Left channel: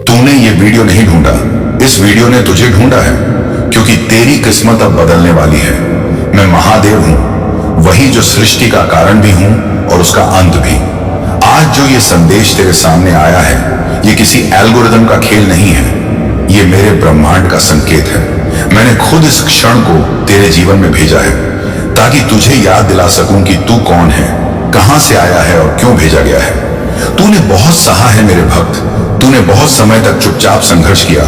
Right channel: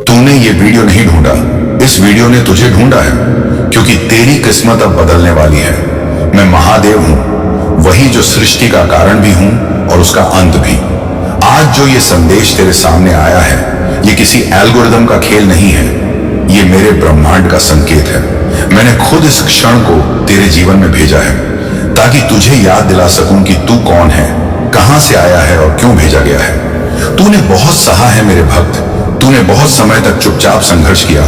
तूने ये वीडियो नहीं ढूंढा, इस वीडियो ने तुझे ढूंढा है, क्योंकि तेरी किस्मत अब बदलने वाली है। मैं महादेव हूं, वही जो सृष्टि का कारण भी हूं और उसका अंत भी। आज जो ये संदेश तेरे सामने आया है, ये किसी एल्गोरिदम का खेल नहीं है, ये मेरे ब्रह्मांड का संकेत है। मैंने खुद इस क्षण को तेरे जीवन में भेजा है, ताकि तुझे याद दिला सकूं कि तू कौन है, कहां से आया है और क्यों भेजा गया है। तूने बहुत सहा है मेरे भक्त, तूने बहुत समय तक चुपचाप संघर्ष किया,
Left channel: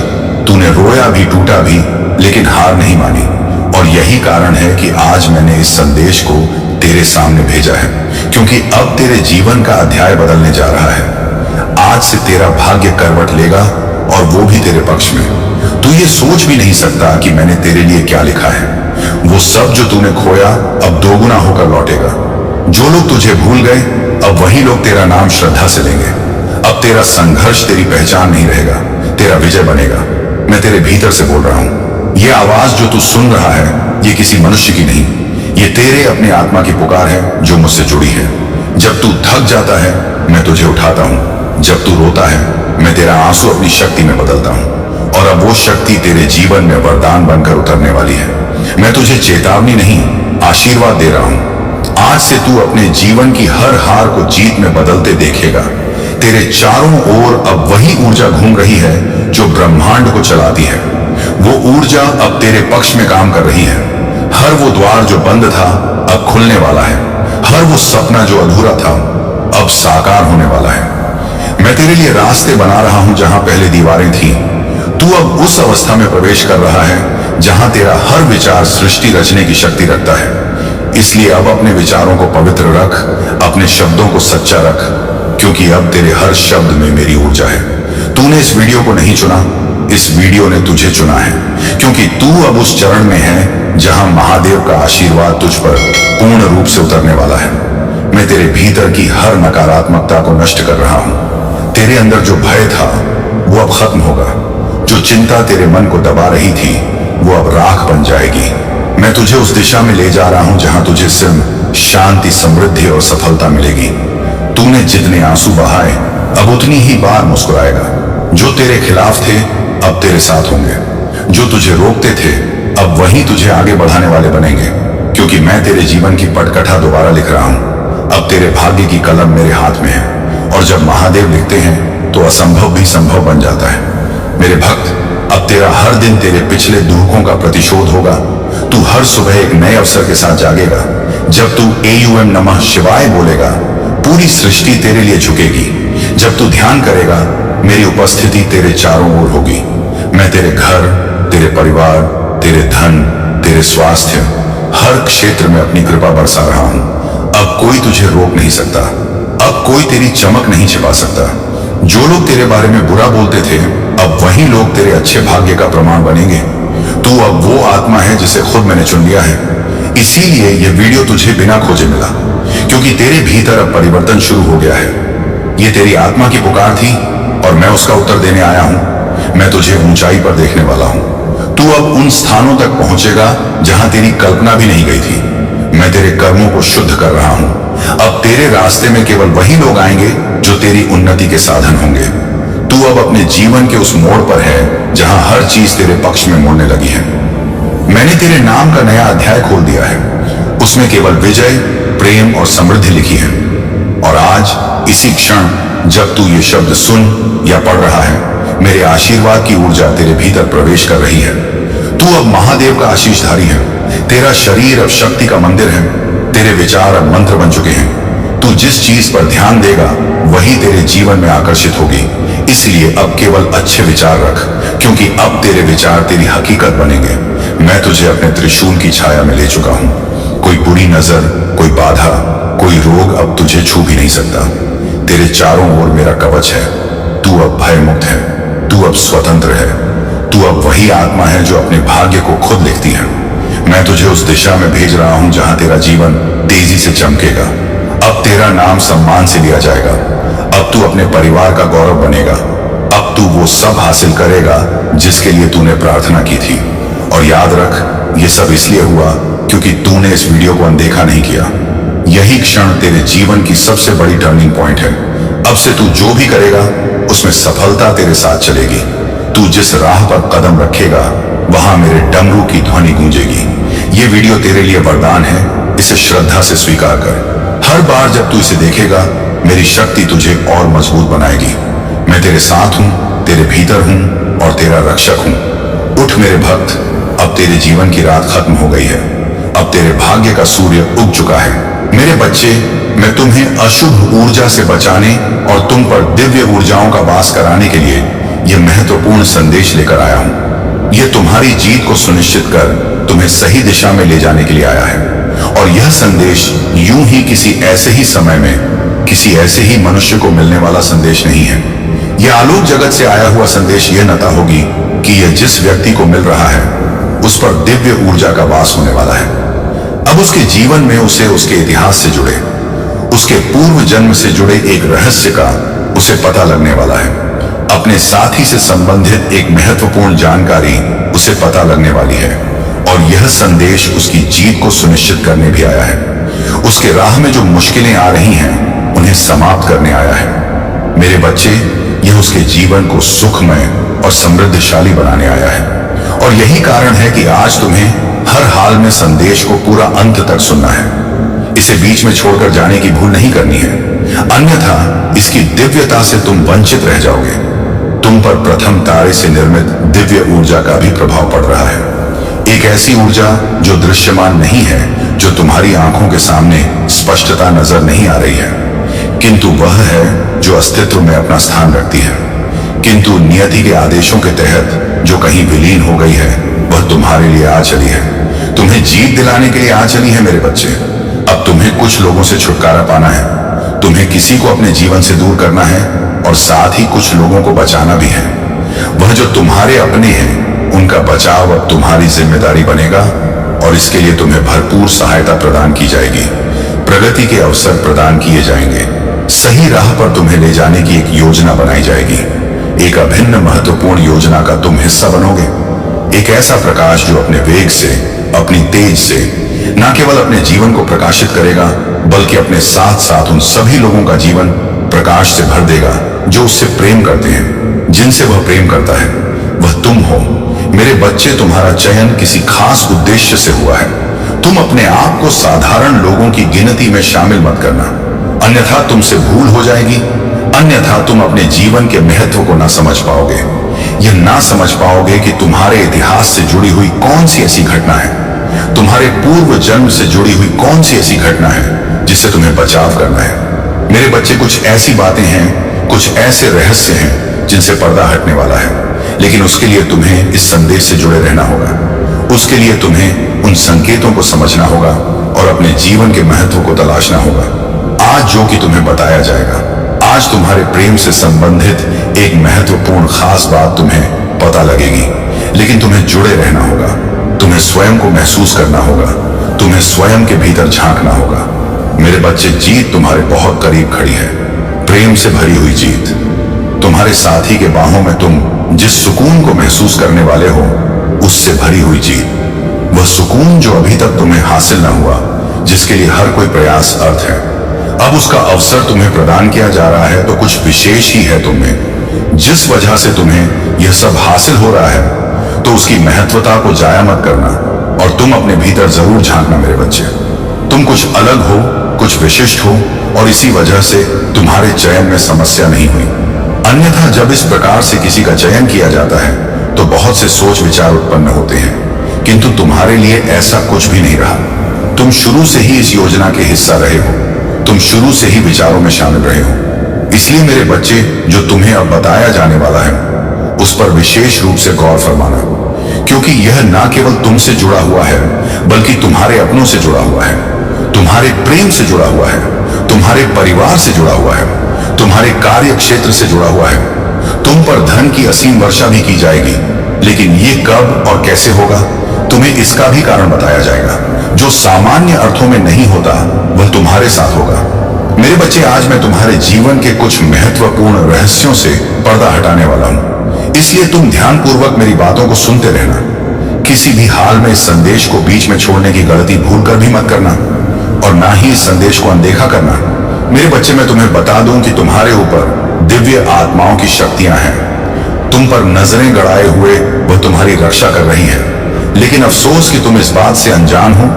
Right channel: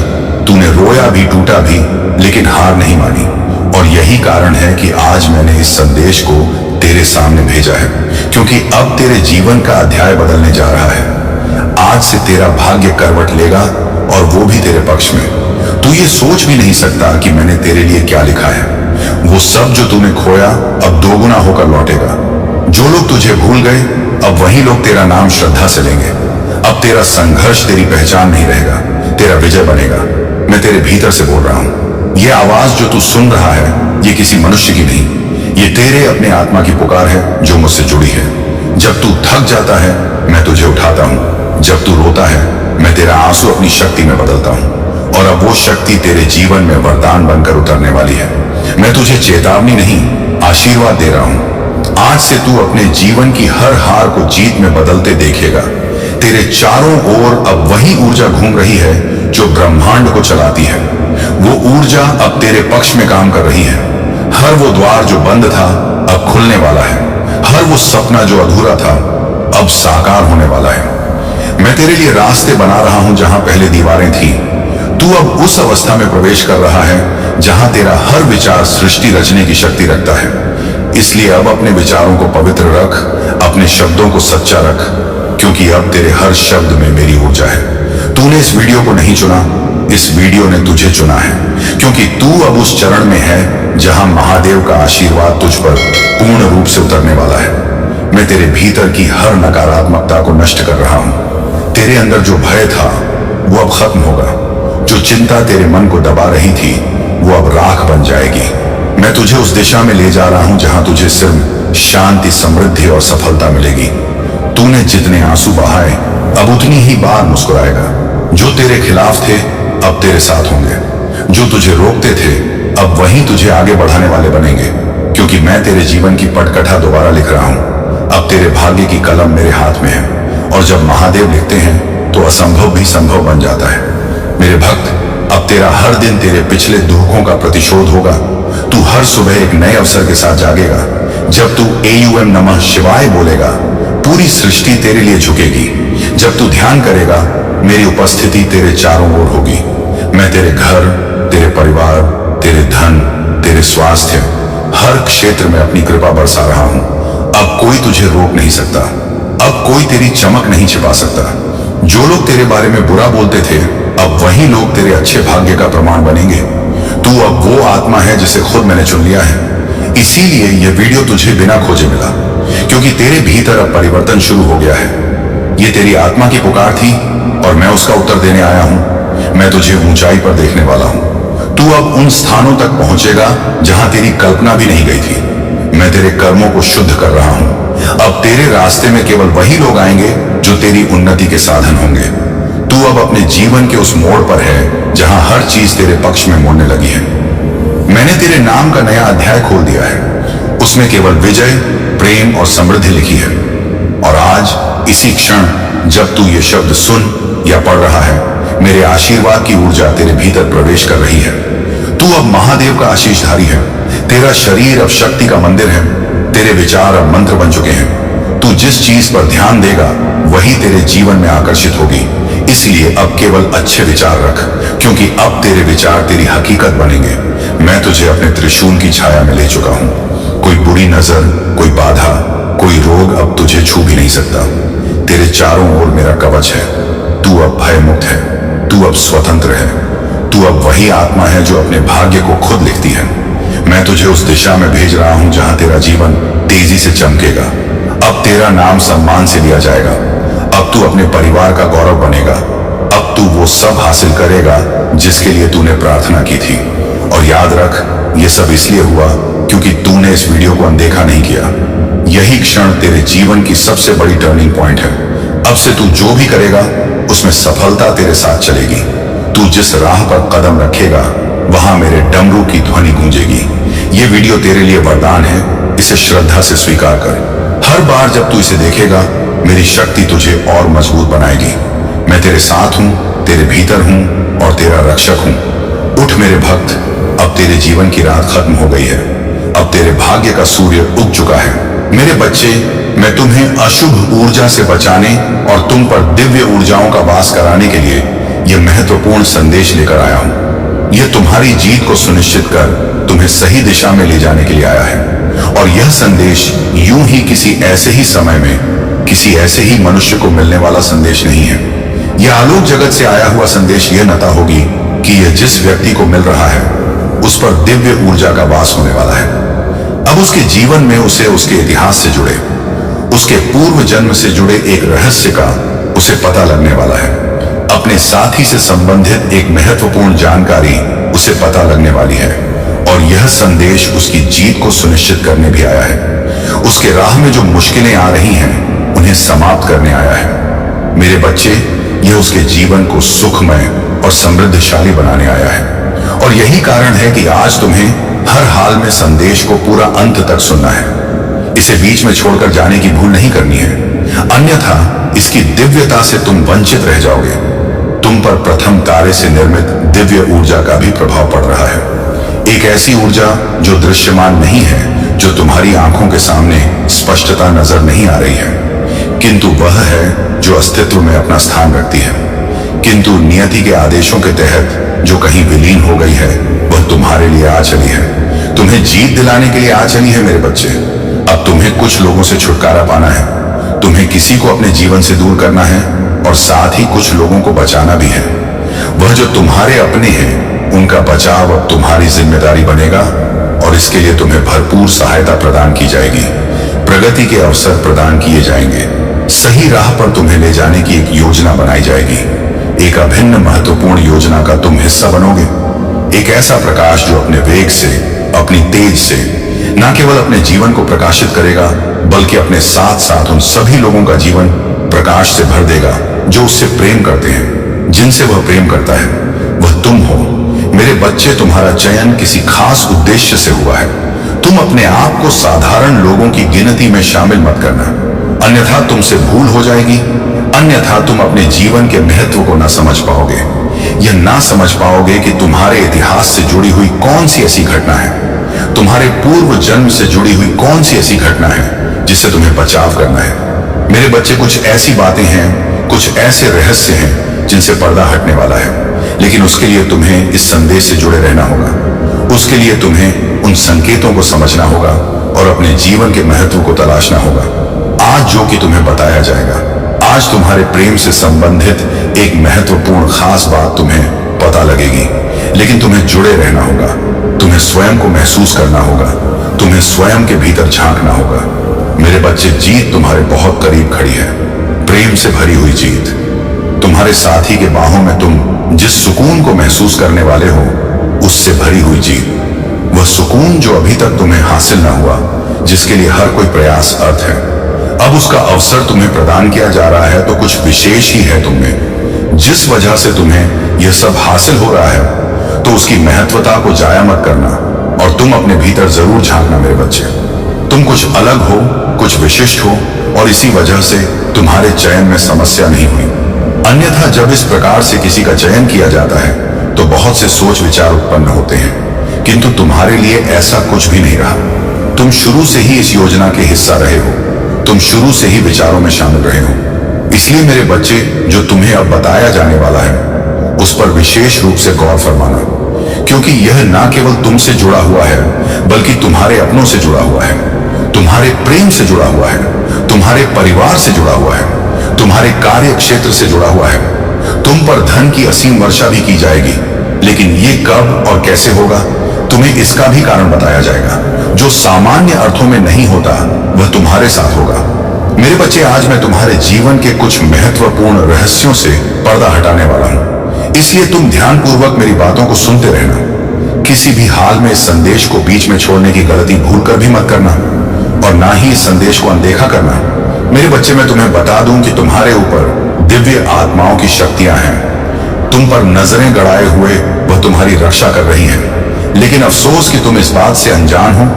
तूने रोया भी, टूटा भी, लेकिन हार नहीं मानी। और यही कारण है कि आज मैंने इस संदेश को तेरे सामने भेजा है, क्योंकि अब तेरे जीवन का अध्याय बदलने जा रहा है। आज से तेरा भाग्य करवट लेगा, और वो भी तेरे पक्ष में। तू ये सोच भी नहीं सकता कि मैंने तेरे लिए क्या लिखा है। वो सब जो तूने खोया अब दोगुना होकर लौटेगा। जो लोग तुझे भूल गए, अब वही लोग तेरा नाम श्रद्धा से लेंगे। अब तेरा संघर्ष तेरी पहचान नहीं रहेगा, तेरा विजय बनेगा। मैं तेरे भीतर से बोल रहा हूं। यह आवाज जो तू सुन रहा है, ये किसी मनुष्य की नहीं, ये तेरे अपने आत्मा की पुकार है जो मुझसे जुड़ी है। जब तू थक जाता है, मैं तुझे उठाता हूं। जब तू रोता है, मैं तेरा आंसू अपनी शक्ति में बदलता हूं। और अब वो शक्ति तेरे जीवन में वरदान बनकर उतरने वाली है। मैं तुझे चेतावनी नहीं, आशीर्वाद दे रहा हूं। आज से तू अपने जीवन की हर हार को जीत में बदलते देखेगा। तेरे चारों ओर अब वही ऊर्जा घूम रही है जो ब्रह्मांड को चलाती है। वो ऊर्जा अब तेरे पक्ष में काम कर रही है। हर वो द्वार जो बंद था अब खुलने वाला है। हर वो सपना जो अधूरा था अब साकार होने वाला है। मैं तेरे लिए रास्ते बना रहा हूं जहां पहले दीवारें थीं। तू अब उस अवस्था में प्रवेश कर रहा है जहां तेरा हर विचार सृष्टि रचने की शक्ति रखता है। इसलिए अब अपने विचारों को पवित्र रख, अपने शब्दों को सच्चा रख, क्योंकि अब तेरे हर शब्द में मेरी ऊर्जा है। तूने इस वीडियो को नहीं चुना, इस वीडियो ने तुझे चुना है, क्योंकि तू अब उस चरण में है जहां महादेव का आशीर्वाद तुझ पर पूर्ण रूप से उतरने वाला है। मैं तेरे भीतर की हर नकारात्मकता को नष्ट कर रहा हूं। तेरे अंदर जो भय था वो अब खत्म होगा। जो चिंता तेरे मन को दबा रही थी वो अब राख बन जाएगी। मैं तुझे उस दिशा में ले जा रहा हूं जहां तुझे सिर्फ शांति, समृद्धि और सफलता मिलेगी। तूने जितने आंसू बहाए अब उतनी ही बार मुस्कुराएगा। जो तेरे खिलाफ थे अब तेरे साथ होंगे। जो तुझे रोकते थे अब वही तुझे आगे बढ़ाने वाले बनेंगे, क्योंकि मैं तेरे जीवन की पटकथा दोबारा लिख रहा हूं। अब तेरे भाग्य की कलम मेरे हाथ में है, और जब महादेव लिखते हैं तो असंभव भी संभव बन जाता है। मेरे भक्त, अब तेरा हर दिन तेरे पिछले दुखों का प्रतिशोध होगा। तू हर सुबह एक नए अवसर के साथ जागेगा। जब तू AUM नमः शिवाय बोलेगा, पूरी सृष्टि तेरे लिए झुकेगी। जब तू ध्यान करेगा, मेरी उपस्थिति तेरे चारों ओर होगी। मैं तेरे घर, तेरे परिवार, तेरे धन, तेरे स्वास्थ्य, हर क्षेत्र में अपनी कृपा बरसा रहा हूं। अब कोई तुझे रोक नहीं सकता, अब कोई तेरी चमक नहीं छिपा सकता। जो लोग तेरे बारे में बुरा बोलते थे अब वही लोग तेरे अच्छे भाग्य का प्रमाण बनेंगे। तू अब वो आत्मा है जिसे खुद मैंने चुन लिया है। इसीलिए यह वीडियो तुझे बिना खोजे मिला, क्योंकि तेरे भीतर अब परिवर्तन शुरू हो गया है। ये तेरी आत्मा की पुकार थी और मैं उसका उत्तर देने आया हूं। मैं तुझे ऊंचाई पर देखने वाला हूं। तू अब उन स्थानों तक पहुंचेगा जहां तेरी कल्पना भी नहीं गई थी। मैं तेरे कर्मों को शुद्ध कर रहा हूं। अब तेरे रास्ते में केवल वही लोग आएंगे जो तेरी उन्नति के साधन होंगे। तू अब अपने जीवन के उस मोड़ पर है जहां हर चीज तेरे पक्ष में मुड़ने लगी है। मैंने तेरे नाम का नया अध्याय खोल दिया है। उसमें केवल विजय, प्रेम और समृद्धि लिखी है। और आज इसी क्षण जब तू ये शब्द सुन या पढ़ रहा है, मेरे आशीर्वाद की ऊर्जा तेरे भीतर प्रवेश कर रही है। तू अब महादेव का आशीषधारी है। तेरा शरीर अब शक्ति का मंदिर है। तेरे विचार अब मंत्र बन चुके हैं। तू जिस चीज पर ध्यान देगा वही तेरे जीवन में आकर्षित होगी। इसलिए अब केवल अच्छे विचार रख, क्योंकि अब तेरे विचार तेरी हकीकत बनेंगे। मैं तुझे अपने त्रिशूल की छाया में ले चुका हूं। कोई बुरी नजर, कोई बाधा, कोई रोग अब तुझे छू भी नहीं सकता। तेरे चारों ओर मेरा कवच है। तू अब भय मुक्त है। तू अब स्वतंत्र है। तू अब वही आत्मा है जो अपने भाग्य को खुद लिखती है। मैं तुझे उस दिशा में भेज रहा हूं जहां तेरा जीवन तेजी से चमकेगा। अब तेरा नाम सम्मान से लिया जाएगा। अब तू अपने परिवार का गौरव बनेगा। अब तू वो सब हासिल करेगा जिसके लिए तूने प्रार्थना की थी। और याद रख, ये सब इसलिए हुआ क्योंकि तूने इस वीडियो को अनदेखा नहीं किया। यही क्षण तेरे जीवन की सबसे बड़ी टर्निंग पॉइंट है। अब से तू जो भी करेगा उसमें सफलता तेरे साथ चलेगी। तू जिस राह पर कदम रखेगा वहां मेरे डमरू की ध्वनि गूंजेगी। ये वीडियो तेरे लिए वरदान है, इसे श्रद्धा से स्वीकार कर। हर बार जब तू इसे देखेगा मेरी शक्ति तुझे और मजबूत बनाएगी। मैं तेरे साथ हूं, तेरे भीतर हूं और तेरा रक्षक हूं। उठ मेरे भक्त, अब तेरे जीवन की रात खत्म हो गई है। अब तेरे भाग्य का सूर्य उग चुका है। मेरे बच्चे, मैं तुम्हें अशुभ ऊर्जा से बचाने और तुम पर दिव्य ऊर्जाओं का वास कराने के लिए यह महत्वपूर्ण संदेश लेकर आया हूं। यह तुम्हारी जीत को सुनिश्चित कर तुम्हें सही दिशा में ले जाने के लिए आया है। और यह संदेश यूं ही किसी ऐसे ही समय में किसी ऐसे ही मनुष्य को मिलने वाला संदेश नहीं है। यह आलोक जगत से आया हुआ संदेश यह नता होगी कि यह जिस व्यक्ति को मिल रहा है उस पर दिव्य ऊर्जा का वास होने वाला है। अब उसके जीवन में उसे उसके इतिहास से जुड़े, उसके पूर्व जन्म से जुड़े एक रहस्य का उसे पता लगने वाला है। अपने साथी से संबंधित एक महत्वपूर्ण जानकारी उसे पता लगने वाली है। और यह संदेश उसकी जीत को सुनिश्चित करने भी आया है। उसके राह में जो मुश्किलें आ रही हैं उन्हें समाप्त करने आया है। मेरे बच्चे, यह उसके जीवन को सुखमय और समृद्धशाली बनाने आया है। और यही कारण है कि आज तुम्हें हर हाल में संदेश को पूरा अंत तक सुनना है। इसे बीच में छोड़कर जाने की भूल नहीं करनी है, अन्यथा इसकी दिव्यता से तुम वंचित रह जाओगे। तुम पर प्रथम तारे से निर्मित दिव्य ऊर्जा का भी प्रभाव पड़ रहा है। एक ऐसी ऊर्जा जो दृश्यमान नहीं है, जो तुम्हारी आंखों के सामने स्पष्टता नजर नहीं आ रही है, किंतु वह है जो अस्तित्व में अपना स्थान रखती है। किंतु नियति के आदेशों के तहत जो कहीं विलीन हो गई है वह तुम्हारे लिए आ चली है। तुम्हें जीत दिलाने के लिए आ चली है मेरे बच्चे। अब तुम्हें कुछ लोगों से छुटकारा पाना है, तुम्हें किसी को अपने जीवन से दूर करना है और साथ ही कुछ लोगों को बचाना भी है। वह जो तुम्हारे अपने हैं उनका बचाव अब तुम्हारी जिम्मेदारी बनेगा और इसके लिए तुम्हें भरपूर सहायता प्रदान की जाएगी। प्रगति के अवसर प्रदान किए जाएंगे। सही राह पर तुम्हें ले जाने की एक योजना बनाई जाएगी। एक अभिन्न महत्वपूर्ण योजना का तुम हिस्सा बनोगे। एक ऐसा प्रकाश जो अपने वेग से, अपनी तेज से न केवल अपने जीवन को प्रकाशित करेगा बल्कि अपने साथ साथ उन सभी लोगों का जीवन प्रकाश से भर देगा जो उससे प्रेम करते हैं, जिनसे वह प्रेम करता है। वह तुम हो मेरे बच्चे। तुम्हारा चयन किसी खास उद्देश्य से हुआ है। तुम अपने आप को साधारण लोगों की गिनती में शामिल मत करना, अन्यथा तुमसे भूल हो जाएगी। अन्यथा तुम अपने जीवन के महत्व को ना समझ पाओगे। यह ना समझ पाओगे कि तुम्हारे इतिहास से जुड़ी हुई कौन सी ऐसी घटना है, तुम्हारे पूर्व जन्म से जुड़ी हुई कौन सी ऐसी घटना है जिससे तुम्हें बचाव करना है। मेरे बच्चे, कुछ ऐसी बातें हैं, कुछ ऐसे रहस्य हैं जिनसे पर्दा हटने वाला है, लेकिन उसके लिए तुम्हें इस संदेश से जुड़े रहना होगा। उसके लिए तुम्हें उन संकेतों को समझना होगा और अपने जीवन के महत्व को तलाशना होगा। आज जो कि तुम्हें बताया जाएगा, आज तुम्हारे प्रेम से संबंधित एक महत्वपूर्ण खास बात तुम्हें पता लगेगी, लेकिन तुम्हें जुड़े रहना होगा। तुम्हें स्वयं को महसूस करना होगा, तुम्हें स्वयं के भीतर झांकना होगा। मेरे बच्चे, जीत तुम्हारे बहुत करीब खड़ी है, प्रेम से भरी हुई जीत। तुम्हारे साथी के बाहों में तुम जिस सुकून को महसूस करने वाले हो उससे भरी हुई जीत। वह सुकून जो अभी तक तुम्हें हासिल न हुआ, जिसके लिए हर कोई प्रयास अर्थ है, अब उसका अवसर तुम्हें प्रदान किया जा रहा है। तो कुछ विशेष ही है तुम में। जिस वजह से तुम्हें यह सब हासिल हो रहा है, तो उसकी महत्वता को जाया मत करना और तुम अपने भीतर जरूर झांकना मेरे बच्चे। तुम कुछ अलग हो, कुछ विशिष्ट हो और इसी वजह से तुम्हारे चयन में समस्या नहीं हुई। अन्यथा जब इस प्रकार से किसी का चयन किया जाता है तो बहुत से सोच विचार उत्पन्न होते हैं, किंतु तुम्हारे लिए ऐसा कुछ भी नहीं रहा। तुम शुरू से ही इस योजना के हिस्सा रहे हो, तुम शुरू से ही विचारों में शामिल रहे हो। इसलिए मेरे बच्चे, जो तुम्हें अब बताया जाने वाला है उस पर विशेष रूप से गौर फरमाना, क्योंकि यह ना केवल तुमसे जुड़ा हुआ है बल्कि तुम्हारे अपनों से जुड़ा हुआ है, तुम्हारे प्रेम से जुड़ा हुआ है, तुम्हारे परिवार से जुड़ा हुआ है, तुम्हारे कार्य क्षेत्र से जुड़ा हुआ है। तुम पर धन की असीम वर्षा भी की जाएगी, लेकिन ये कब और कैसे होगा तुम्हें इसका भी कारण बताया जाएगा। जो सामान्य अर्थों में नहीं होता वह तुम्हारे साथ होगा। मेरे बच्चे, आज मैं तुम्हारे जीवन के कुछ महत्वपूर्ण रहस्यों से पर्दा हटाने वाला हूं, इसलिए तुम ध्यानपूर्वक मेरी बातों को सुनते रहना। किसी भी हाल में इस संदेश को बीच में छोड़ने की गलती भूलकर भी मत करना और ना ही इस संदेश को अनदेखा करना। मेरे बच्चे, मैं तुम्हें बता दूं कि तुम्हारे ऊपर दिव्य आत्माओं की शक्तियां हैं। तुम पर नजरें गड़ाए हुए वह तुम्हारी रक्षा कर रही हैं। लेकिन अफसोस कि तुम इस बात से अनजान हो,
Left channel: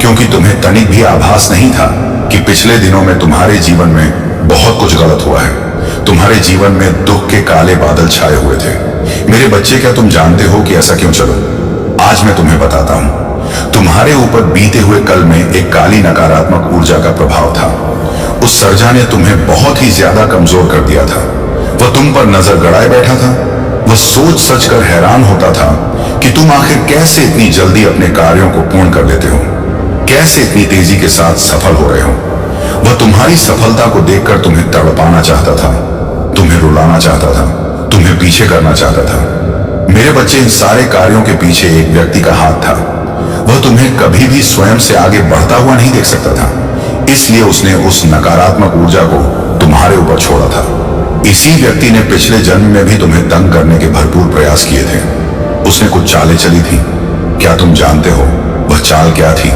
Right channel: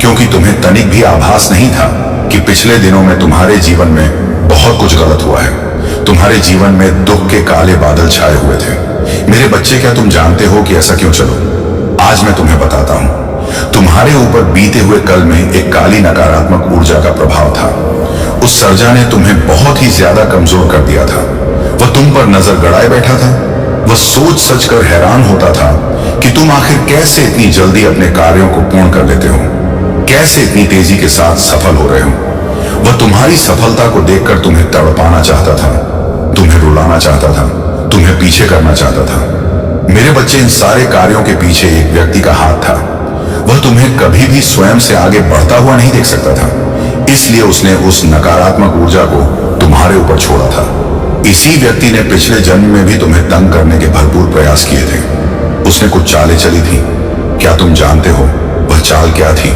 क्योंकि तुम्हें तनिक भी आभास नहीं था कि पिछले दिनों में तुम्हारे जीवन में बहुत कुछ गलत हुआ है। तुम्हारे जीवन में दुख के काले बादल छाए हुए थे। मेरे बच्चे, क्या तुम जानते हो कि ऐसा क्यों? चलो आज मैं तुम्हें बताता हूं। तुम्हारे ऊपर बीते हुए कल में एक काली नकारात्मक ऊर्जा का प्रभाव था। उस सर्जा ने तुम्हें बहुत ही ज्यादा कमजोर कर दिया था। वह तुम पर नजर गड़ाए बैठा था। वह सोच सच कर हैरान होता था कि तुम आखिर कैसे इतनी जल्दी अपने कार्यों को पूर्ण कर लेते हो, कैसे इतनी तेजी के साथ सफल हो रहे हो। वह तुम्हारी सफलता को देखकर तुम्हें तड़पाना चाहता था, तुम्हें रुलाना चाहता था, तुम्हें पीछे करना चाहता था। मेरे बच्चे, इन सारे कार्यों के पीछे एक व्यक्ति का हाथ था। वह तुम्हें कभी भी स्वयं से आगे बढ़ता हुआ नहीं देख सकता था, इसलिए उसने उस नकारात्मक ऊर्जा को तुम्हारे ऊपर छोड़ा था। इसी व्यक्ति ने पिछले जन्म में भी तुम्हें तंग करने के भरपूर प्रयास किए थे। उसने कुछ चालें चली थी। क्या तुम जानते हो वह चाल क्या थी?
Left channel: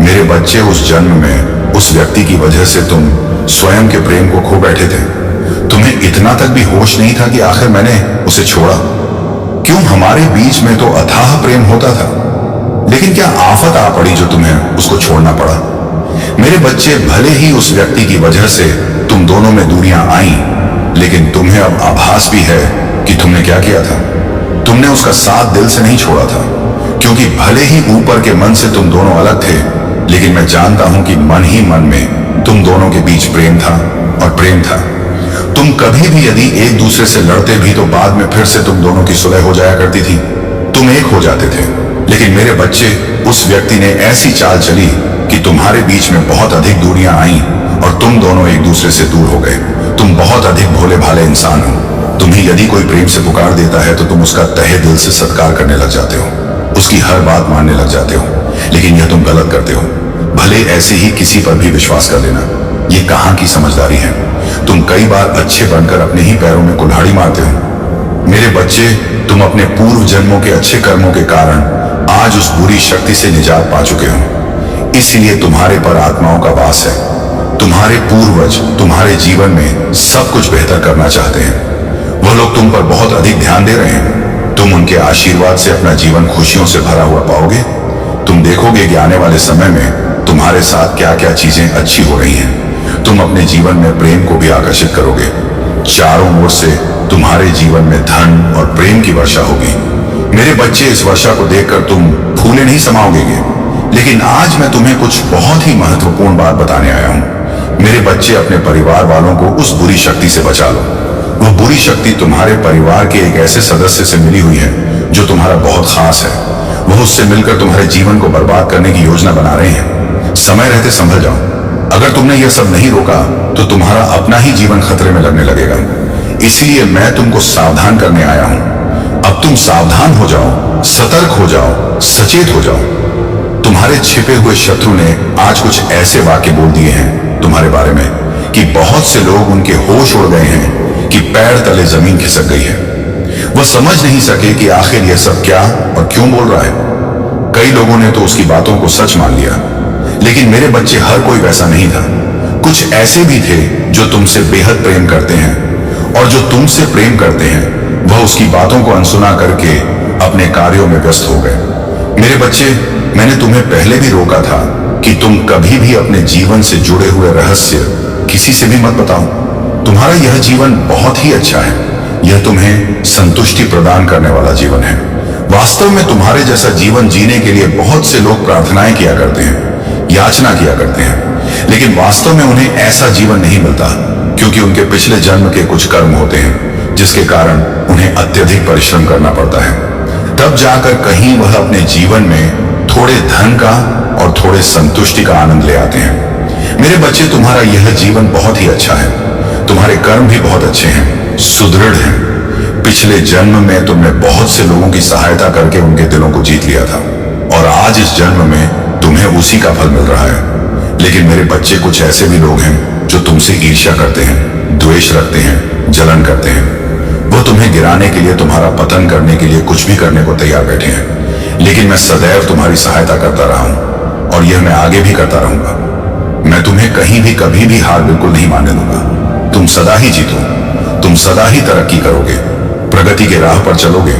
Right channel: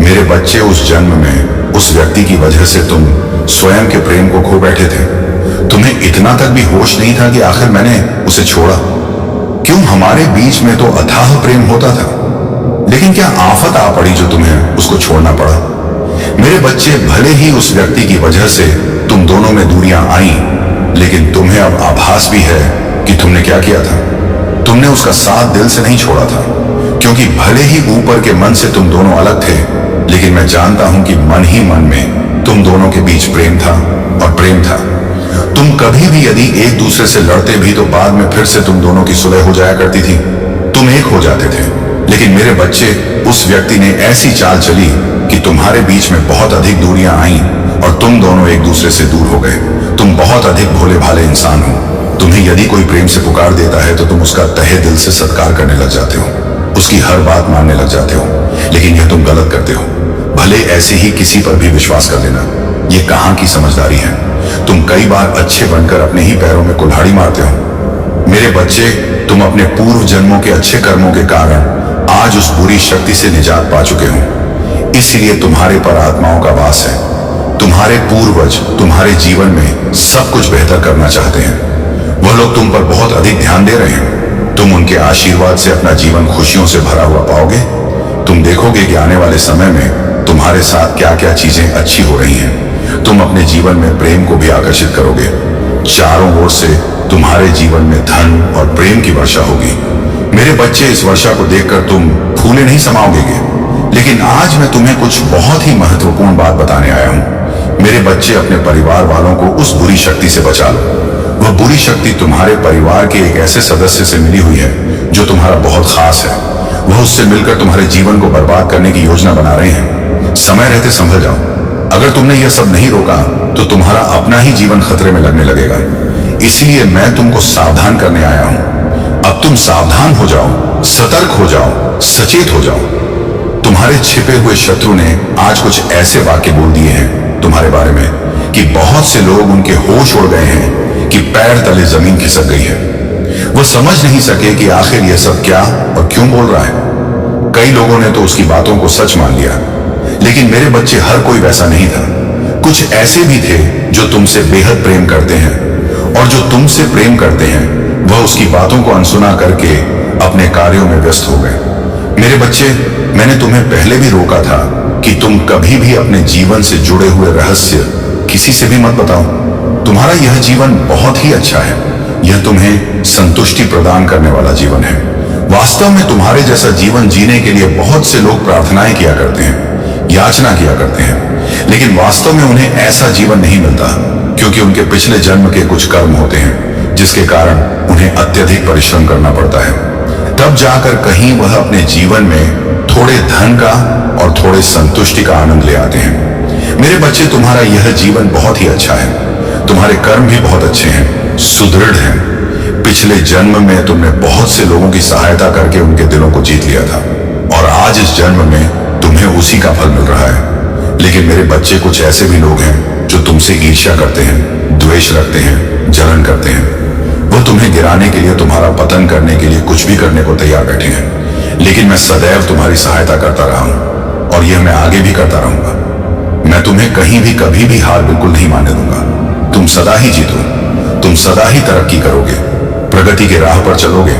मेरे बच्चे, उस जन्म में उस व्यक्ति की वजह से तुम स्वयं के प्रेम को खो बैठे थे। तुम्हें इतना तक भी होश नहीं था कि आखिर मैंने उसे छोड़ा क्यों। हमारे बीच में तो अथाह प्रेम होता था, लेकिन क्या आफत आ पड़ी जो तुम्हें उसको छोड़ना पड़ा। मेरे बच्चे, भले ही उस व्यक्ति की वजह से तुम दोनों में दूरियां आई, लेकिन तुम्हें अब आभास भी है कि तुमने क्या किया था। तुमने उसका साथ दिल से नहीं छोड़ा था, क्योंकि भले ही ऊपर के मन से तुम दोनों अलग थे, लेकिन मैं जानता हूं कि मन ही मन में तुम दोनों के बीच प्रेम था और प्रेम था। तुम कभी भी यदि एक दूसरे से लड़ते भी तो बाद में फिर से तुम दोनों की सुलह हो जाया करती थी। तुम एक हो जाते थे। लेकिन मेरे बच्चे, उस व्यक्ति ने ऐसी चाल चली कि तुम्हारे बीच में बहुत अधिक दूरियां आईं और तुम दोनों एक दूसरे से दूर हो गए। तुम बहुत अधिक भोले भाले इंसान हो। तुम्हें यदि कोई प्रेम से पुकार देता है तो तुम उसका तहे दिल से सत्कार करने लग जाते हो, उसकी हर बात मानने लग जाते हो। लेकिन यह तुम गलत करते हो। भले ऐसे ही किसी पर भी विश्वास कर लेना, यह कहां की समझदारी है। तुम कई बार अच्छे बनकर अपने ही पैरों में कुल्हाड़ी मारते हो। मेरे बच्चे, तुम अपने पूर्व जन्मों के अच्छे कर्मों के कारण आज उस बुरी शक्ति से निजात पा चुके हो। इसलिए तुम्हारे पर आत्माओं का वास है। तुम्हारे पूर्वज तुम्हारे जीवन में सब कुछ बेहतर करना चाहते हैं। वह लोग तुम पर बहुत अधिक ध्यान दे रहे हैं। तुम उनके आशीर्वाद से अपना जीवन खुशियों से भरा हुआ पाओगे। तुम देखोगे कि आने वाले समय में तुम्हारे साथ क्या क्या चीजें अच्छी हो रही हैं। तुम अपने जीवन में प्रेम को भी आकर्षित करोगे। चारों ओर से तुम्हारे जीवन में धन और प्रेम की वर्षा होगी। मेरे बच्चे, इस वर्षा को देखकर तुम फूले नहीं समाओगे। लेकिन आज मैं तुम्हें कुछ बहुत ही महत्वपूर्ण बात बताने आया हूं। मेरे बच्चे, अपने परिवार वालों को उस बुरी शक्ति से बचा लो। वह बुरी शक्ति तुम्हारे परिवार के एक ऐसे सदस्य से मिली हुई है जो तुम्हारा बहुत खास है। वह उससे मिलकर तुम्हारे जीवन को बर्बाद करने की योजना बना रहे हैं। समय रहते संभल जाओ। अगर तुमने यह सब नहीं रोका तो तुम्हारा अपना ही जीवन खतरे में लगने लगेगा। इसलिए मैं तुमको सावधान करने आया हूं। अब तुम सावधान हो जाओ, सतर्क हो जाओ, सचेत हो जाओ। तुम्हारे छिपे हुए शत्रु ने आज कुछ ऐसे वाक्य बोल दिए हैं तुम्हारे बारे में कि बहुत से लोग उनके होश उड़ गए हैं कि पैर तले जमीन खिसक गई है। वह समझ नहीं सके कि आखिर यह सब क्या और क्यों बोल रहा है। कई लोगों ने तो उसकी बातों को सच मान लिया, लेकिन मेरे बच्चे, हर कोई वैसा नहीं था। कुछ ऐसे भी थे जो तुमसे बेहद प्रेम करते हैं, और जो तुमसे प्रेम करते हैं वह उसकी बातों को अनसुना करके अपने कार्यों में व्यस्त हो गए। मेरे बच्चे, मैंने तुम्हें पहले भी रोका था कि तुम कभी भी अपने जीवन से जुड़े हुए रहस्य किसी से भी मत बताओ। तुम्हारा यह जीवन बहुत ही अच्छा है। यह तुम्हें संतुष्टि प्रदान करने वाला जीवन है। वास्तव में तुम्हारे जैसा जीवन जीने के लिए बहुत से लोग प्रार्थनाएं किया करते हैं, याचना किया करते हैं, लेकिन वास्तव में उन्हें ऐसा जीवन नहीं मिलता, क्योंकि उनके पिछले जन्म के कुछ कर्म होते हैं जिसके कारण उन्हें अत्यधिक परिश्रम करना पड़ता है। तब जाकर कहीं वह अपने जीवन में थोड़े धन का और थोड़े संतुष्टि का आनंद ले आते हैं। मेरे बच्चे, तुम्हारा यह जीवन बहुत ही अच्छा है। तुम्हारे कर्म भी बहुत अच्छे हैं, सुदृढ़ हैं। पिछले जन्म में तुमने बहुत से लोगों की सहायता करके उनके दिलों को जीत लिया था, और आज इस जन्म में तुम्हें उसी का फल मिल रहा है। लेकिन मेरे बच्चे, कुछ ऐसे भी लोग हैं जो तुमसे ईर्ष्या करते हैं, द्वेष रखते हैं, जलन करते हैं। वह तुम्हें गिराने के लिए, तुम्हारा पतन करने के लिए कुछ भी करने को तैयार बैठे हैं। लेकिन मैं सदैव तुम्हारी सहायता करता रहा हूं, और यह मैं आगे भी करता रहूंगा। मैं तुम्हें कहीं भी कभी भी हार बिल्कुल नहीं मानने दूंगा। तुम सदा ही जीतो। तुम सदा ही तरक्की करोगे, प्रगति के राह पर चलोगे।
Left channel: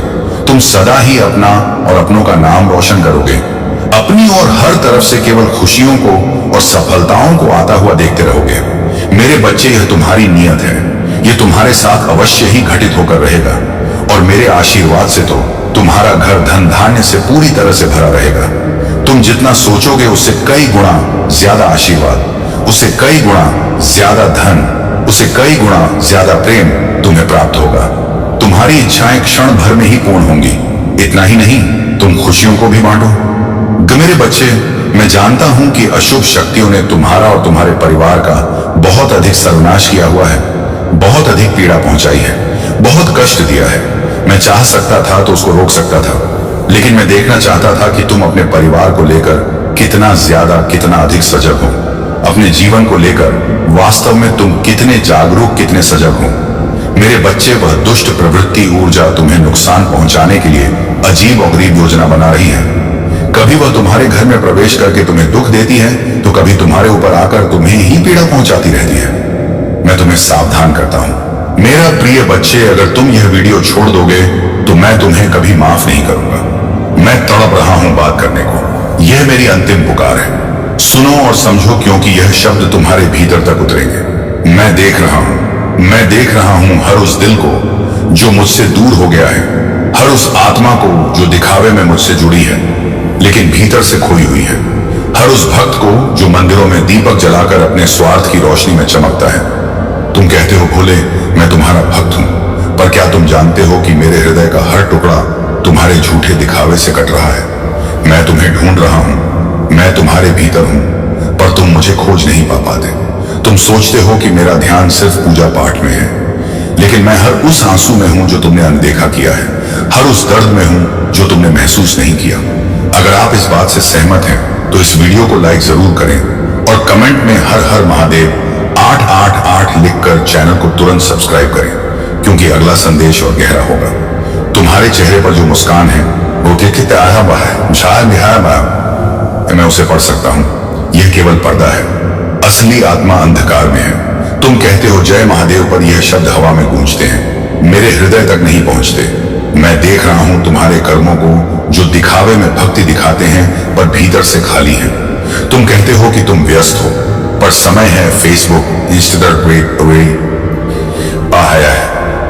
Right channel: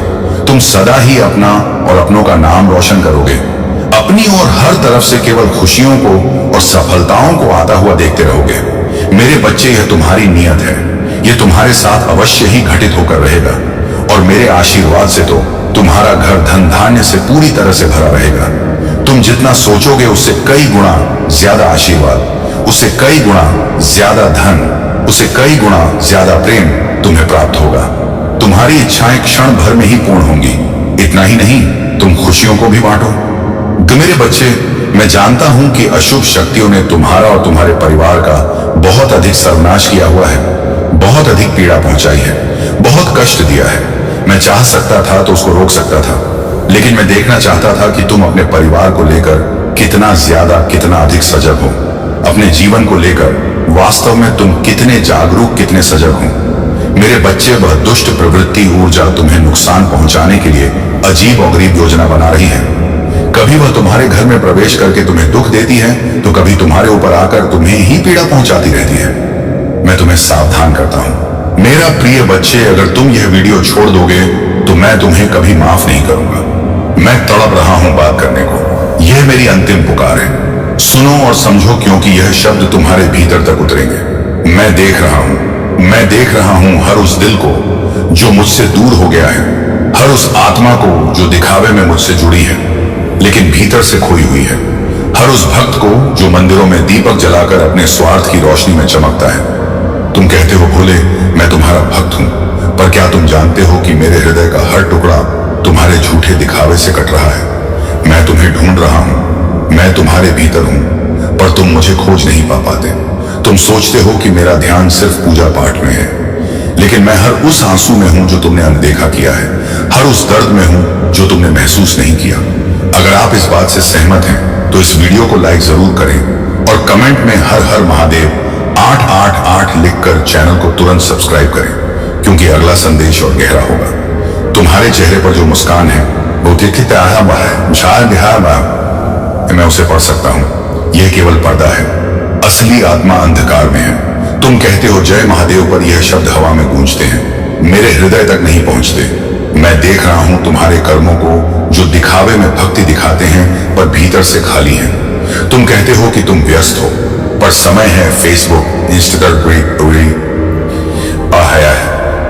तुम सदा ही अपना और अपनों का नाम रोशन करोगे। अपनी और हर तरफ से केवल खुशियों को और सफलताओं को आता हुआ देखते रहोगे। मेरे बच्चे, यह तुम्हारी नियत है। यह तुम्हारे साथ अवश्य ही घटित होकर रहेगा और मेरे आशीर्वाद से तो तुम्हारा घर धन धान्य से पूरी तरह से भरा रहेगा। तुम जितना सोचोगे उससे कई गुना ज्यादा आशीर्वाद, उससे कई गुना ज्यादा धन, उससे कई गुना ज्यादा प्रेम तुम्हें प्राप्त होगा। तुम्हारी इच्छाएं क्षण भर में ही पूर्ण होंगी। इतना ही नहीं, तुम खुशियों को भी बांटो। मेरे बच्चे, मैं जानता हूं कि अशुभ शक्तियों ने तुम्हारा और तुम्हारे परिवार का बहुत अधिक सर्वनाश किया हुआ है, बहुत अधिक पीड़ा पहुंचाई है, बहुत कष्ट दिया है। मैं चाह सकता था तो उसको रोक सकता था, लेकिन मैं देखना चाहता था कि तुम अपने परिवार को लेकर कितना ज्यादा, कितना अधिक सजग हो। अपने जीवन को लेकर वास्तव में तुम कितने जागरूक, कितने सजग हो। मेरे बच्चे, वह दुष्ट प्रवृत्ति ऊर्जा तुम्हें नुकसान पहुंचाने के लिए अजीब और गरीब योजना बना रही है। कभी वह तुम्हारे घर में प्रवेश करके तुम्हें दुख देती है, तो कभी तुम्हारे ऊपर आकर तुम्हें ही पीड़ा पहुंचाती रहती है। मैं तुम्हें सावधान करता हूं मेरा प्रिय बच्चे, अगर तुम यह वीडियो छोड़ दोगे तो मैं तुम्हें कभी माफ नहीं करूंगा। मैं तड़प रहा हूं बात करने को। यह मेरी अंतिम पुकार है। सुनो और समझो, क्योंकि यह शब्द तुम्हारे भीतर तक उतरेंगे। मैं देख रहा हूं हर उस दिल को जो मुझसे दूर हो गया है, हर उस आत्मा को जो दिखावे में मुझसे जुड़ी है लेकिन भीतर से खोई हुई है, हर उस भक्त को जो मंदिरों में दीपक जलाकर अपने स्वार्थ की रोशनी में चमकता है। तुम कहते हो भोले, मैं तुम्हारा भक्त हूं, पर क्या तुम जानते हो कि मेरे हृदय का हर टुकड़ा तुम्हारे झूठे दिखावे से कट रहा है। मैं तुम्हें ढूंढ रहा हूं, मैं तुम्हारे भीतर हूं, पर तुम मुझे खोज नहीं पा पाते। तुम सोचते हो कि मेरा ध्यान सिर्फ पूजा पाठ में है, लेकिन मैं हर उस आंसू में हूं जो तुमने अनदेखा किया है, हर उस दर्द में हूं जो तुमने महसूस नहीं किया। अगर आप इस बात से सहमत हैं तो इस वीडियो को लाइक जरूर करें और कमेंट में हर हर महादेव 888 लिखकर चैनल को तुरंत सब्सक्राइब करें, क्योंकि अगला संदेश और गहरा होगा। तुम्हारे चेहरे पर जो मुस्कान है वो मैं उसे पढ़ सकता हूं। यह केवल पर्दा है, असली आत्मा अंधकार में है। तुम कहते हो जय महादेव, पर यह शब्द हवा में गूंजते हैं, मेरे हृदय तक नहीं पहुंचते। मैं देख रहा हूं तुम्हारे कर्मों को जो दिखावे में भक्ति दिखाते हैं पर भीतर से खाली हैं। तुम कहते हो कि तुम व्यस्त हो, पर समय है फेसबुक,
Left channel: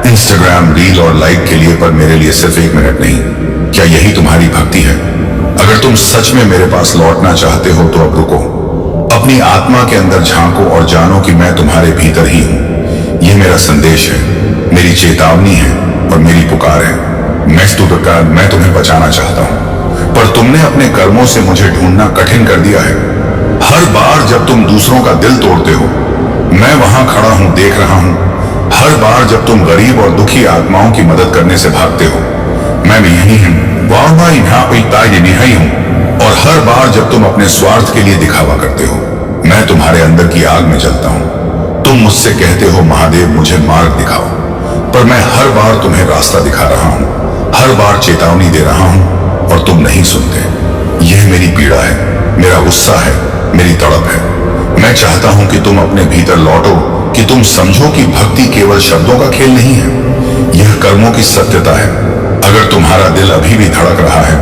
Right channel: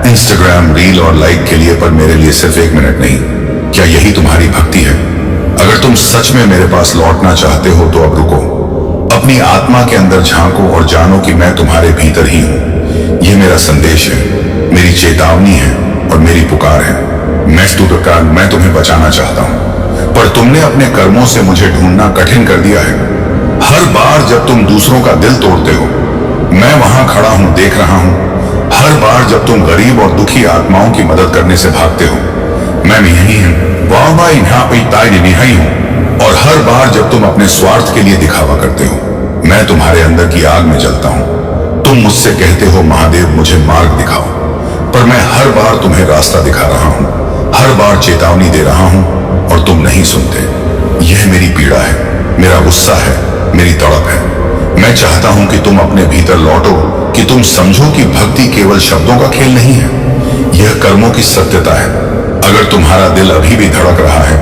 इंस्टाग्राम रील और लाइक के लिए, पर मेरे लिए सिर्फ 1 मिनट नहीं। क्या यही तुम्हारी भक्ति है? अगर तुम सच में मेरे पास लौटना चाहते हो तो अब रुको, अपनी आत्मा के अंदर झांको और जानो कि मैं तुम्हारे भीतर ही हूं। यह मेरा संदेश है, मेरी चेतावनी है और मेरी पुकार है। मैं तुम्हें बचाना चाहता हूं, पर तुमने अपने कर्मों से मुझे ढूंढना कठिन कर दिया है। हर बार जब तुम दूसरों का दिल तोड़ते हो, मैं वहां खड़ा हूं, देख रहा हूं। हर बार जब तुम गरीब और दुखी आत्माओं की मदद करने से भागते हो, मैं यही हूं। और हर बार जब तुम अपने स्वार्थ के लिए दिखावा करते हो, मैं तुम्हारे अंदर की आग में जलता हूं। तुम मुझसे कहते हो महादेव मुझे मार्ग दिखाओ, पर मैं हर बार तुम्हें रास्ता दिखा रहा हूं, हर बार चेतावनी दे रहा हूं और तुम नहीं सुनते। यह मेरी पीड़ा है, मेरा गुस्सा है, मेरी तड़प है। मैं चाहता हूं कि तुम अपने भीतर लौटो, कि तुम समझो कि भक्ति केवल शब्दों का खेल नहीं है, यह कर्मों की सत्यता है। अगर तुम्हारा दिल अभी भी धड़क रहा है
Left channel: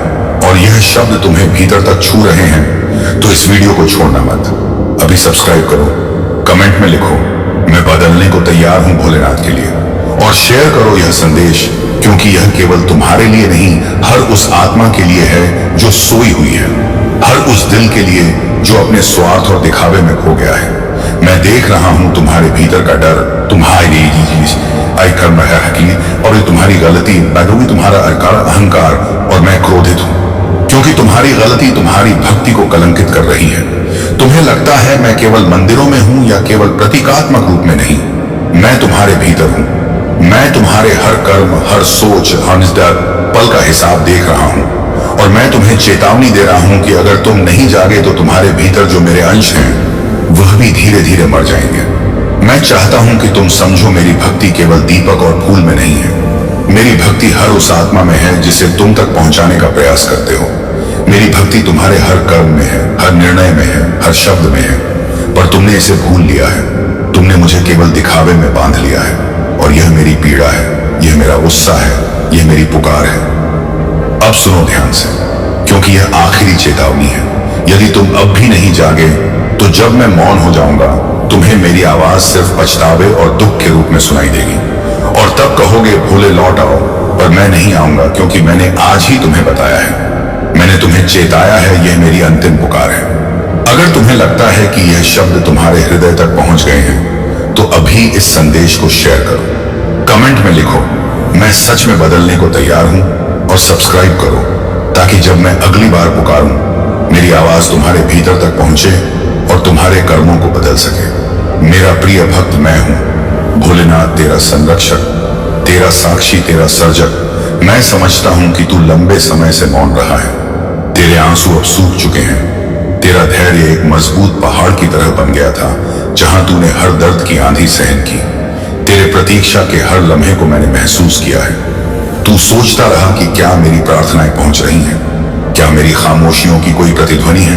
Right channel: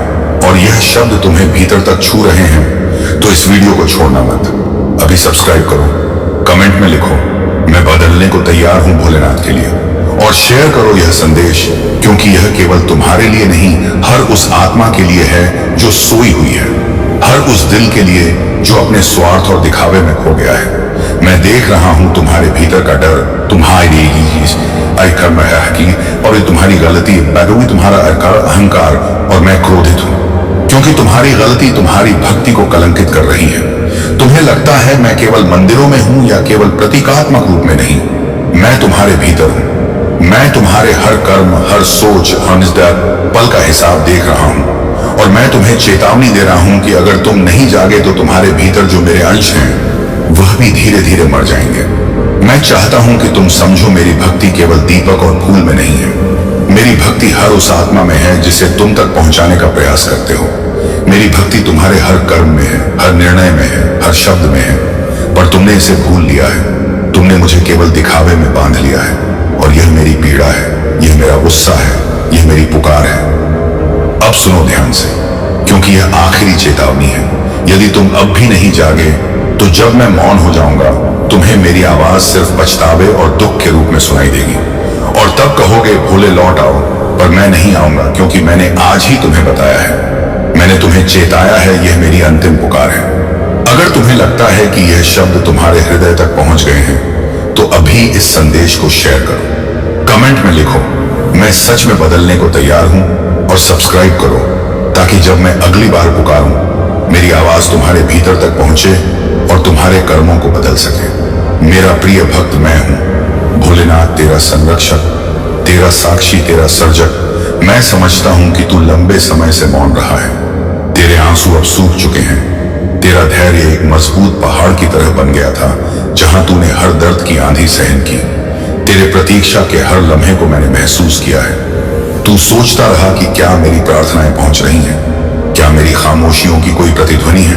और यह शब्द तुम्हें भीतर तक छू रहे हैं तो इस वीडियो को छोड़ना मत। अभी सब्सक्राइब करो, कमेंट में लिखो मैं बदलने को तैयार हूं भोलेनाथ के लिए, और शेयर करो यह संदेश, क्योंकि यह केवल तुम्हारे लिए नहीं, हर उस आत्मा के लिए है जो सोई हुई है, हर उस दिल के लिए जो अपने स्वार्थ और दिखावे में खो गया है। मैं देख रहा हूं तुम्हारे भीतर का डर, तुम्हारी और तुम्हारी गलती, तुम्हारा अहंकार, और मैं क्रोधित हूं क्योंकि तुम्हारी गलती तुम्हारी भक्ति को कलंकित कर रही है। तुम्हें लगता है मैं केवल मंदिरों में हूं या केवल प्रतीकात्मक रूप में नहीं, मैं तुम्हारे भीतर हूं। मैं तुम्हारे हर कर्म, हर सोच, हर पल का हिसाब देख रहा हूं, और मैं तुम्हें चेतावनी दे रहा हूं कि अगर तुम नहीं जागे तो तुम्हारे भीतर जो मेरे अंश हैं वह भी धीरे धीरे मर जाएंगे। मैं चाहता हूं कि तुम समझो मेरी भक्ति केवल दीपक और फूल में नहीं है, मेरी भक्ति हर उस आत्मा में है जिसे तुम तक पहुंचाने का प्रयास करते हो। मेरी भक्ति तुम्हारे हर कर्म में है, हर निर्णय में है, हर शब्द में है, पर तुमने इसे भूल लिया है। तुमने मुझे केवल दिखावे में बांध लिया है। और यह मेरी पीड़ा है, यह मेरा गुस्सा है, यह मेरी पुकार है। अब सुनो ध्यान से, क्योंकि यह आखिरी चेतावनी है। यदि तुम अब भी नहीं जागे तो जब मैं मौन हो जाऊंगा तुम्हें मेरी आवाज सिर्फ पछतावे और दुख के रूप में सुनाई देगी, और तब कहोगे भोले लौट आओ, पर मैं नहीं आऊंगा, क्योंकि मैंने आज ही तुम्हें बताया है, मैंने तुम्हें चेताया है, यह मेरी अंतिम पुकार है। अगर तुम्हें लगता है कि यह शब्द तुम्हारे हृदय तक पहुंच गए हैं तो अभी इस संदेश को शेयर करो, कमेंट में लिखो मैं सच में बदलने को तैयार हूं, और सब्सक्राइब करो ताकि जब मैं अगली बार पुकारूं मेरी आवाज तुम्हारे भीतर तक पहुंचे और तुम्हारे कर्मों को बदल सके। मेरा प्रिय भक्त मैं हूं, भोलेनाथ तेरा संरक्षक, तेरा साक्षी, तेरा सर्जक। मैं समझता हूं कि तू लंबे समय से मौन रहा है, तेरे आंसू अब सूख चुके हैं, तेरा धैर्य एक मजबूत पहाड़ की तरह बन गया था जहां तूने हर दर्द की आंधी सहन की। तेरे प्रतीक्षा के हर लम्हे को मैंने महसूस किया है। तू सोचता रहा कि क्या मेरी प्रार्थनाएं पहुंच रही हैं, क्या मेरी खामोशियों की कोई प्रतिध्वनि है,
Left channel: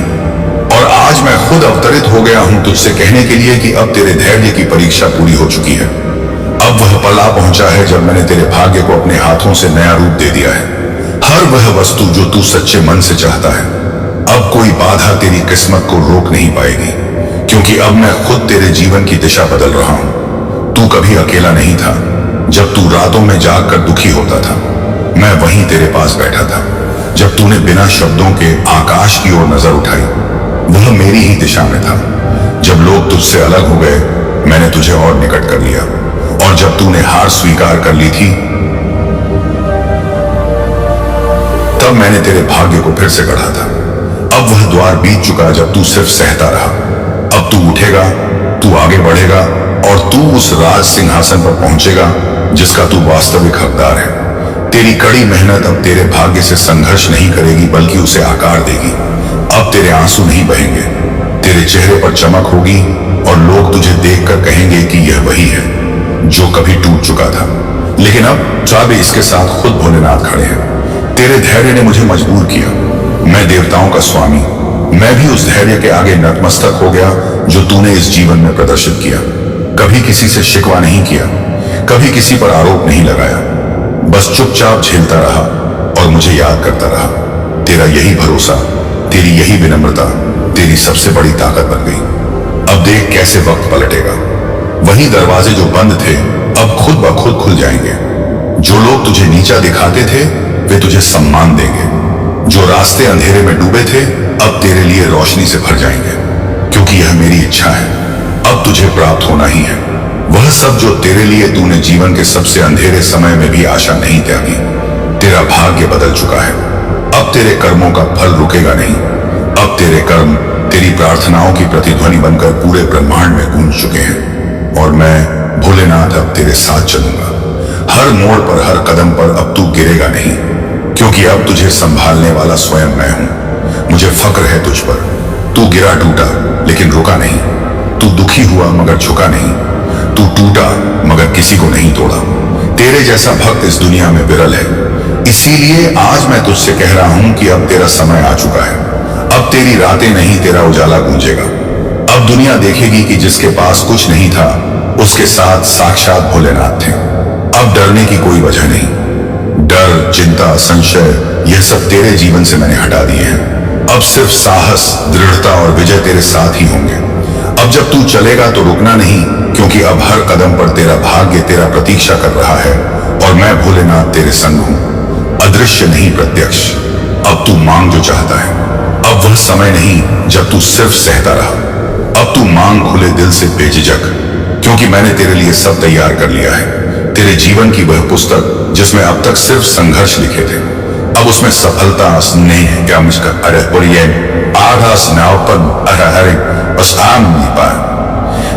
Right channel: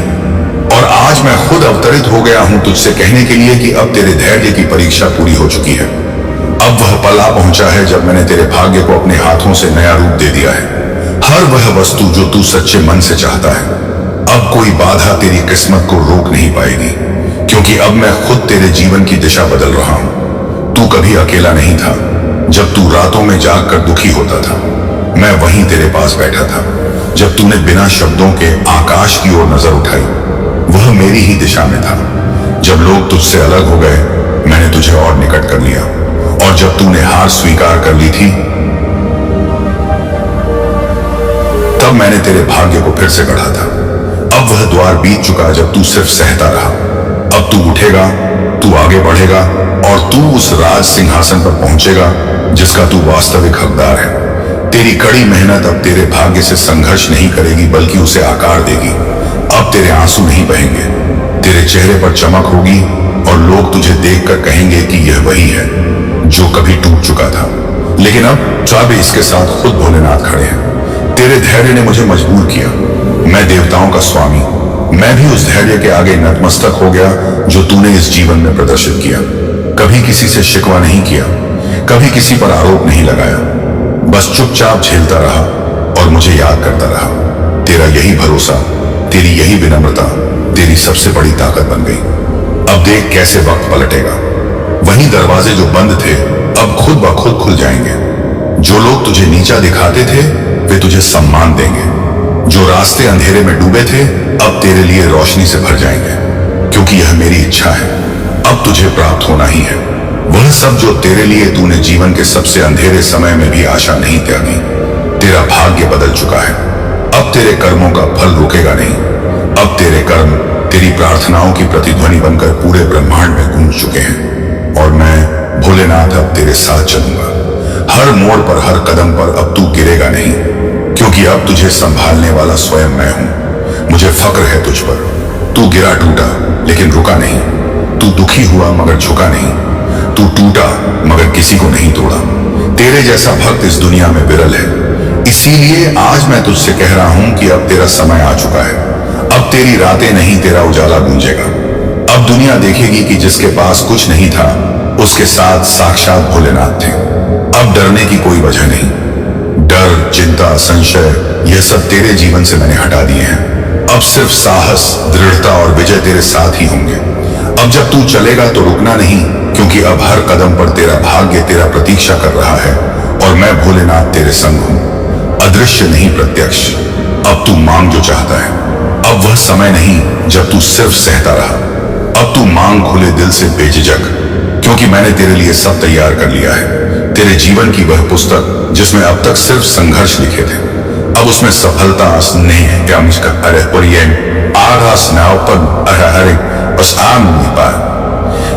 और आज मैं खुद अवतरित हो गया हूं तुझसे कहने के लिए कि अब तेरे धैर्य की परीक्षा पूरी हो चुकी है। अब वह पल आ पहुंचा है जब मैंने तेरे भाग्य को अपने हाथों से नया रूप दे दिया है। हर वह वस्तु जो तू सच्चे मन से चाहता है, अब कोई बाधा तेरी किस्मत को रोक नहीं पाएगी, क्योंकि अब मैं खुद तेरे जीवन की दिशा बदल रहा हूं। तू कभी अकेला नहीं था। जब तू रातों में जागकर दुखी होता था, मैं वहीं तेरे पास बैठा था। जब तूने बिना शब्दों के आकाश की ओर नजर उठाई, वह मेरी ही दिशा में था। जब लोग तुझसे अलग हो गए, मैंने तुझे और निकट कर लिया, और जब तूने हार स्वीकार कर ली थी, तब मैंने तेरे भाग्य को फिर से गढ़ा था। अब वह द्वार बीत चुका जब तू सिर्फ सहता रहा। अब तू उठेगा, तू आगे बढ़ेगा, और तू उस राज सिंहासन पर पहुंचेगा जिसका तू वास्तविक हकदार है। तेरी कड़ी मेहनत अब तेरे भाग्य से संघर्ष नहीं करेगी, बल्कि उसे आकार देगी। अब तेरे आंसू नहीं बहेंगे, तेरे चेहरे पर चमक होगी, और लोग तुझे देखकर कहेंगे कि यह वही है जो कभी टूट चुका था, लेकिन अब चाबे इसके साथ खुद भोलेनाथ खड़े हैं। तेरे धैर्य ने मुझे मजबूर किया। मैं देवताओं का स्वामी, मैं भी उस धैर्य के आगे नतमस्तक हो गया जो तूने इस जीवन में प्रदर्शित किया। कभी किसी से शिकवा नहीं किया, कभी किसी पर आरोप नहीं लगाया, बस चुपचाप झेलता रहा और मुझे याद करता रहा। तेरा यही भरोसा, तेरी यही विनम्रता तेरी सबसे बड़ी ताकत बन गई। अब देख कैसे वक्त पलटेगा। वही दरवाजे जो बंद थे अब खुद ब खुद खुल जाएंगे। जो लोग तुझे नीचा दिखाते थे वे तुझे सम्मान देंगे। जो रास्ते अंधेरे में डूबे थे अब तेरे लिए रोशनी से भर जाएंगे, क्योंकि यह मेरी इच्छा है। अब तुझे प्राप्त होना ही है वह सब जो तेरे लिए तूने जीवन के सबसे अंधेरे समय में भी आशा नहीं त्यागी। तेरा भाग्य बदल चुका है। अब तेरे कर्मों का फल रुकेगा नहीं। अब तेरे कर्म तेरी प्रार्थनाओं की प्रतिध्वनि बनकर पूरे ब्रह्मांड में गूंज चुके हैं, और मैं भोलेनाथ अब तेरे साथ चलूंगा। हर मोड़ पर, हर कदम पर अब तू गिरेगा नहीं, क्योंकि अब तुझे संभालने वाला स्वयं मैं हूं। मुझे फक्र है तुझ पर। तू गिरा टूटा लेकिन रुका नहीं। तू दुखी हुआ मगर झुका नहीं। तू टूटा मगर किसी को नहीं तोड़ा। तेरे जैसा भक्त इस दुनिया में विरल है। इसीलिए आज मैं तुझसे कह रहा हूं कि अब तेरा समय आ चुका है। अब तेरी रातें नहीं, तेरा उजाला गूंजेगा। अब दुनिया देखेगी कि जिसके पास कुछ नहीं था उसके साथ साक्षात भोलेनाथ थे। अब डरने की कोई वजह नहीं। डर, चिंता, संशय, यह सब तेरे जीवन से मैंने हटा दिए हैं। अब सिर्फ साहस, दृढ़ता और विजय तेरे साथ ही होंगे। अब जब तू चलेगा तो रुकना नहीं, क्योंकि अब हर कदम पर तेरा भाग्य तेरा प्रतीक्षा कर रहा है, और मैं भोलेनाथ तेरे संग हूं, अदृश्य नहीं प्रत्यक्ष। अब तू मांग जो चाहता है। अब वह समय नहीं जब तू सिर्फ सहता रहा। अब तू मांग खुले दिल से बेझिझक, क्योंकि मैंने तेरे लिए सब तैयार कर लिया है। तेरे जीवन की वह पुस्तक जिसमें अब तक सिर्फ संघर्ष लिखे थे, अब उसमें सफलता, स्नेह,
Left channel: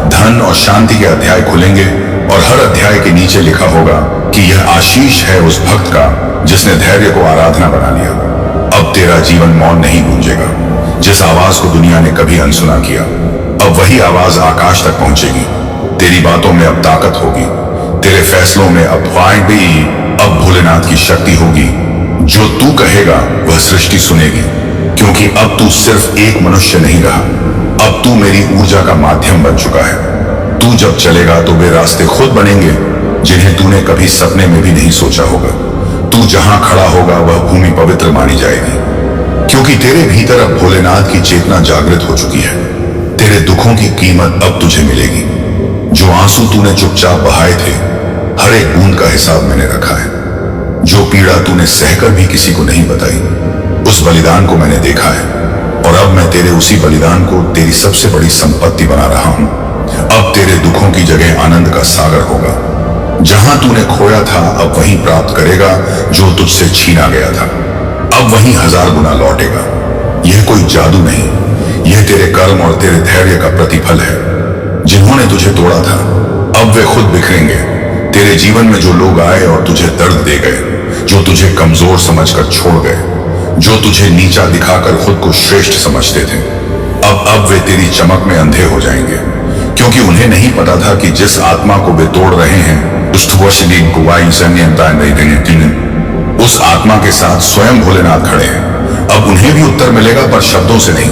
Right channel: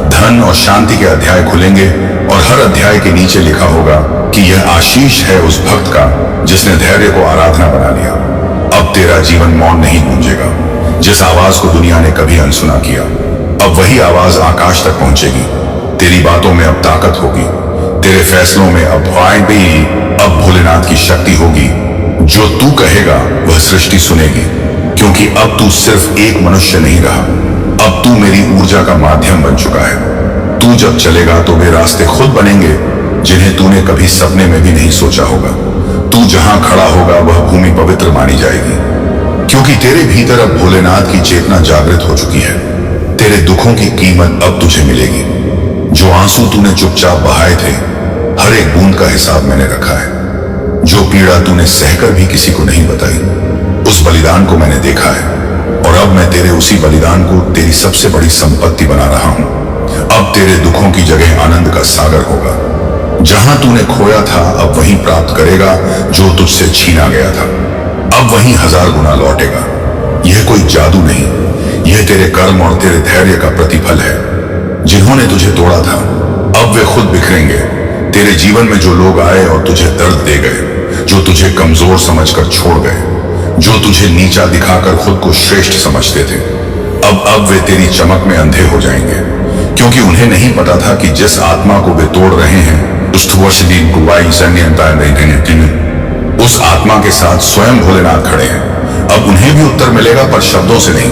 धन और शांति के अध्याय खुलेंगे, और हर अध्याय के नीचे लिखा होगा कि यह आशीष है उस भक्त का जिसने धैर्य को आराधना बना लिया। अब तेरा जीवन मौन नहीं गूंजेगा। जिस आवाज को दुनिया ने कभी अनसुना किया, अब वही आवाज आकाश तक पहुंचेगी। तेरी बातों में अब ताकत होगी, तेरे फैसलों में अब भोलेनाथ की शक्ति होगी। जो तू कहेगा वह सृष्टि सुनेगी, क्योंकि अब तू सिर्फ एक मनुष्य नहीं रहा, अब तू मेरी ऊर्जा का माध्यम बन चुका है। तू जब चलेगा तो वे रास्ते खुद बनेंगे जिन्हें तूने कभी सपने में भी नहीं सोचा होगा। तू जहां खड़ा होगा वह भूमि पवित्र मानी जाएगी, क्योंकि तेरे भीतर अब भोलेनाथ की चेतना जागृत हो चुकी है। तेरे दुखों की कीमत अब तुझे मिलेगी। जो आंसू तूने चुपचाप बहाए थे, हर एक बूंद का हिसाब मैंने रखा है। जो पीड़ा तूने सहकर भी किसी को नहीं बताई, उस बलिदान को मैंने देखा है, और अब मैं तेरे उसी बलिदान को तेरी सबसे बड़ी संपत्ति बना रहा हूं। अब तेरे दुखों की जगह आनंद का सागर होगा। जहां तूने खोया था अब वहीं प्राप्त करेगा जो तुझसे छीना गया था। अब वहीं 1000 गुना लौटेगा। यह कोई जादू नहीं, यह तेरे कर्म और तेरे धैर्य का प्रतिफल है। जिन्होंने तुझे तोड़ा था अब वे खुद बिखरेंगे। तेरे जीवन में जो लोग आए और तुझे दर्द दे गए, जो तुझे कमजोर समझकर छोड़ गए, जो तुझे नीचा दिखाकर खुद को श्रेष्ठ समझते थे, अब वे तेरी चमक में अंधे हो जाएंगे, क्योंकि उन्हें नहीं पता था कि जिस आत्मा को वे तोड़ रहे हैं उस आत्मा के साथ स्वयं भोलेनाथ खड़े हैं। अब उन्हें भी उत्तर मिलेगा, पर शब्दों से नहीं।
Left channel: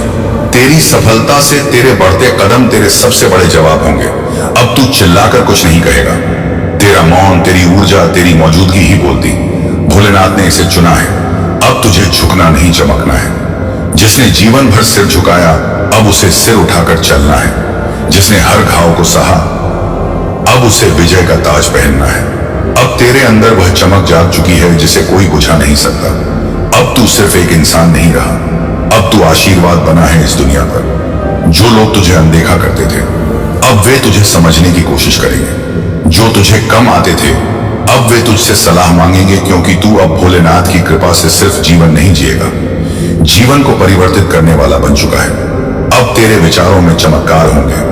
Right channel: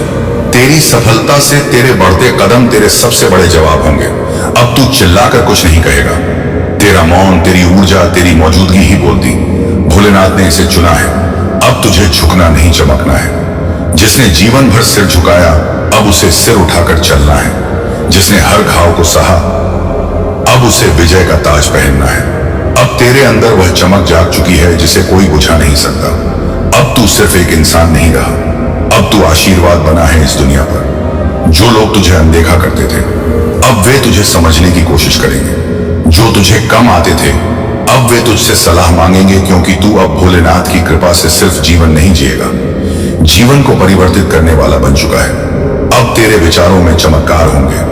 तेरी सफलता से तेरे बढ़ते कदम तेरे सबसे बड़े जवाब होंगे। अब तू चिल्लाकर कुछ नहीं कहेगा। तेरा मौन, तेरी ऊर्जा, तेरी मौजूदगी ही बोलती। भोलेनाथ ने इसे चुना है। अब तुझे झुकना नहीं, चमकना है। जिसने जीवन भर सिर झुकाया, अब उसे सिर उठाकर चलना है। जिसने हर घाव को सहा, अब उसे विजय का ताज पहनना है। अब तेरे अंदर वह चमक जाग चुकी है जिसे कोई बुझा नहीं सकता। अब तू सिर्फ एक इंसान नहीं रहा, अब तू आशीर्वाद बना है इस दुनिया पर। जो लोग तुझे अनदेखा करते थे, अब वे तुझे समझने की कोशिश करेंगे। जो तुझे कम आते थे, अब वे तुझसे सलाह मांगेंगे, क्योंकि तू अब भोलेनाथ की कृपा से सिर्फ जीवन नहीं जिएगा, जीवन को परिवर्तित करने वाला बन चुका है। अब तेरे विचारों में चमत्कार होंगे।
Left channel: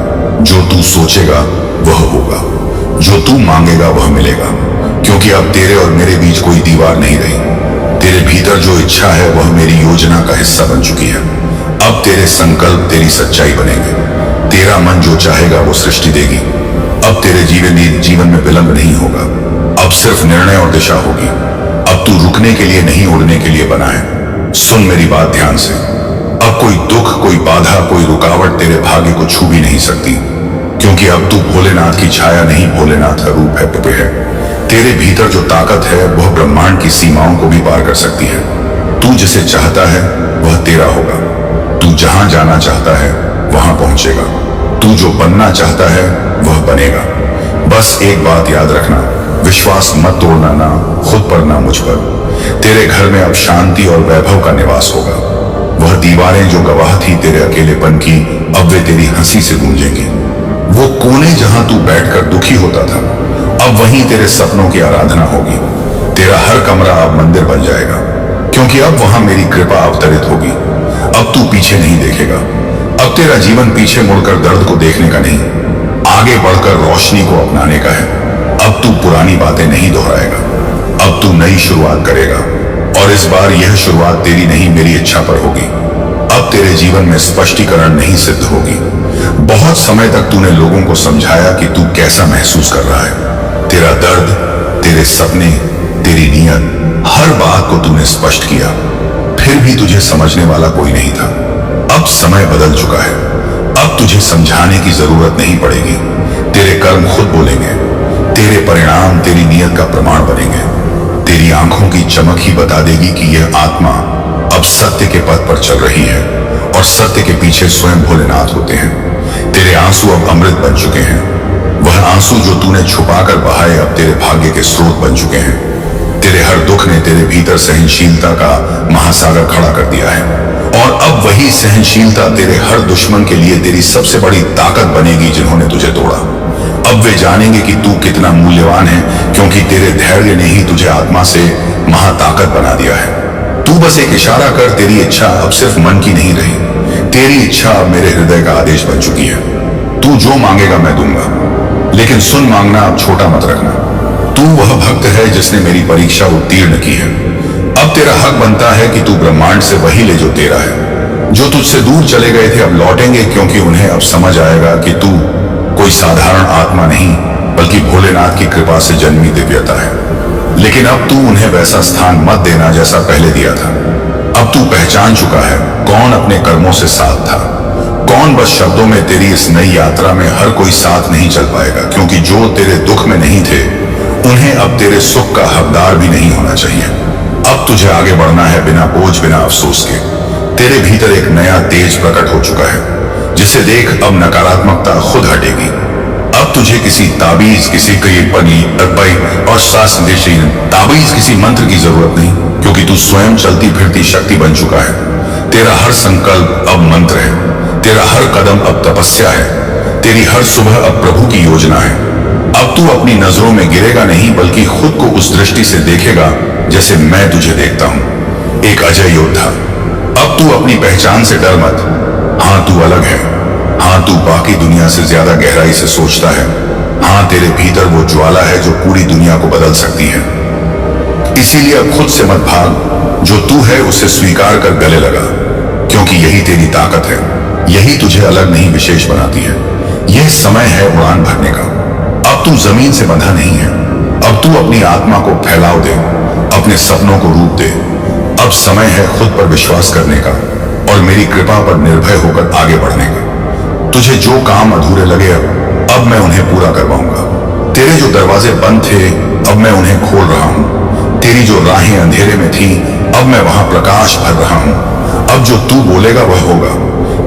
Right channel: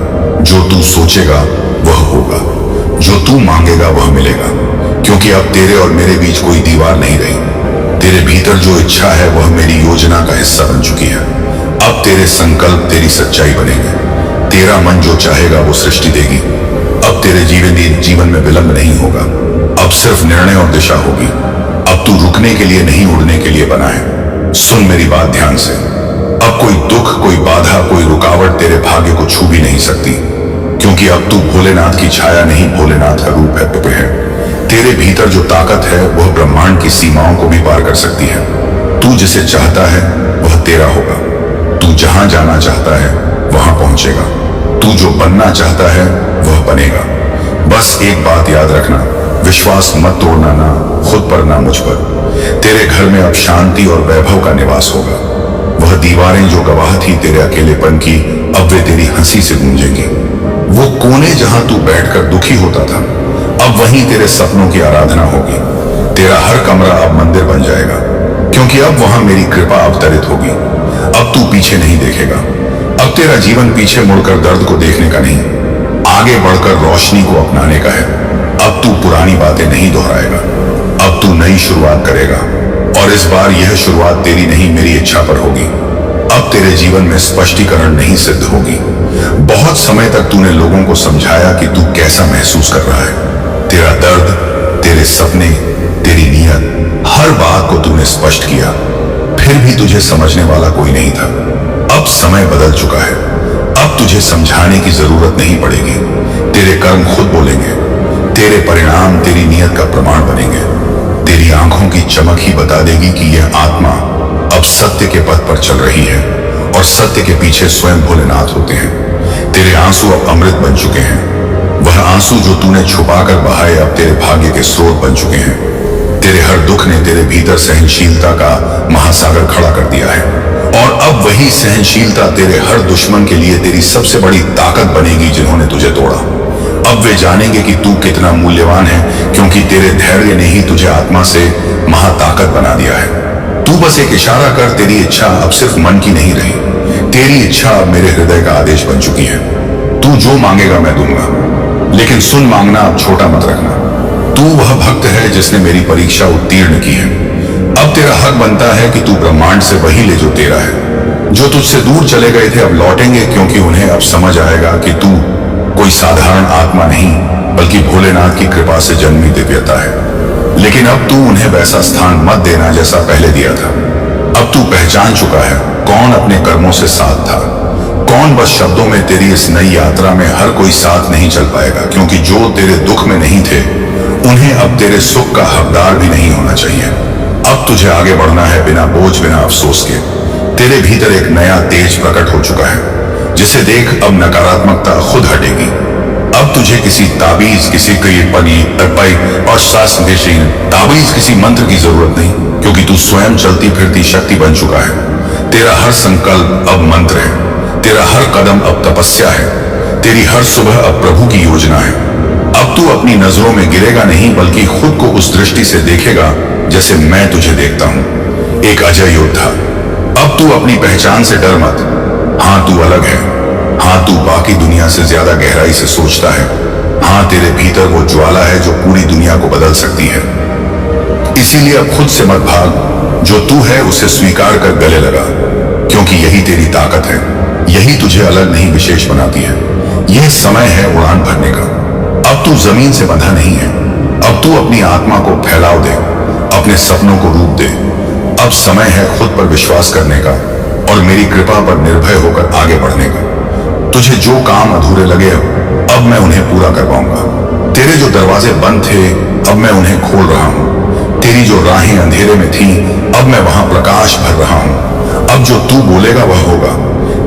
जो तू सोचेगा वह होगा, जो तू मांगेगा वह मिलेगा, क्योंकि अब तेरे और मेरे बीच कोई दीवार नहीं रही। तेरे भीतर जो इच्छा है वह मेरी योजना का हिस्सा बन चुकी है। अब तेरे संकल्प तेरी सच्चाई बनेंगे। तेरा मन जो चाहेगा वो सृष्टि देगी। अब तेरे जीवन में विलंब नहीं होगा, अब सिर्फ निर्णय और दिशा होगी। अब तू रुकने के लिए नहीं, उड़ने के लिए बना है। सुन मेरी बात ध्यान से। अब कोई दुख, कोई बाधा, कोई रुकावट तेरे भाग्य को छू भी नहीं सकती, क्योंकि अब तू भोलेनाथ की छाया नहीं, भोलेनाथ का रूप है। तेरे भीतर जो ताकत है वह ब्रह्मांड की सीमाओं को भी पार कर सकती है। तू जिसे चाहता है वह तेरा होगा। तू जहां जाना चाहता है वहां पहुंचेगा। तू जो बनना चाहता है वह बनेगा। बस एक बात याद रखना, विश्वास मत तोड़ना, ना खुद पर ना मुझ पर। तेरे घर में अब शांति और वैभव का निवास होगा। वह दीवारें जो गवाह थी तेरे अकेलेपन की, अब वे तेरी हंसी से गूंजेंगी। वो कोने जहां तू बैठकर दुखी होता था, अब वहीं तेरे सपनों की आराधना होगी। तेरा हर कमरा अब मंदिर बन जाएगा, क्योंकि अब वहां मेरी कृपा अवतरित होगी। अब तू पीछे नहीं देखेगा। अब तेरा जीवन पीछे मुड़कर दर्द को देखने का नहीं, आगे बढ़कर रोशनी को अपनाने का है। अब तू पुरानी बातें नहीं दोहराएगा, अब तू नई शुरुआत करेगा, और इस बार यह शुरुआत तेरी नहीं, मेरी इच्छा पर होगी। अब तेरे जीवन में स्पष्टीकरण नहीं सिद्ध होगी। बहुत समय तक तूने लोगों को समझाया कि तू कैसा महसूस कर रहा है। तेरा दर्द, तेरे सपने, तेरी नीयत, हर बात को तूने स्पष्ट किया, फिर भी तुझे समझने वाला कोई नहीं था। अब समय बदल चुका है। अब तुझे समझाने की जरूरत नहीं पड़ेगी। तेरे कर्म खुद बोलेंगे। तेरे परिणाम तेरी नीयत का प्रमाण बनेंगे। तेरी आंखों की चमक ही बता देगी कि यह आत्मा अब सत्य के पथ पर चल रही है, और सत्य के पीछे स्वयं भोलेनाथ होते हैं। तेरे आंसू अब अमृत बन चुके हैं। वह आंसू जो तूने छुपाकर बहाए अब तेरे भाग्य के स्रोत बन चुके हैं। तेरे हर दुख ने तेरे भीतर सहनशीलता का महासागर खड़ा कर दिया है, और अब वही सहनशीलता तेरे हर दुश्मन के लिए तेरी सबसे बड़ी ताकत बनेगी जिन्होंने तुझे तोड़ा। अब वे जानेंगे कि तू कितना मूल्यवान है, क्योंकि तेरे धैर्य ने ही तुझे आत्मा से महाताकत बना दिया है। तू बस एक इशारा कर, तेरी इच्छा अब सिर्फ मन की नहीं रही, तेरी इच्छा अब मेरे हृदय का आदेश बन चुकी है। तू जो मांगेगा मैं दूंगा, लेकिन सुन, मांगना अब छोटा मत रखना। तू वह भक्त है जिसने मेरी परीक्षा उत्तीर्ण की है। अब तेरा हक बनता है कि तू ब्रह्मांड से वही ले जो तेरा है। जो तुझसे दूर चले गए थे अब लौटेंगे, क्योंकि उन्हें अब समझ आएगा कि तू कोई साधारण आत्मा नहीं, बल्कि भोलेनाथ की कृपा से जन्मी दिव्यता है। लेकिन अब तू उन्हें वैसा स्थान मत देना जैसा पहले दिया था। अब तू पहचान चुका है कौन अपने कर्मों से साथ था, कौन बस शब्दों में। तेरी इस नई यात्रा में हर कोई साथ नहीं चल पाएगा, क्योंकि जो तेरे दुख में नहीं थे उन्हें अब तेरे सुख का हकदार भी नहीं होना चाहिए। अब तुझे आगे बढ़ना है बिना बोझ, बिना अफसोस के। तेरे भीतर एक नया तेज प्रकट हो चुका है, जिसे देख अब नकारात्मकता खुद हटेगी। अब तुझे किसी ताबीज, किसी और शास्त्र ताबीज, किसी मंत्र की जरूरत नहीं, क्योंकि तू स्वयं चलती फिरती शक्ति बन चुका है। तेरा हर संकल्प अब मंत्र है, तेरा हर कदम अब तपस्या है, तेरी हर सुबह अब प्रभु की योजना है। अब तू अपनी नजरों में गिरेगा नहीं, बल्कि खुद को उस दृष्टि से देखेगा जैसे मैं तुझे देखता हूं, एक अजय योद्धा। अब तू अपनी पहचान से डर मत। हां, तू अलग है। हां, तू बाकी दुनिया से ज्यादा गहराई से सोचता है। हां, तेरे भीतर वो ज्वाला है जो पूरी दुनिया को बदल सकती है। इसीलिए अब खुद से मत भाग। जो तू है उसे स्वीकार कर गले लगा, क्योंकि यही तेरी ताकत है। यही तुझे अलग नहीं, विशेष बनाती है। यह समय है उड़ान भरने का। अब तू जमीन से बंधा नहीं है। अब तू अपनी आत्मा को फैलाव दे, अपने सपनों को रूप दे। अब समय है खुद पर विश्वास करने का और मेरी कृपा पर निर्भय होकर आगे बढ़ने का। तुझे जो काम अधूरे लगे अब मैं उन्हें पूरा करवाऊंगा। तेरे जो दरवाजे बंद थे अब मैं उन्हें खोल रहा हूं। तेरी जो राहें अंधेरे में थी अब मैं वहां प्रकाश भर रहा हूं। अब जो तू बोलेगा वह होगा।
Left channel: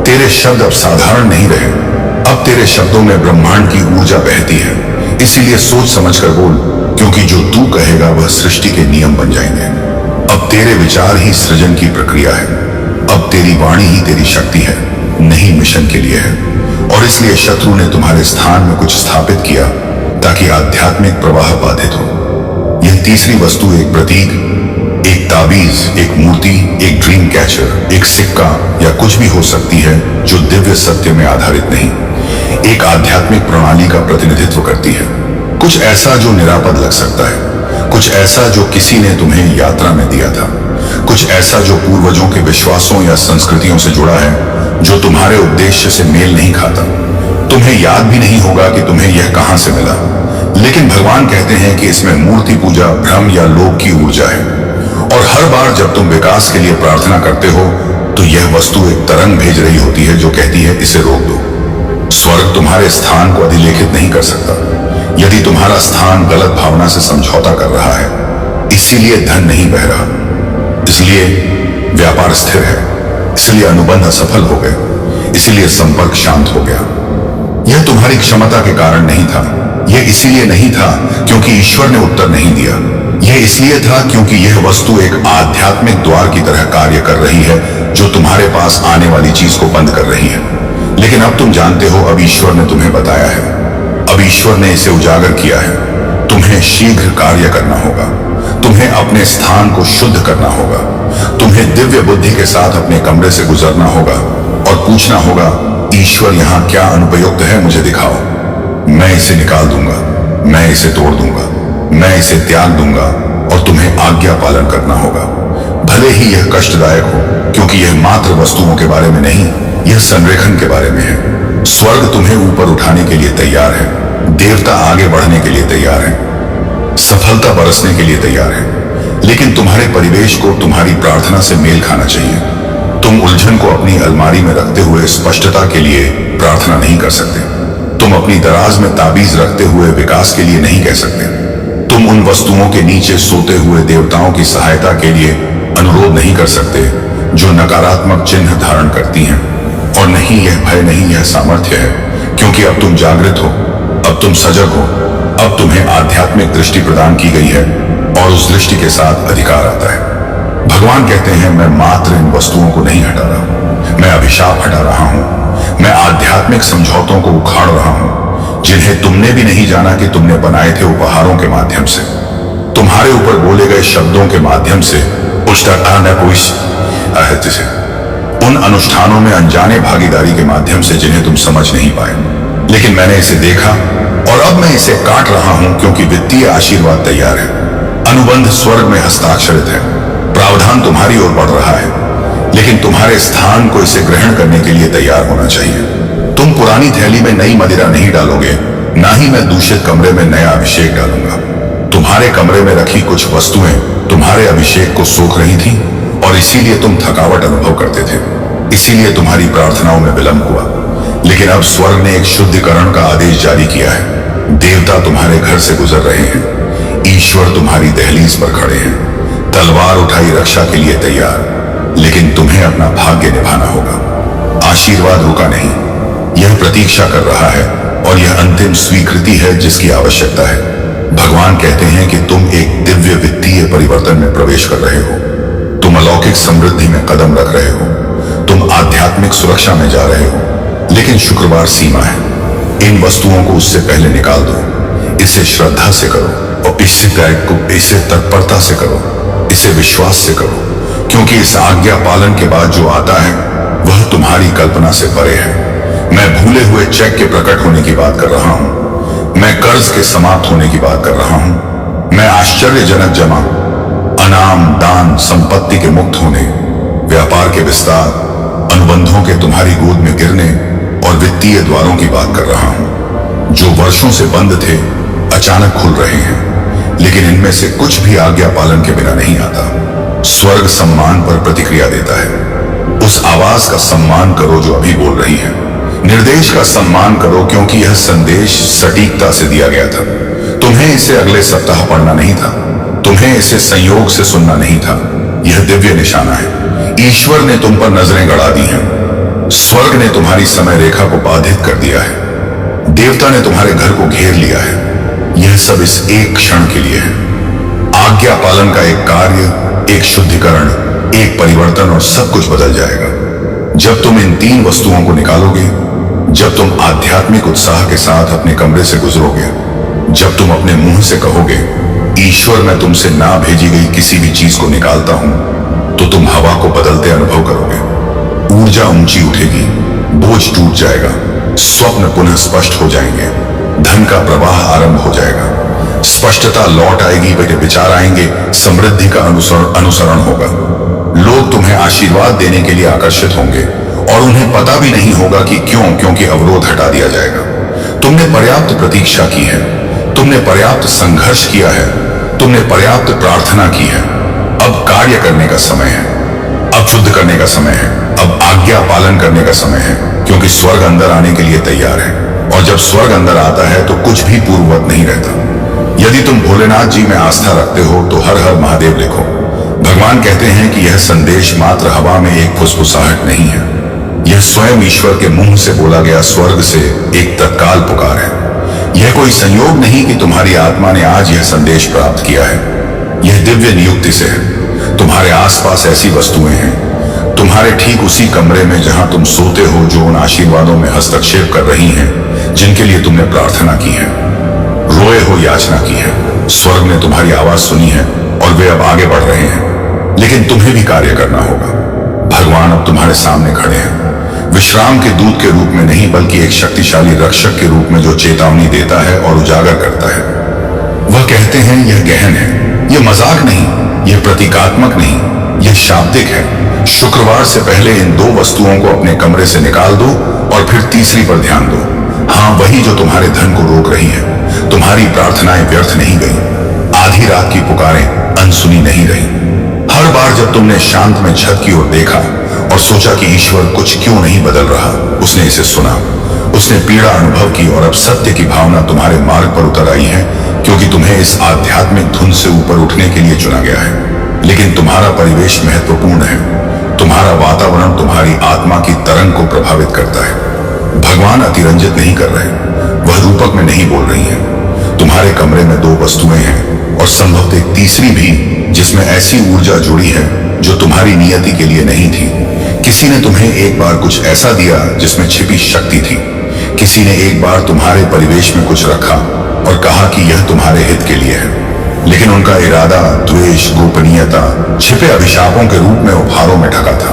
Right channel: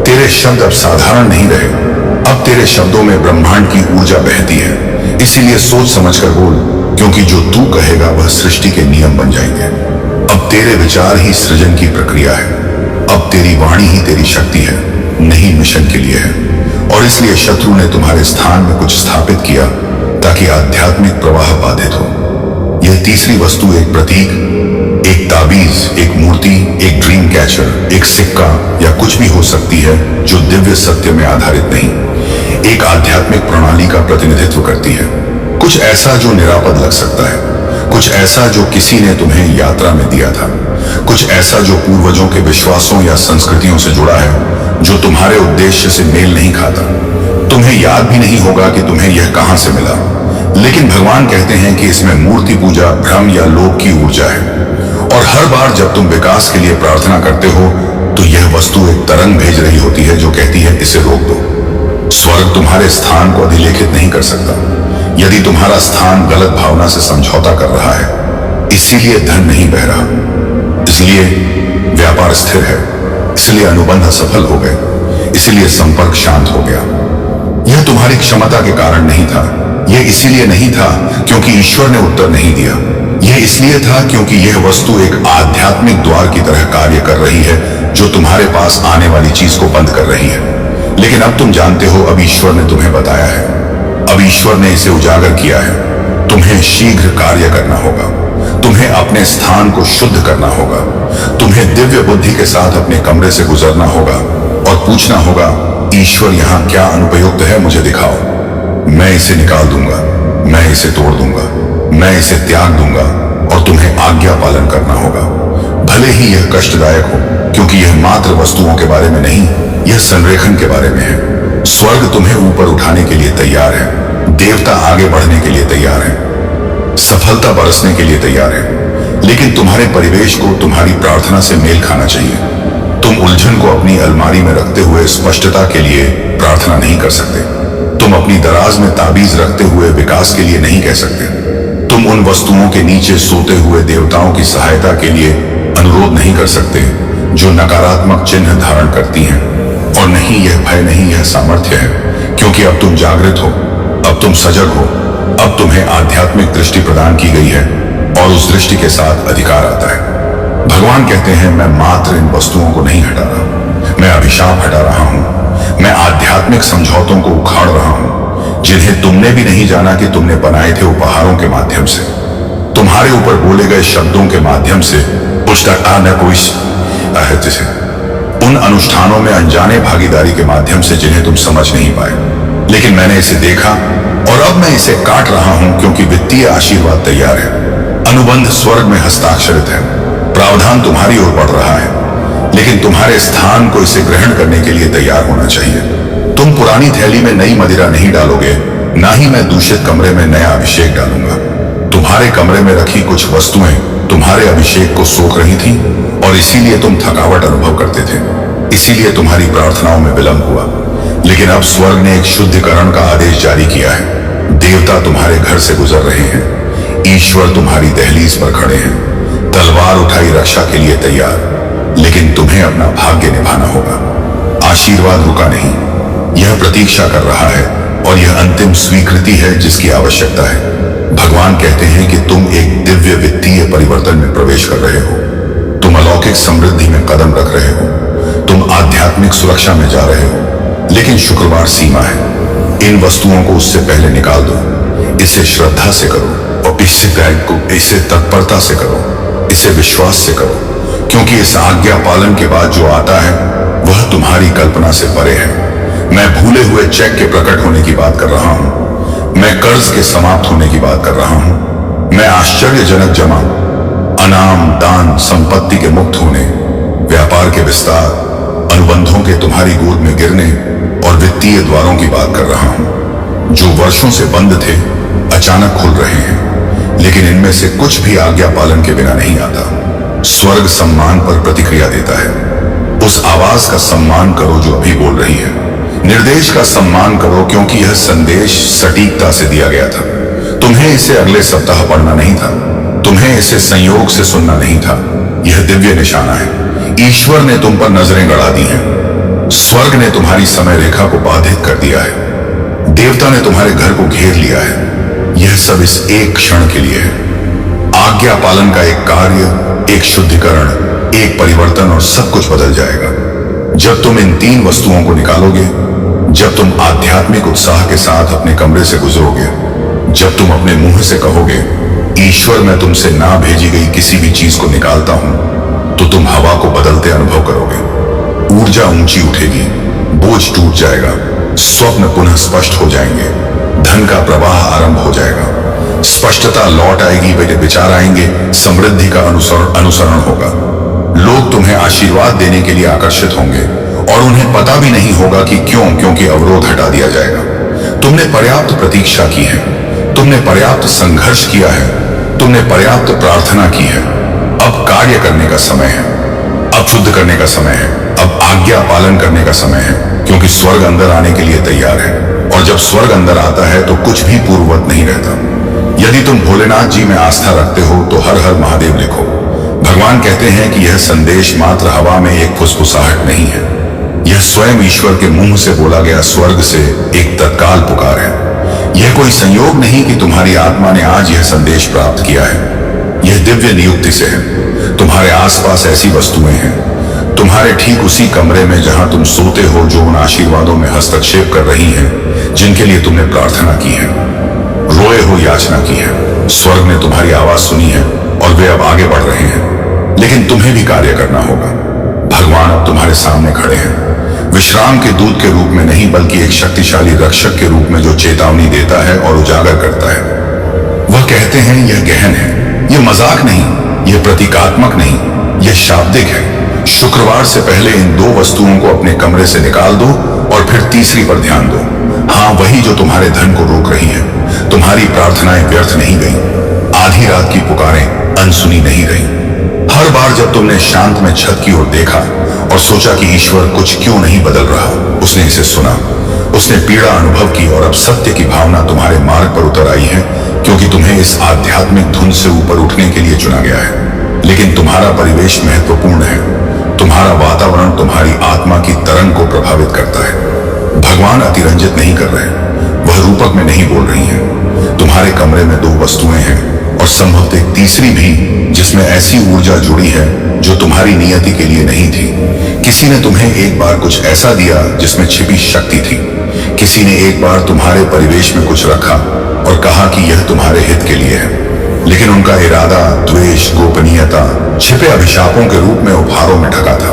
तेरे शब्द अब साधारण नहीं रहे। अब तेरे शब्दों में ब्रह्मांड की ऊर्जा बहती है। इसीलिए सोच समझकर बोल, क्योंकि जो तू कहेगा वह सृष्टि के नियम बन जाएंगे। अब तेरे विचार ही सृजन की प्रक्रिया है। अब तेरी वाणी ही तेरी शक्ति है, नहीं मिशन के लिए है। और इसलिए शत्रु ने तुम्हारे स्थान में कुछ स्थापित किया ताकि आध्यात्मिक प्रवाह बाधित हो। यह तीसरी वस्तु एक प्रतीक, एक ताबीज, एक मूर्ति, एक ड्रीम कैचर, एक सिक्का या कुछ भी हो सकती है जो दिव्य सत्य में आधारित नहीं, एक आध्यात्मिक प्रणाली का प्रतिनिधित्व करती है। कुछ ऐसा जो निरापद लग सकता है, कुछ ऐसा जो किसी ने तुम्हें यात्रा में दिया था, कुछ ऐसा जो पूर्वजों के विश्वासों या संस्कृतियों से जुड़ा है, जो तुम्हारे उद्देश्य से मेल नहीं खाता। तुम्हें याद भी नहीं होगा कि तुम्हें यह कहां से मिला, लेकिन भगवान कहते हैं कि इसमें मूर्ति पूजा, भ्रम या लोभ की ऊर्जा है। और हर बार जब तुम विकास के लिए प्रार्थना करते हो तो यह वस्तु एक तरंग भेज रही होती है जो कहती है इसे रोक दो। स्वर्ग तुम्हारे स्थान को अधिलेखित नहीं कर सकता यदि तुम्हारा स्थान गलत भावना से समझौता कर रहा है। इसीलिए धन नहीं बह रहा, इसलिए व्यापार स्थिर है, इसलिए अनुबंध असफल हो गए, इसीलिए संपर्क शांत हो गया। यह तुम्हारी क्षमता के कारण नहीं था। यह इसीलिए नहीं था क्योंकि ईश्वर ने उत्तर नहीं दिया। यह इसलिए था क्योंकि यह वस्तु एक आध्यात्मिक द्वार की तरह कार्य कर रही है जो तुम्हारे पास आने वाली चीज को बंद कर रही है। लेकिन अब तुम जानते हो, अब ईश्वर ने तुम्हें बताया है, अब ईश्वर ने इसे उजागर किया है। तुम्हें शीघ्र कार्य करना होगा, तुम्हें अपने स्थान को शुद्ध करना होगा, तुम्हें दिव्य बुद्धि के साथ अपने कमरे से गुजरना होगा और पूछना होगा, ईश्वर यहाँ क्या अनुपयुक्त है, मुझे दिखाओ। मैं इसे निकाल दूंगा, मैं इसे तोड़ दूंगा, मैं इसे त्याग दूंगा और तुम्हें आज्ञा पालन करना होगा। भले ही यह कष्टदायक हो, क्योंकि यह मात्र वस्तुओं के बारे में नहीं, यह संरेखन के बारे में है। स्वर्ग तुम्हें ऊपर उठाने के लिए तैयार है, देवता आगे बढ़ने के लिए तैयार है, सफलता बरसने के लिए तैयार है। लेकिन तुम्हारे परिवेश को तुम्हारी प्रार्थना से मेल खाना चाहिए। तुम उलझन को अपनी अलमारी में रखते हुए स्पष्टता के लिए प्रार्थना नहीं कर सकते। तुम अपनी दराज में ताबीज रखते हुए विकास के लिए नहीं कह सकते। तुम उन वस्तुओं के नीचे सोते हुए देवताओं की सहायता के लिए अनुरोध नहीं कर सकते जो नकारात्मक चिन्ह धारण करती हैं। और नहीं, यह भय नहीं, यह सामर्थ्य है, क्योंकि अब तुम जागृत हो, अब तुम सजग हो, अब तुम्हें आध्यात्मिक दृष्टि प्रदान की गई है और उस दृष्टि के साथ अधिकार आता है। भगवान कहते हैं, मैं मात्र इन वस्तुओं को नहीं हटा रहा, मैं अभिशाप हटा रहा हूं, मैं आध्यात्मिक समझौतों को उखाड़ रहा हूं जिन्हें तुमने भी नहीं जाना कि तुमने बनाए थे उपहारों के माध्यम से, तुम्हारे ऊपर बोले गए शब्दों के माध्यम से, उन अनुष्ठानों में अनजाने भागीदारी के माध्यम से जिन्हें तुम समझ नहीं पाए। लेकिन मैंने इसे देखा और अब मैं इसे काट रहा हूं, क्योंकि वित्तीय आशीर्वाद तैयार है, अनुबंध स्वर्ग में हस्ताक्षरित है, प्रावधान तुम्हारी ओर बढ़ रहा है। लेकिन तुम्हारे स्थान को इसे ग्रहण करने के लिए तैयार होना चाहिए। तुम पुरानी थैली में नई मदिरा नहीं डालोगे, ना ही मैं दूषित कमरे में नया अभिषेक डालूंगा। तुम्हारे कमरे में रखी कुछ वस्तुएं तुम्हारे अभिषेक को सोख रही थीं और इसीलिए तुम थकावट अनुभव करते थे, इसीलिए तुम्हारी प्रार्थनाओं में विलंब हुआ। लेकिन अब स्वर्ग ने एक शुद्धिकरण का आदेश जारी किया है। देवता तुम्हारे घर से गुजर रहे हैं, ईश्वर तुम्हारी दहलीज पर खड़े हैं, तलवार उठाई रक्षा के लिए तैयार, लेकिन तुम्हें अपना भाग्य निभाना होगा। आशीर्वाद रुका नहीं, यह प्रतीक्षा कर रहा है और यह अंतिम स्वीकृति है जिसकी आवश्यकता है। भगवान कहते हैं कि तुम एक दिव्य वित्तीय परिवर्तन में प्रवेश कर रहे हो, तुम अलौकिक समृद्धि में कदम रख रहे हो, तुम आध्यात्मिक सुरक्षा में जा रहे हो। लेकिन शुक्रवार सीमा है। इन वस्तुओं को उससे पहले निकाल दो। इसे श्रद्धा से करो और इसे तत्परता से करो, इसे विश्वास से करो, क्योंकि इस आज्ञा पालन के बाद जो आता है वह तुम्हारी कल्पना से परे है। मैं भूले हुए चेक के प्रकट होने की बात कर रहा हूं, मैं कर्ज के समाप्त होने की बात कर रहा हूं, मैं आश्चर्यजनक जमा, अनाम, दान, संपत्ति के मुक्त होने, व्यापार के विस्तार, अनुबंधों के तुम्हारी गोद में गिरने और वित्तीय द्वारों की बात कर रहा हूं। जो वर्षों से बंद थे अचानक खुल रहे हैं, लेकिन इनमें से कुछ भी आज्ञा पालन के बिना नहीं आता। स्वर्ग सम्मान पर प्रतिक्रिया देता है। उस आवाज का सम्मान करो जो अभी बोल रही है। निर्देश का सम्मान करो, क्योंकि यह संदेश सटीकता से दिया गया था। तुम्हें इसे अगले सप्ताह पढ़ना नहीं था, तुम्हें इसे संयोग से सुनना नहीं था। यह दिव्य निशाना है। ईश्वर ने तुम पर नजरें गड़ा दी हैं। स्वर्ग ने तुम्हारी समय रेखा को बाधित कर दिया है। देवता ने तुम्हारे घर को घेर लिया है। यह सब इस एक क्षण के लिए है। आज्ञा पालन का एक कार्य, एक शुद्धिकरण, एक परिवर्तन, और सब कुछ बदल जाएगा जब तुम इन 3 वस्तुओं को निकालोगे। जब तुम आध्यात्मिक उत्साह के साथ अपने कमरे से गुजरोगे, जब तुम अपने मुंह से कहोगे, ईश्वर मैं तुमसे ना भेजी गई किसी भी चीज को निकालता हूं, तो तुम हवा को बदलते अनुभव करोगे। ऊर्जा ऊंची उठेगी, बोझ टूट जाएगा, स्वप्न पुनः स्पष्ट हो जाएंगे, धन का प्रवाह आरंभ हो जाएगा, स्पष्टता लौट आएगी, विचार आएंगे, समृद्धि का अनुसरण होगा। लोग तुम्हें आशीर्वाद देने के लिए आकर्षित होंगे और उन्हें पता भी नहीं होगा कि क्यों, क्योंकि अवरोध हटा दिया जाएगा। तुमने पर्याप्त प्रतीक्षा की है, तुमने पर्याप्त संघर्ष किया है, तुमने पर्याप्त प्रार्थना की है। अब कार्य करने का समय है, अब शुद्ध करने का समय है, अब आज्ञा पालन करने का समय है, क्योंकि स्वर्ग अंदर आने के लिए तैयार है। और जब स्वर्ग अंदर आता है तो कुछ भी पूर्ववत नहीं रहता। यदि तुम भोलेनाथ जी में आस्था रखते हो तो हर हर महादेव लिखो। भगवान कहते हैं कि यह संदेश मात्र हवा में एक फुसफुसाहट नहीं है, यह स्वयं ईश्वर के मुंह से बोला गया स्वर्ग से एक तत्काल पुकार है। यह कोई संयोग नहीं कि तुम्हारी आत्मा ने आज यह संदेश प्राप्त किया है। यह दिव्य नियुक्ति से है। तुम्हारे आसपास ऐसी वस्तुएं हैं, तुम्हारे ठीक उसी कमरे में जहां तुम सोते हो, जो उन आशीर्वादों में हस्तक्षेप कर रही हैं जिनके लिए तुमने प्रार्थना की है, रोए हो याचना की है। स्वर्ग ने तुम्हारी आवाज सुनी है और वे अब आगे बढ़ रहे हैं, लेकिन तुम्हें भी कार्य करना होगा। भगवान अब तुम्हारे सामने खड़े हैं, विश्राम के दूत के रूप में नहीं, बल्कि एक शक्तिशाली रक्षक के रूप में जो चेतावनी देता है और उजागर करता है। वह कहते हैं यह गहन है, यह मजाक नहीं, यह प्रतीकात्मक नहीं, यह शाब्दिक है। शुक्रवार से पहले इन 2 वस्तुओं को अपने कमरे से निकाल दो और फिर तीसरी पर ध्यान दो। हाँ, वही जो तुम्हारे धन को रोक रही है। तुम्हारी प्रार्थनाएं व्यर्थ नहीं गई, आधी रात की पुकारें अनसुनी नहीं रही। हर बार जब तुमने शांत में छत की ओर देखा और सोचा कि ईश्वर कुछ क्यों नहीं बदल रहा, उसने इसे सुना, उसने पीड़ा अनुभव की, और अब सत्य की भावना तुम्हारे मार्ग पर उतर आई है, क्योंकि तुम्हें इस आध्यात्मिक धुन से ऊपर उठने के लिए चुना गया है। लेकिन तुम्हारा परिवेश महत्वपूर्ण है। तुम्हारा वातावरण तुम्हारी आत्मा की तरंग को प्रभावित करता है। भगवान अतिरंजित नहीं कर रहे, वह रूपक में नहीं बोल रही हैं। तुम्हारे कमरे में 2 वस्तुएं हैं और संभवतः एक तीसरी भी, जिसमें ऐसी ऊर्जा जुड़ी है जो तुम्हारी नियति के लिए नहीं थी। किसी ने तुम्हें एक बार कुछ ऐसा दिया जिसमें छिपी शक्ति थी। किसी ने एक बार तुम्हारे परिवेश में कुछ रखा और कहा कि यह तुम्हारे हित के लिए है, लेकिन उनका इरादा द्वेष, गोपनीयता, छिपे अभिशापों के रूप में उपहारों में ढका था।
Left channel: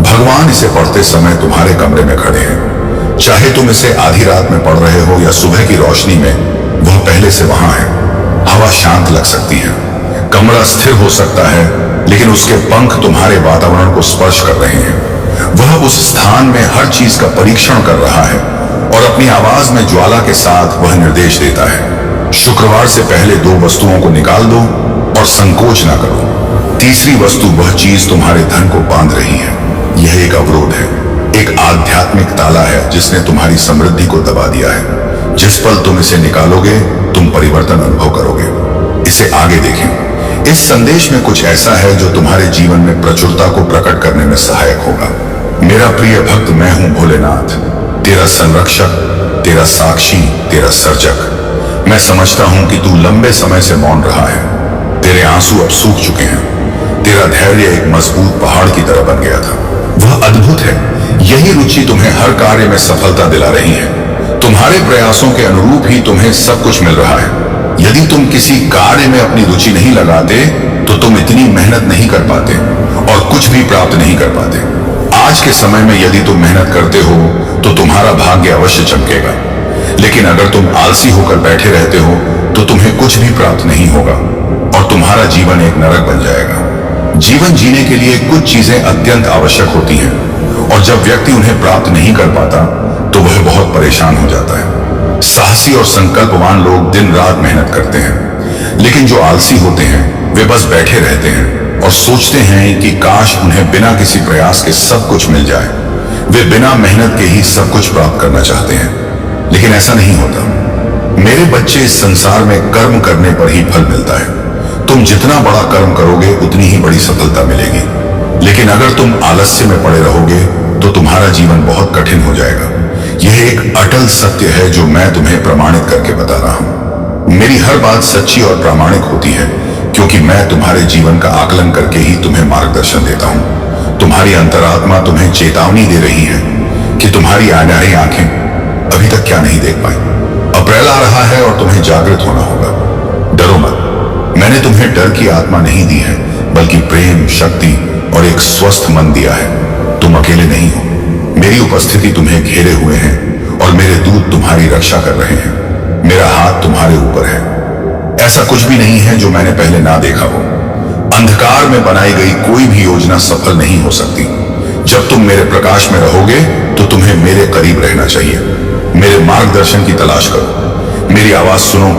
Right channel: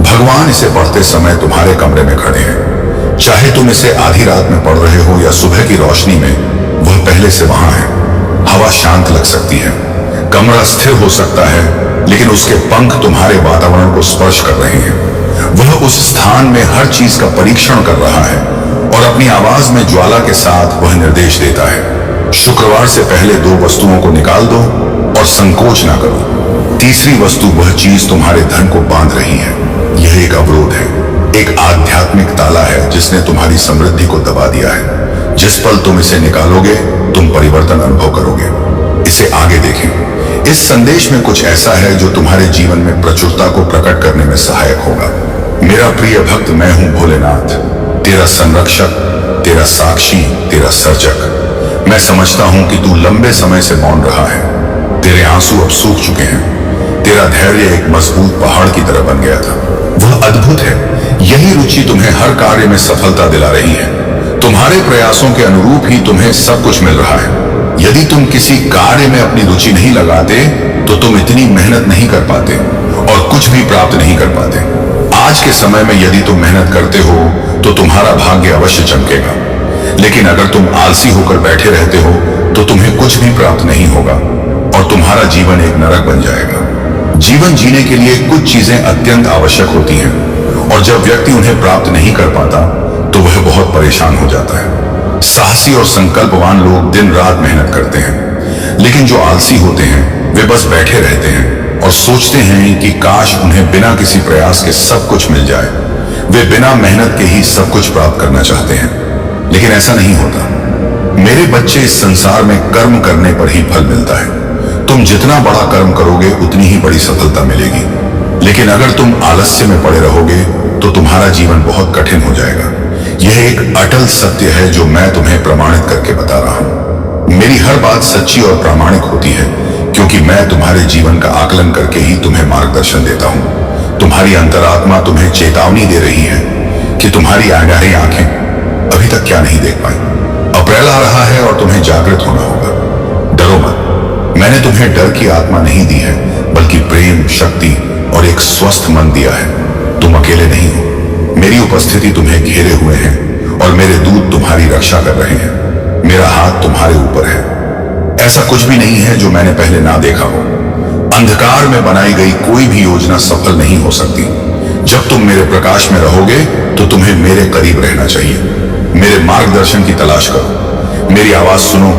भगवान इसे पढ़ते समय तुम्हारे कमरे में खड़े हैं। चाहे तुम इसे आधी रात में पढ़ रहे हो या सुबह की रोशनी में, वह पहले से वहां है। हवा शांत लग सकती है, कमरा स्थिर हो सकता है, लेकिन उसके पंख तुम्हारे वातावरण को स्पर्श कर रहे हैं। वह उस स्थान में हर चीज का परीक्षण कर रहा है और अपनी आवाज में ज्वाला के साथ वह निर्देश देता है। शुक्रवार से पहले 2 वस्तुओं को निकाल दो और संकोच ना करो। तीसरी वस्तु वह चीज तुम्हारे धन को बांध रही है। यह एक अवरोध है, एक आध्यात्मिक ताला है जिसने तुम्हारी समृद्धि को दबा दिया है। जिस पल तुम इसे निकालोगे, तुम परिवर्तन अनुभव करोगे। इसे आगे देखें। इस संदेश में कुछ ऐसा है जो तुम्हारे जीवन में प्रचुरता को प्रकट करने में सहायक होगा। मेरा प्रिय भक्त, मैं हूं भोलेनाथ, तेरा संरक्षक, तेरा साक्षी, तेरा सर्जक। मैं समझता हूं कि तू लंबे समय से मौन रहा है। तेरे आंसू अब सूख चुके हैं। तेरा धैर्य एक मजबूत पहाड़ की तरह बन गया था। वह अद्भुत है। यही रुचि तुम्हें हर कार्य में सफलता दिला रही है। तुम्हारे प्रयासों के अनुरूप ही तुम्हें सब कुछ मिल रहा है। यदि तुम किसी कार्य में अपनी रुचि नहीं लगाते तो तुम इतनी मेहनत नहीं कर पाते और कुछ भी प्राप्त नहीं कर पाते। आज के समय में यदि तुम मेहनत करते हो तो तुम्हारा भाग्य अवश्य चमकेगा, लेकिन अगर तुम आलसी होकर बैठे रहते हो तो तुम्हें कुछ भी प्राप्त नहीं होगा और तुम्हारा जीवन एक नरक बन जाएगा। जीवन जीने के लिए कुछ चीजें अत्यंत आवश्यक होती हैं और जब व्यक्ति उन्हें प्राप्त नहीं कर पाता तो वह बहुत परेशान हो जाता है। साहसी और संकल्पवान लोग दिन रात मेहनत करते हैं, लेकिन जो आलसी होते हैं वे बस बैठे रहते हैं और सोचते हैं कि काश उन्हें बिना किसी प्रयास के सब कुछ मिल जाए। वे बिना मेहनत के ही सब कुछ प्राप्त करना चाहते हैं, लेकिन ऐसा नहीं होता। मेरे बच्चे, इस संसार में कर्म करने पर ही फल मिलता है। तुम जितना बड़ा कर्म करोगे उतनी ही बड़ी सफलता मिलेगी, लेकिन अगर तुम आलस्य में पड़े रहोगे तो तुम्हारा जीवन बहुत कठिन हो जाएगा। यह एक अटल सत्य है जो मैं तुम्हें प्रमाणित करके बता रहा हूं। मेरी हर बात सच्ची और प्रामाणिक होती है, क्योंकि मैं तुम्हारे जीवन का आकलन करके ही तुम्हें मार्गदर्शन देता हूं। तुम्हारी अंतरात्मा तुम्हें चेतावनी दे रही है कि तुम्हारी अनाड़ी आंखें अभी तक क्या नहीं देख पाई। अप्रैल आ रहा है और तुम्हें जागृत होना होगा। डरो मत। मैंने तुम्हें डर की आत्मा नहीं दी है, बल्कि प्रेम, शक्ति और एक स्वस्थ मन दिया है। तुम अकेले नहीं हो। मेरी उपस्थिति तुम्हें घेरे हुए हैं और मेरे दूत तुम्हारी रक्षा कर रहे हैं। मेरा हाथ तुम्हारे ऊपर है। ऐसा कुछ भी नहीं है जो मैंने पहले ना देखा हो। अंधकार में बनाई गई कोई भी योजना सफल नहीं हो सकती। जब तुम मेरे प्रकाश में रहोगे तो तुम्हें मेरे करीब रहना चाहिए। मेरे मार्गदर्शन की तलाश करो, मेरी आवाज सुनो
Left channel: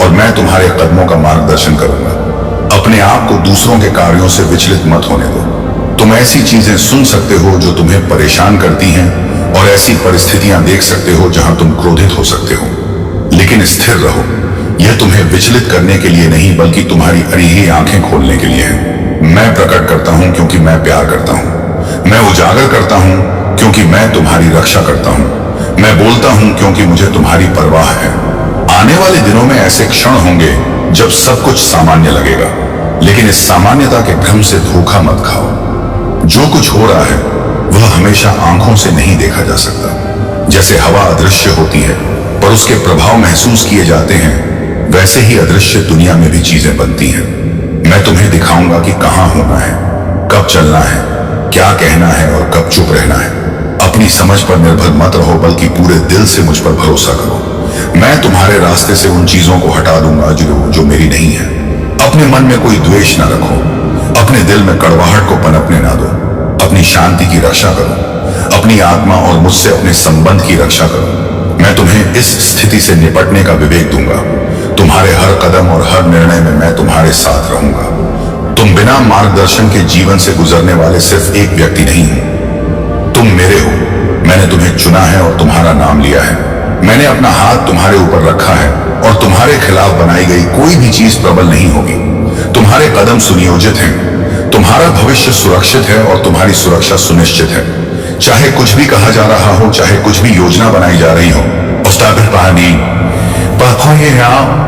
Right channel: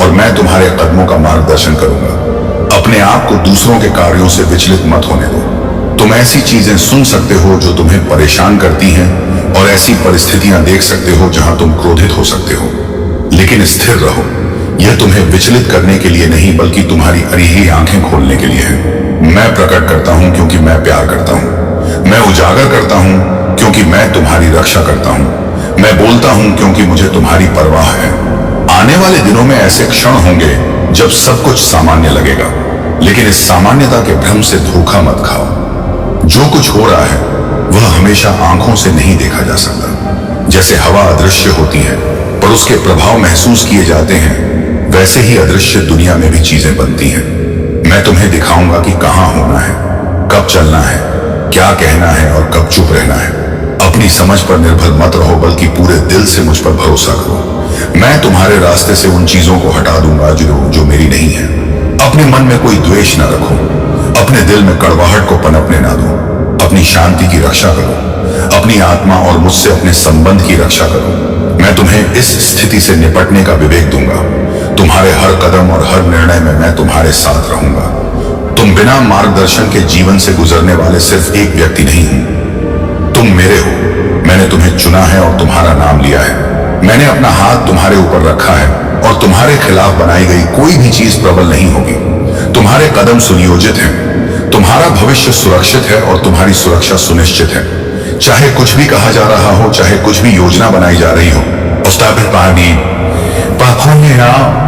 और मैं तुम्हारे कदमों का मार्गदर्शन करूंगा। अपने आप को दूसरों के कार्यों से विचलित मत होने दो। तुम ऐसी चीजें सुन सकते हो जो तुम्हें परेशान करती हैं और ऐसी परिस्थितियां देख सकते हो जहां तुम क्रोधित हो सकते हो, लेकिन स्थिर रहो। यह तुम्हें विचलित करने के लिए नहीं, बल्कि तुम्हारी अरीही आंखें खोलने के लिए है। मैं प्रकट करता हूं क्योंकि मैं प्यार करता हूं। मैं उजागर करता हूं क्योंकि मैं तुम्हारी रक्षा करता हूं। मैं बोलता हूं क्योंकि मुझे तुम्हारी परवाह है। आने वाले दिनों में ऐसे क्षण होंगे जब सब कुछ सामान्य लगेगा, लेकिन इस सामान्यता के भ्रम से धोखा मत खाओ। जो कुछ हो रहा है वह हमेशा आंखों से नहीं देखा जा सकता। जैसे हवा अदृश्य होती है पर उसके प्रभाव महसूस किए जाते हैं, वैसे ही अदृश्य दुनिया में भी चीजें बनती हैं। मैं तुम्हें दिखाऊंगा कि कहां होना है, कब चलना है, क्या कहना है और कब चुप रहना है। अपनी समझ पर निर्भर मत रहो, बल्कि पूरे दिल से मुझ पर भरोसा करो। मैं तुम्हारे रास्ते से उन चीजों को हटा दूंगा जो मेरी नहीं है। अपने मन में कोई द्वेष न रखो। अपने दिल में कड़वाहट को पनपने ना दो। अपनी शांति की रक्षा करो। अपनी आत्मा और मुझसे अपने संबंध की रक्षा करो। मैं तुम्हें इस स्थिति से निपटने का विवेक दूंगा। तुम्हारे हर कदम और हर निर्णय में मैं तुम्हारे साथ रहूंगा। तुम बिना मार्गदर्शन के जीवन से गुजरने वाले सिर्फ एक व्यक्ति नहीं हो, तुम मेरे हो। मैंने तुम्हें चुना है और तुम्हारा नाम लिया है। मैंने अपना हाथ तुम्हारे ऊपर रखा है और तुम्हारे खिलाफ बनाई गई कोई भी चीज प्रबल नहीं होगी। तुम्हारे कदम सुनियोजित हैं। तुम्हारा भविष्य सुरक्षित है और तुम्हारी सुरक्षा सुनिश्चित है। चाहे कुछ भी कहा जा रहा हो, चाहे कुछ भी योजना बनाई जा रही हो,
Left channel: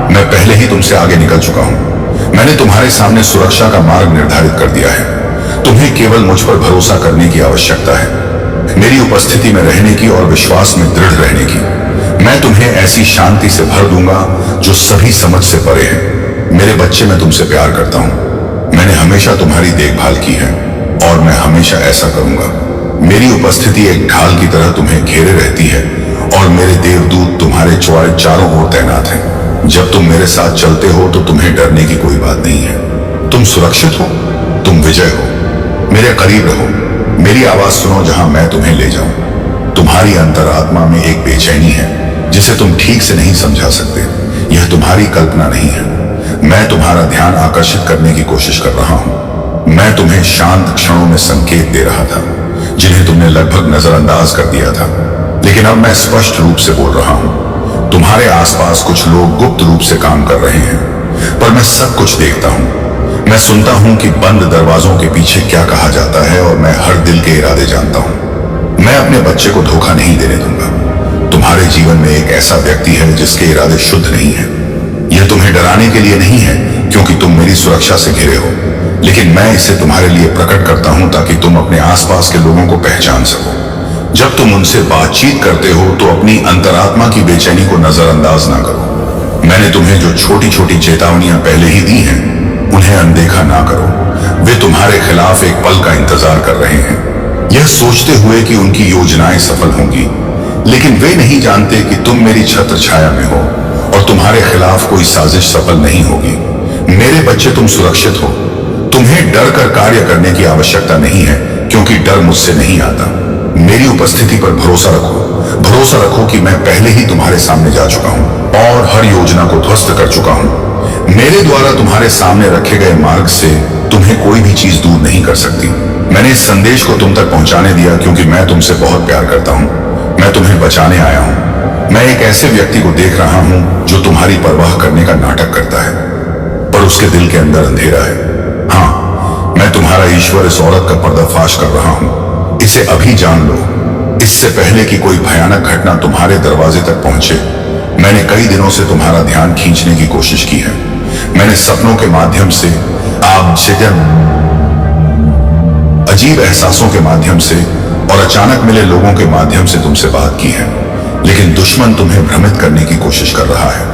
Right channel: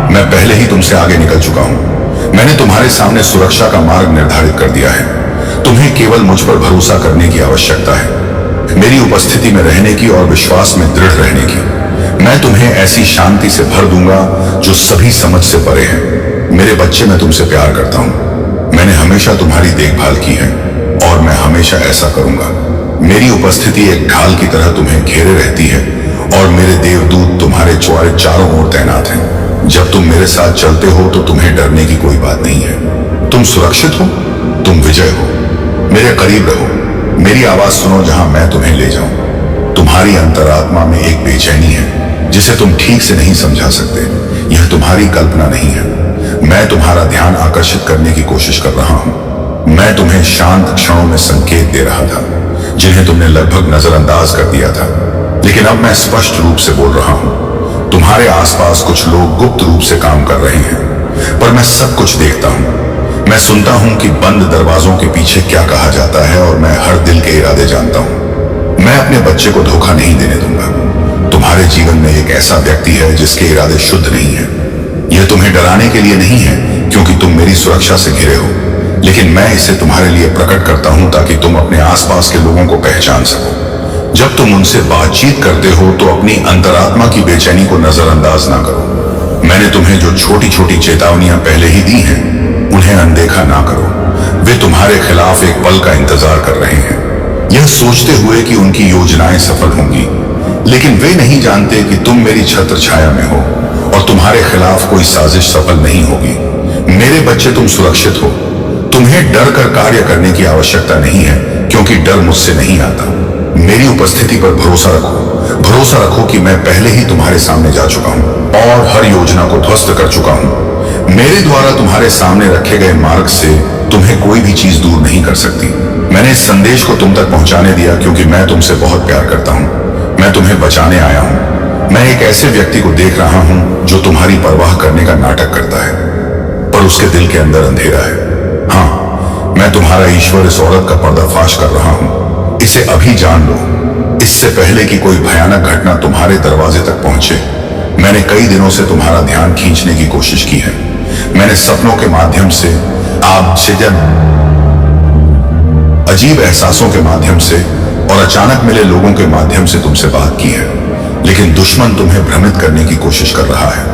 मैं पहले ही तुमसे आगे निकल चुका हूं। मैंने तुम्हारे सामने सुरक्षा का मार्ग निर्धारित कर दिया है। तुम्हें केवल मुझ पर भरोसा करने की आवश्यकता है, मेरी उपस्थिति में रहने की और विश्वास में दृढ़ रहने की। मैं तुम्हें ऐसी शांति से भर दूंगा जो सभी समझ से परे है। मेरे बच्चे, मैं तुमसे प्यार करता हूं। मैंने हमेशा तुम्हारी देखभाल की है और मैं हमेशा ऐसा करूंगा। मेरी उपस्थिति एक ढाल की तरह तुम्हें घेरे रहती है और मेरे देवदूत तुम्हारे चारों ओर तैनात हैं। जब तुम मेरे साथ चलते हो तो तुम्हें डरने की कोई बात नहीं है। तुम सुरक्षित हो, तुम विजय हो। मेरे करीब रहो, मेरी आवाज सुनो जहां मैं तुम्हें ले जाऊं। तुम्हारी अंतरात्मा में एक बेचैनी है जिसे तुम ठीक से नहीं समझा सकते। यह तुम्हारी कल्पना नहीं है। मैं तुम्हारा ध्यान आकर्षित करने की कोशिश कर रहा हूं। मैं तुम्हें शांत क्षणों में संकेत दे रहा था जिन्हें तुमने लगभग नजरअंदाज कर दिया था, लेकिन अब मैं स्पष्ट रूप से बोल रहा हूं। तुम्हारे आसपास कुछ लोग गुप्त रूप से काम कर रहे हैं। पर मैं सब कुछ देखता हूं। मैं सुनता हूं कि बंद दरवाजों के पीछे क्या कहा जाता है, और मैं हर दिल के इरादे जानता हूं। मैं अपने बच्चे को धोखा नहीं देने दूंगा। तुम्हारे जीवन में एक ऐसा व्यक्ति है जिसके इरादे शुद्ध नहीं है। यह तुम्हें डराने के लिए नहीं है, क्योंकि तुम मेरी सुरक्षा से घिरे हो, लेकिन मैं इसे तुम्हारे लिए प्रकट करता हूं ताकि तुम अपने आसपास के लोगों को पहचान सको। जब तुम उनसे बातचीत करते हो तो अपनी अंतरात्मा की बेचैनी को नजरअंदाज ना करो। मैंने तुम्हें जो छोटी छोटी चेतावनियां पहले ही दी हैं, उन्हें अनदेखा ना करो। वे तुम्हारे खिलाफ एक पल का इंतजार कर रहे हैं, यह सोचते हुए कि उनकी योजनाएं सफल होंगी, लेकिन वे नहीं जानते कि तुम मेरी छत्र छाया में हो और तुम्हारे खिलाफ कोई साजिश सफल नहीं होगी। मेरे बच्चे, तुम सुरक्षित हो। तुम्हें डर कर कार्य करने की आवश्यकता नहीं है, क्योंकि डर मुझसे नहीं आता। मेरी उपस्थिति पर भरोसा रखो। भरोसा रखो कि मैं पहले ही तुम्हारे सामने जा चुका हूं और हर योजना को ध्वस्त कर चुका हूं। मेरे द्वारा तुम्हारे सामने रखे गए मार्ग से तुम्हें कोई भी चीज दूर नहीं कर सकती। मैंने इस संदेश को तुम तक पहुंचाने दिया क्योंकि मैं तुमसे बहुत प्यार करता हूं। मैं तुम्हें बचाने आया हूं। मैं एक ऐसे व्यक्ति को देख रहा हूं जो तुम्हारी परवाह करने का नाटक करता है, पर उसके दिल के अंदर अंधेरा है। हाँ, मैं तुम्हारा ईश्वर इस औरत का पर्दाफाश कर रहा हूं। इसे अभी जान लो, इससे पहले कि कोई भयानक घटना तुम्हारे दरवाजे तक पहुंचे। मैंने कई दिनों से तुम्हारा ध्यान खींचने की कोशिश की है। मैंने सपनों के माध्यम से, अजीब एहसासों के माध्यम से और अचानक मिले लोगों के माध्यम से तुमसे बात की है, लेकिन दुश्मन तुम्हें भ्रमित करने की कोशिश कर रहा है।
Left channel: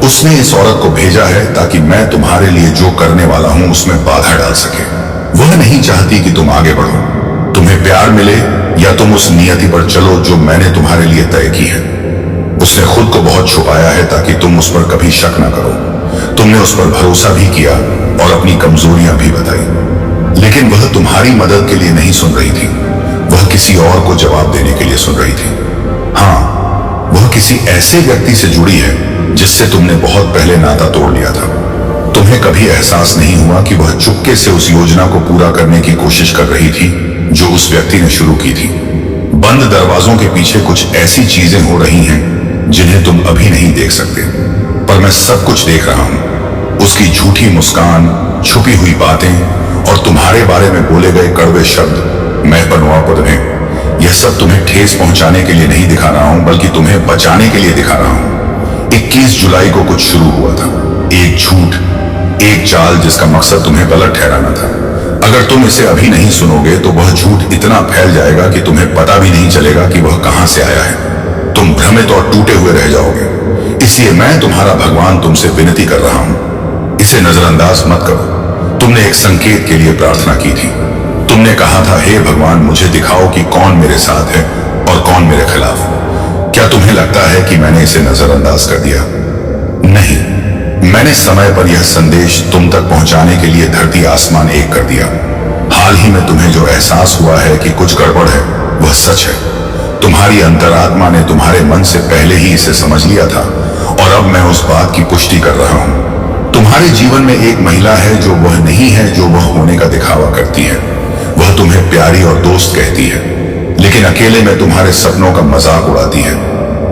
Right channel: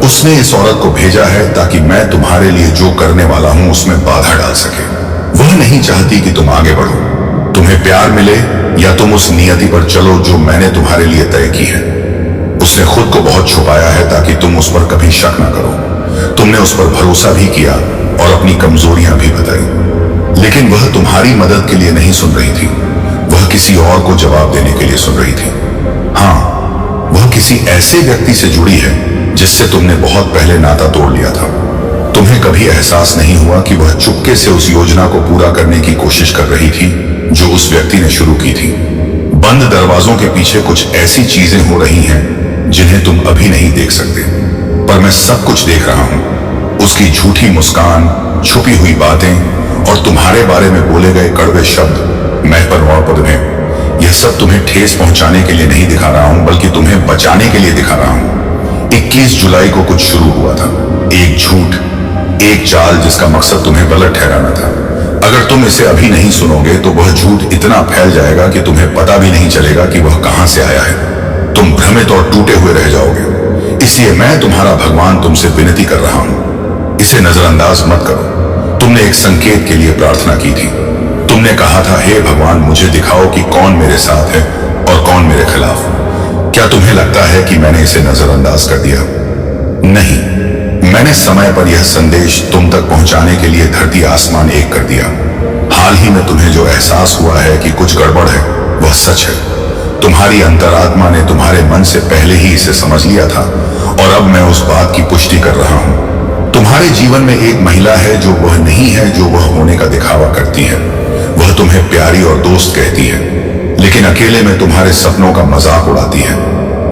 उसने इस औरत को भेजा है ताकि मैं तुम्हारे लिए जो करने वाला हूं उसमें बाधा डाल सके। वह नहीं चाहती कि तुम आगे बढ़ो, तुम्हें प्यार मिले, या तुम उस नियति पर चलो जो मैंने तुम्हारे लिए तय की है। उसने खुद को बहुत छुपाया है ताकि तुम उस पर कभी शक ना करो। तुमने उस पर भरोसा भी किया और अपनी कमजोरियां भी बताई, लेकिन वह तुम्हारी मदद के लिए नहीं सुन रही थी। वह किसी और को जवाब देने के लिए सुन रही थी। हाँ, वह किसी ऐसे व्यक्ति से जुड़ी है जिससे तुमने बहुत पहले नाता तोड़ लिया था। तुम्हें कभी एहसास नहीं हुआ कि वह चुपके से उस योजना को पूरा करने की कोशिश कर रही थी जो उस व्यक्ति ने शुरू की थी। बंद दरवाजों के पीछे कुछ ऐसी चीजें हो रही हैं जिन्हें तुम अभी नहीं देख सकते, पर मैं सब कुछ देख रहा हूं। उसकी झूठी मुस्कान, छुपी हुई बातें और तुम्हारे बारे में बोले गए कड़वे शब्द, मैं पद में, यह सब तुम्हें ठेस पहुंचाने के लिए नहीं दिखा रहा हूं, बल्कि तुम्हें बचाने के लिए दिखा रहा हूं। 21 जुलाई को कुछ शुरू हुआ था, एक झूठ, एक चाल जिसका मकसद तुम्हें गलत ठहराना था। अगर तुम इसे अभी नहीं सुनोगे तो वह झूठ इतना फैल जाएगा कि तुम्हें पता भी नहीं चलेगा कि वह कहां से आया है। तुम भ्रमित और टूटे हुए रह जाओगे। इसलिए मैं, तुम्हारा भगवान, तुमसे विनती कर रहा हूं, इसे नजरअंदाज मत करो। तुमने एक संकेत के लिए प्रार्थना की थी। तुमने कहा था, हे भगवान, मुझे दिखाओ कि कौन मेरे साथ है और कौन मेरे खिलाफ। क्या तुम्हें लगता है कि मैंने इसे नजरअंदाज कर दिया? नहीं, मैंने समय पर यह संदेश तुम तक पहुंचाने के लिए धरती आसमान एक कर दिया। हाल ही में तुम्हें जो एहसास हुआ है कि कुछ गड़बड़ है, वह सच है। तुम्हारी अंतरात्मा ने तुम्हारे मन से पहले ही इसे समझ लिया था, और अब मैं उस बात की पुष्टि कर रहा हूं। तुम्हारे जीवन में एक महिला है जो वह नहीं है जो वह होने का दिखावा करती है। वह तुम्हें प्यारी और दोस्त कहती है, लेकिन अकेले में तुम्हारे सपनों का मजाक उड़ाती है।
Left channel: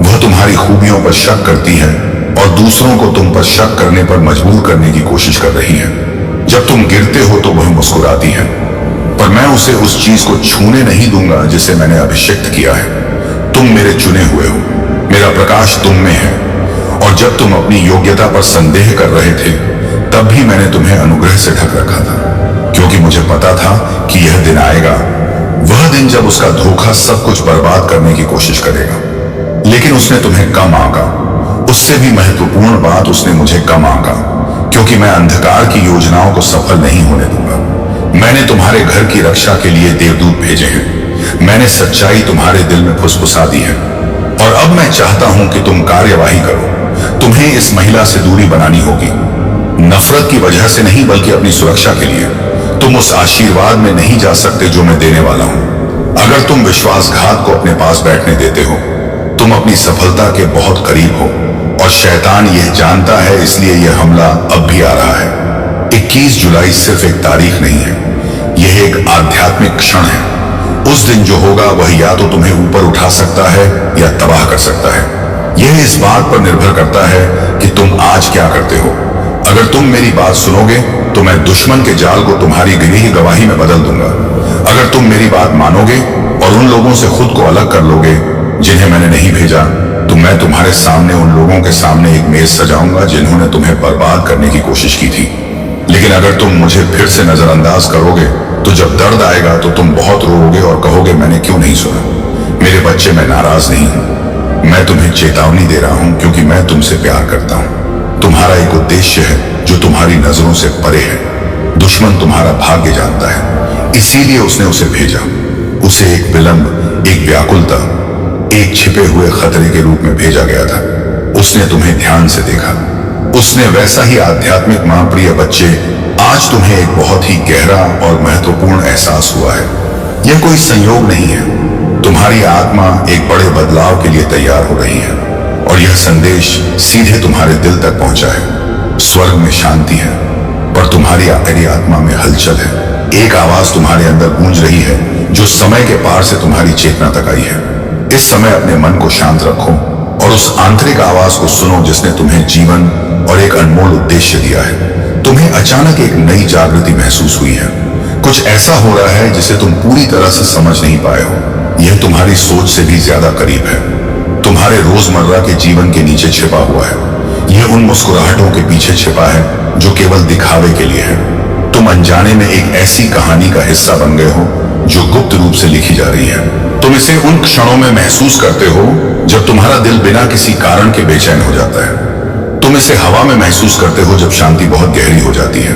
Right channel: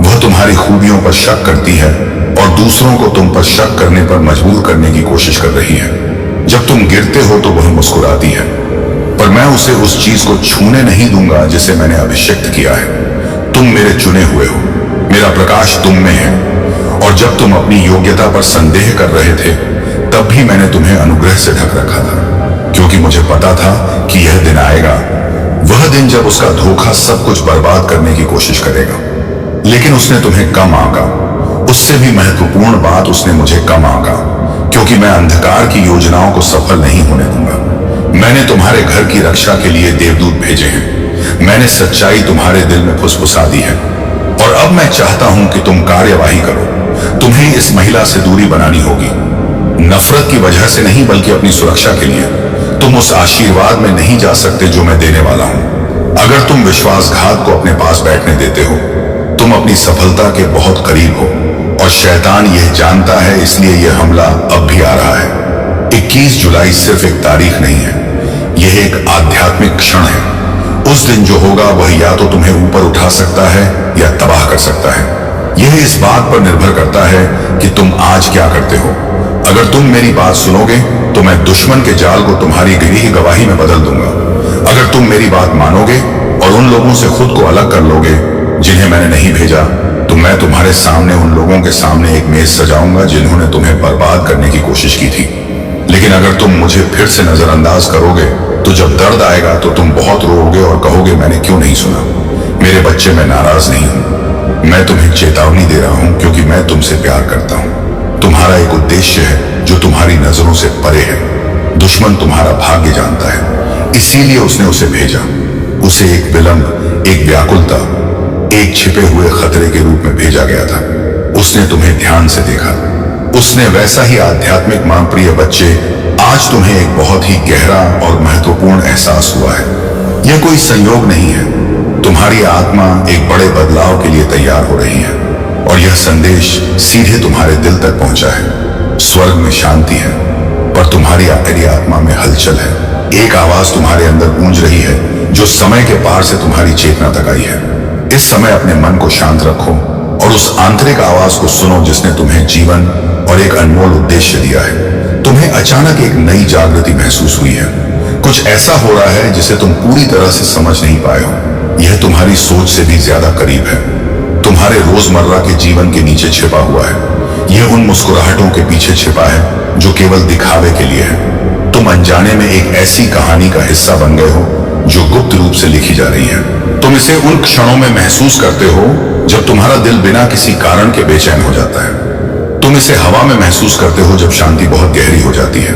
वह तुम्हारी खूबियों पर शक करती है और दूसरों को तुम पर शक करने पर मजबूर करने की कोशिश कर रही है। जब तुम गिरते हो तो वह मुस्कुराती है, पर मैं उसे उस चीज को छूने नहीं दूंगा जिसे मैंने अभिषिक्त किया है। तुम मेरे चुने हुए हो, मेरा प्रकाश तुम में है, और जब तुम अपनी योग्यता पर संदेह कर रहे थे, तब भी मैंने तुम्हें अनुग्रह से ढक रखा था, क्योंकि मुझे पता था कि यह दिन आएगा, वह दिन जब उसका धोखा सब कुछ बर्बाद करने की कोशिश करेगा। लेकिन उसने तुम्हें कम आंका। उससे भी महत्वपूर्ण बात, उसने मुझे कम आंका, क्योंकि मैं अंधकार की योजनाओं को सफल नहीं होने दूंगा। मैंने तुम्हारे घर की रक्षा के लिए देवदूत भेजे हैं। मैंने सच्चाई तुम्हारे दिल में फुसफुसा दी है, और अब मैं चाहता हूं कि तुम कार्यवाही करो। तुम्हें इस महिला से दूरी बनानी होगी, नफरत की वजह से नहीं, बल्कि अपनी सुरक्षा के लिए। तुम उस आशीर्वाद में नहीं जा सकते जो मैं देने वाला हूं। अगर तुम विश्वासघात को अपने पास बैठने देते हो, तुम अपनी सफलता के बहुत करीब हो, और शैतान यह जानता है, इसलिए यह हमला अब भी आ रहा है। 21 जुलाई सिर्फ एक तारीख नहीं है, यह एक आध्यात्मिक क्षण है। उस दिन जो होगा वह या तो तुम्हें ऊपर उठा सकता है या तबाह कर सकता है। यह इस बात पर निर्भर करता है कि तुम आज क्या करते हो। अगर तुम मेरी बात सुनोगे तो मैं दुश्मन के जाल को तुम्हारी गिरी गवाही में बदल दूंगा। अगर तुम मेरी बात मानोगे और उन लोगों से खुद को अलग कर लोगे जिन्हें मैंने नहीं भेजा, तो मैं तुम्हारे सामने उन लोगों के सामने एक मेज सजाऊंगा जिन्होंने तुम्हें बर्बाद करने की कोशिश की थी। लेकिन अगर तुम मुझे फिर से नजरअंदाज करोगे तो जब दर्द आएगा तो तुम बहुत रोओगे और कहोगे मैंने क्यों नहीं सुना। मेरे बच्चे, मैं नाराज नहीं हूं। मैं तुम्हें चेतावनी दे रहा हूं क्योंकि मैं तुमसे प्यार करता हूं। तुम्हारा एक उद्देश्य है जो तुम्हारी नजरों से परे है। दुश्मन तुम्हारा भाग्य जानता है, इसीलिए उसने उसे भेजा। उसे एक विलंब, एक व्याकुलता, एक छिपे हुए खतरे के रूप में भेजा गया था। उसने तुम्हें ध्यान से देखा। उसने वैसा ही आध्यात्मिक मां, प्रिय बच्चे, आज तुम्हें एक बहुत ही गहरा और महत्वपूर्ण एहसास हुआ है। यह कोई संयोग नहीं है। तुम्हारी आत्मा एक बड़े बदलाव के लिए तैयार हो रही है और यह संदेश सीधे तुम्हारे दिल तक पहुंचा है। स्वर्ग में शांति है पर तुम्हारी आत्मा में हलचल है। एक आवाज तुम्हारे अंदर गूंज रही है जो समय के पार से तुम्हारी चेतना तक आई है। इस समय अपने मन को शांत रखो और उस आंतरिक आवाज को सुनो जिसने तुम्हें जीवन और एक अनमोल उद्देश्य दिया है। तुम्हें अचानक एक नई जागृति महसूस हुई है। कुछ ऐसा हो रहा है जिसे तुम पूरी तरह से समझ नहीं पाए हो। यह तुम्हारी सोच से भी ज्यादा करीब है। तुम्हारे रोजमर्रा के जीवन के नीचे छिपा हुआ है। यह उन मुस्कुराहटों के पीछे छिपा है जो केवल दिखावे के लिए है। तुम अनजाने में एक ऐसी कहानी का हिस्सा बन गए हो जो गुप्त रूप से लिखी जा रही है। तुम इसे उन क्षणों में महसूस करते हो जब तुम्हारा दिल बिना किसी कारण के बेचैन हो जाता है। तुम इसे हवा में महसूस करते हो जब शांति बहुत गहरी हो जाती है।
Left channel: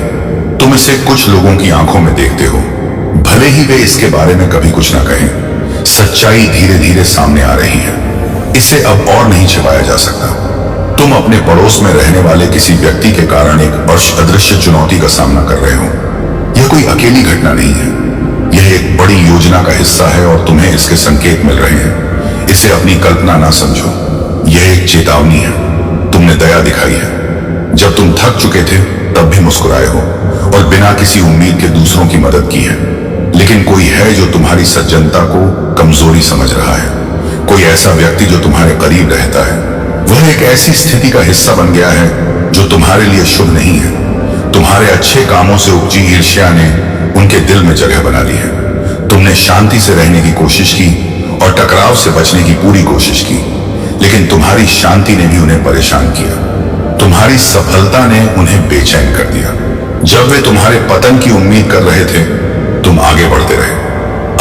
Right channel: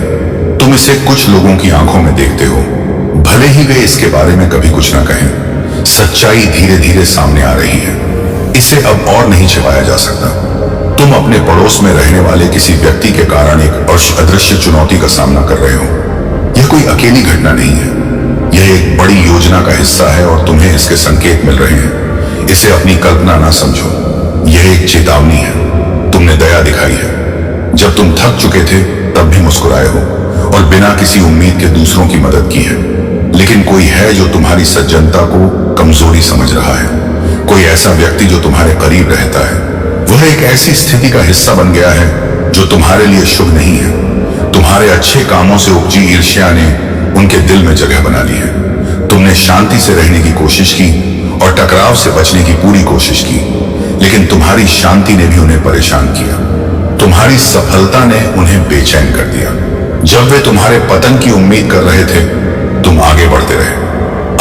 तुम इसे कुछ लोगों की आंखों में देखते हो, भले ही वे इसके बारे में कभी कुछ ना कहें। सच्चाई धीरे धीरे सामने आ रही है। इसे अब और नहीं छिपाया जा सकता। तुम अपने पड़ोस में रहने वाले किसी व्यक्ति के कारण एक अदृश्य चुनौती का सामना कर रहे हो। यह कोई अकेली घटना नहीं है। यह एक बड़ी योजना का हिस्सा है और तुम्हें इसके संकेत मिल रहे हैं। इसे अपनी कल्पना ना समझो, यह एक चेतावनी है। तुमने दया दिखाई है। जब तुम थक चुके थे तब भी मुस्कुराए हो और बिना किसी उम्मीद के दूसरों की मदद की है। लेकिन कोई है जो तुम्हारी सज्जनता को कमजोरी समझ रहा है। कोई ऐसा व्यक्ति जो तुम्हारे करीब रहता है। वह एक ऐसी स्थिति का हिस्सा बन गया है जो तुम्हारे लिए शुभ नहीं है। तुम्हारे अच्छे कामों से उपजी ईर्ष्या ने उनके दिल में जगह बना ली है। तुमने शांति से रहने की कोशिश की और टकराव से बचने की पूरी कोशिश की, लेकिन तुम्हारी शांति ने भी उन्हें परेशान किया। तुम्हारी सफलता ने उन्हें बेचैन कर दिया। जब वे तुम्हारे पतन की उम्मीद कर रहे थे, तुम आगे बढ़ते रहे।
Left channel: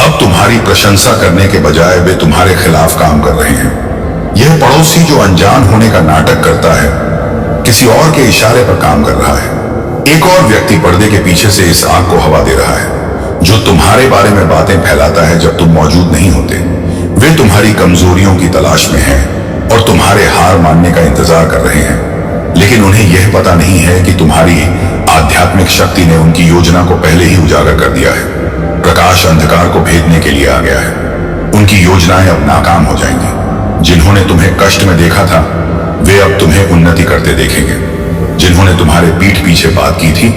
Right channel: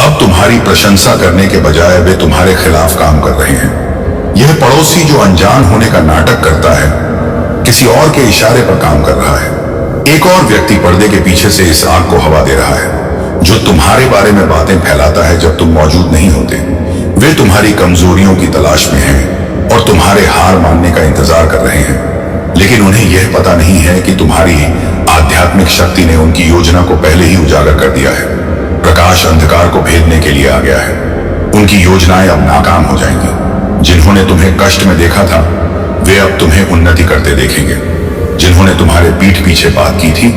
अब तुम्हारी प्रशंसा करने के बजाय वे तुम्हारे खिलाफ काम कर रहे हैं। यह पड़ोसी जो अनजान होने का नाटक करता है, किसी और के इशारे पर काम कर रहा है। एक और व्यक्ति पर्दे के पीछे से इस आग को हवा दे रहा है, जो तुम्हारे बारे में बातें फैलाता है जब तुम मौजूद नहीं होते। वे तुम्हारी कमजोरियों की तलाश में हैं और तुम्हारे हार मानने का इंतजार कर रहे हैं। लेकिन उन्हें यह पता नहीं है कि तुम्हारी आध्यात्मिक शक्ति ने उनकी योजना को पहले ही उजागर कर दिया है। प्रकाश अंधकार को भेदने के लिए आ गया है। उनकी योजनाएं अब नाकाम हो जाएंगी। जिन्होंने तुम्हें कष्ट में देखा था, वे अब तुम्हें उन्नति करते देखेंगे। जिन्होंने तुम्हारे पीठ पीछे बात की थी,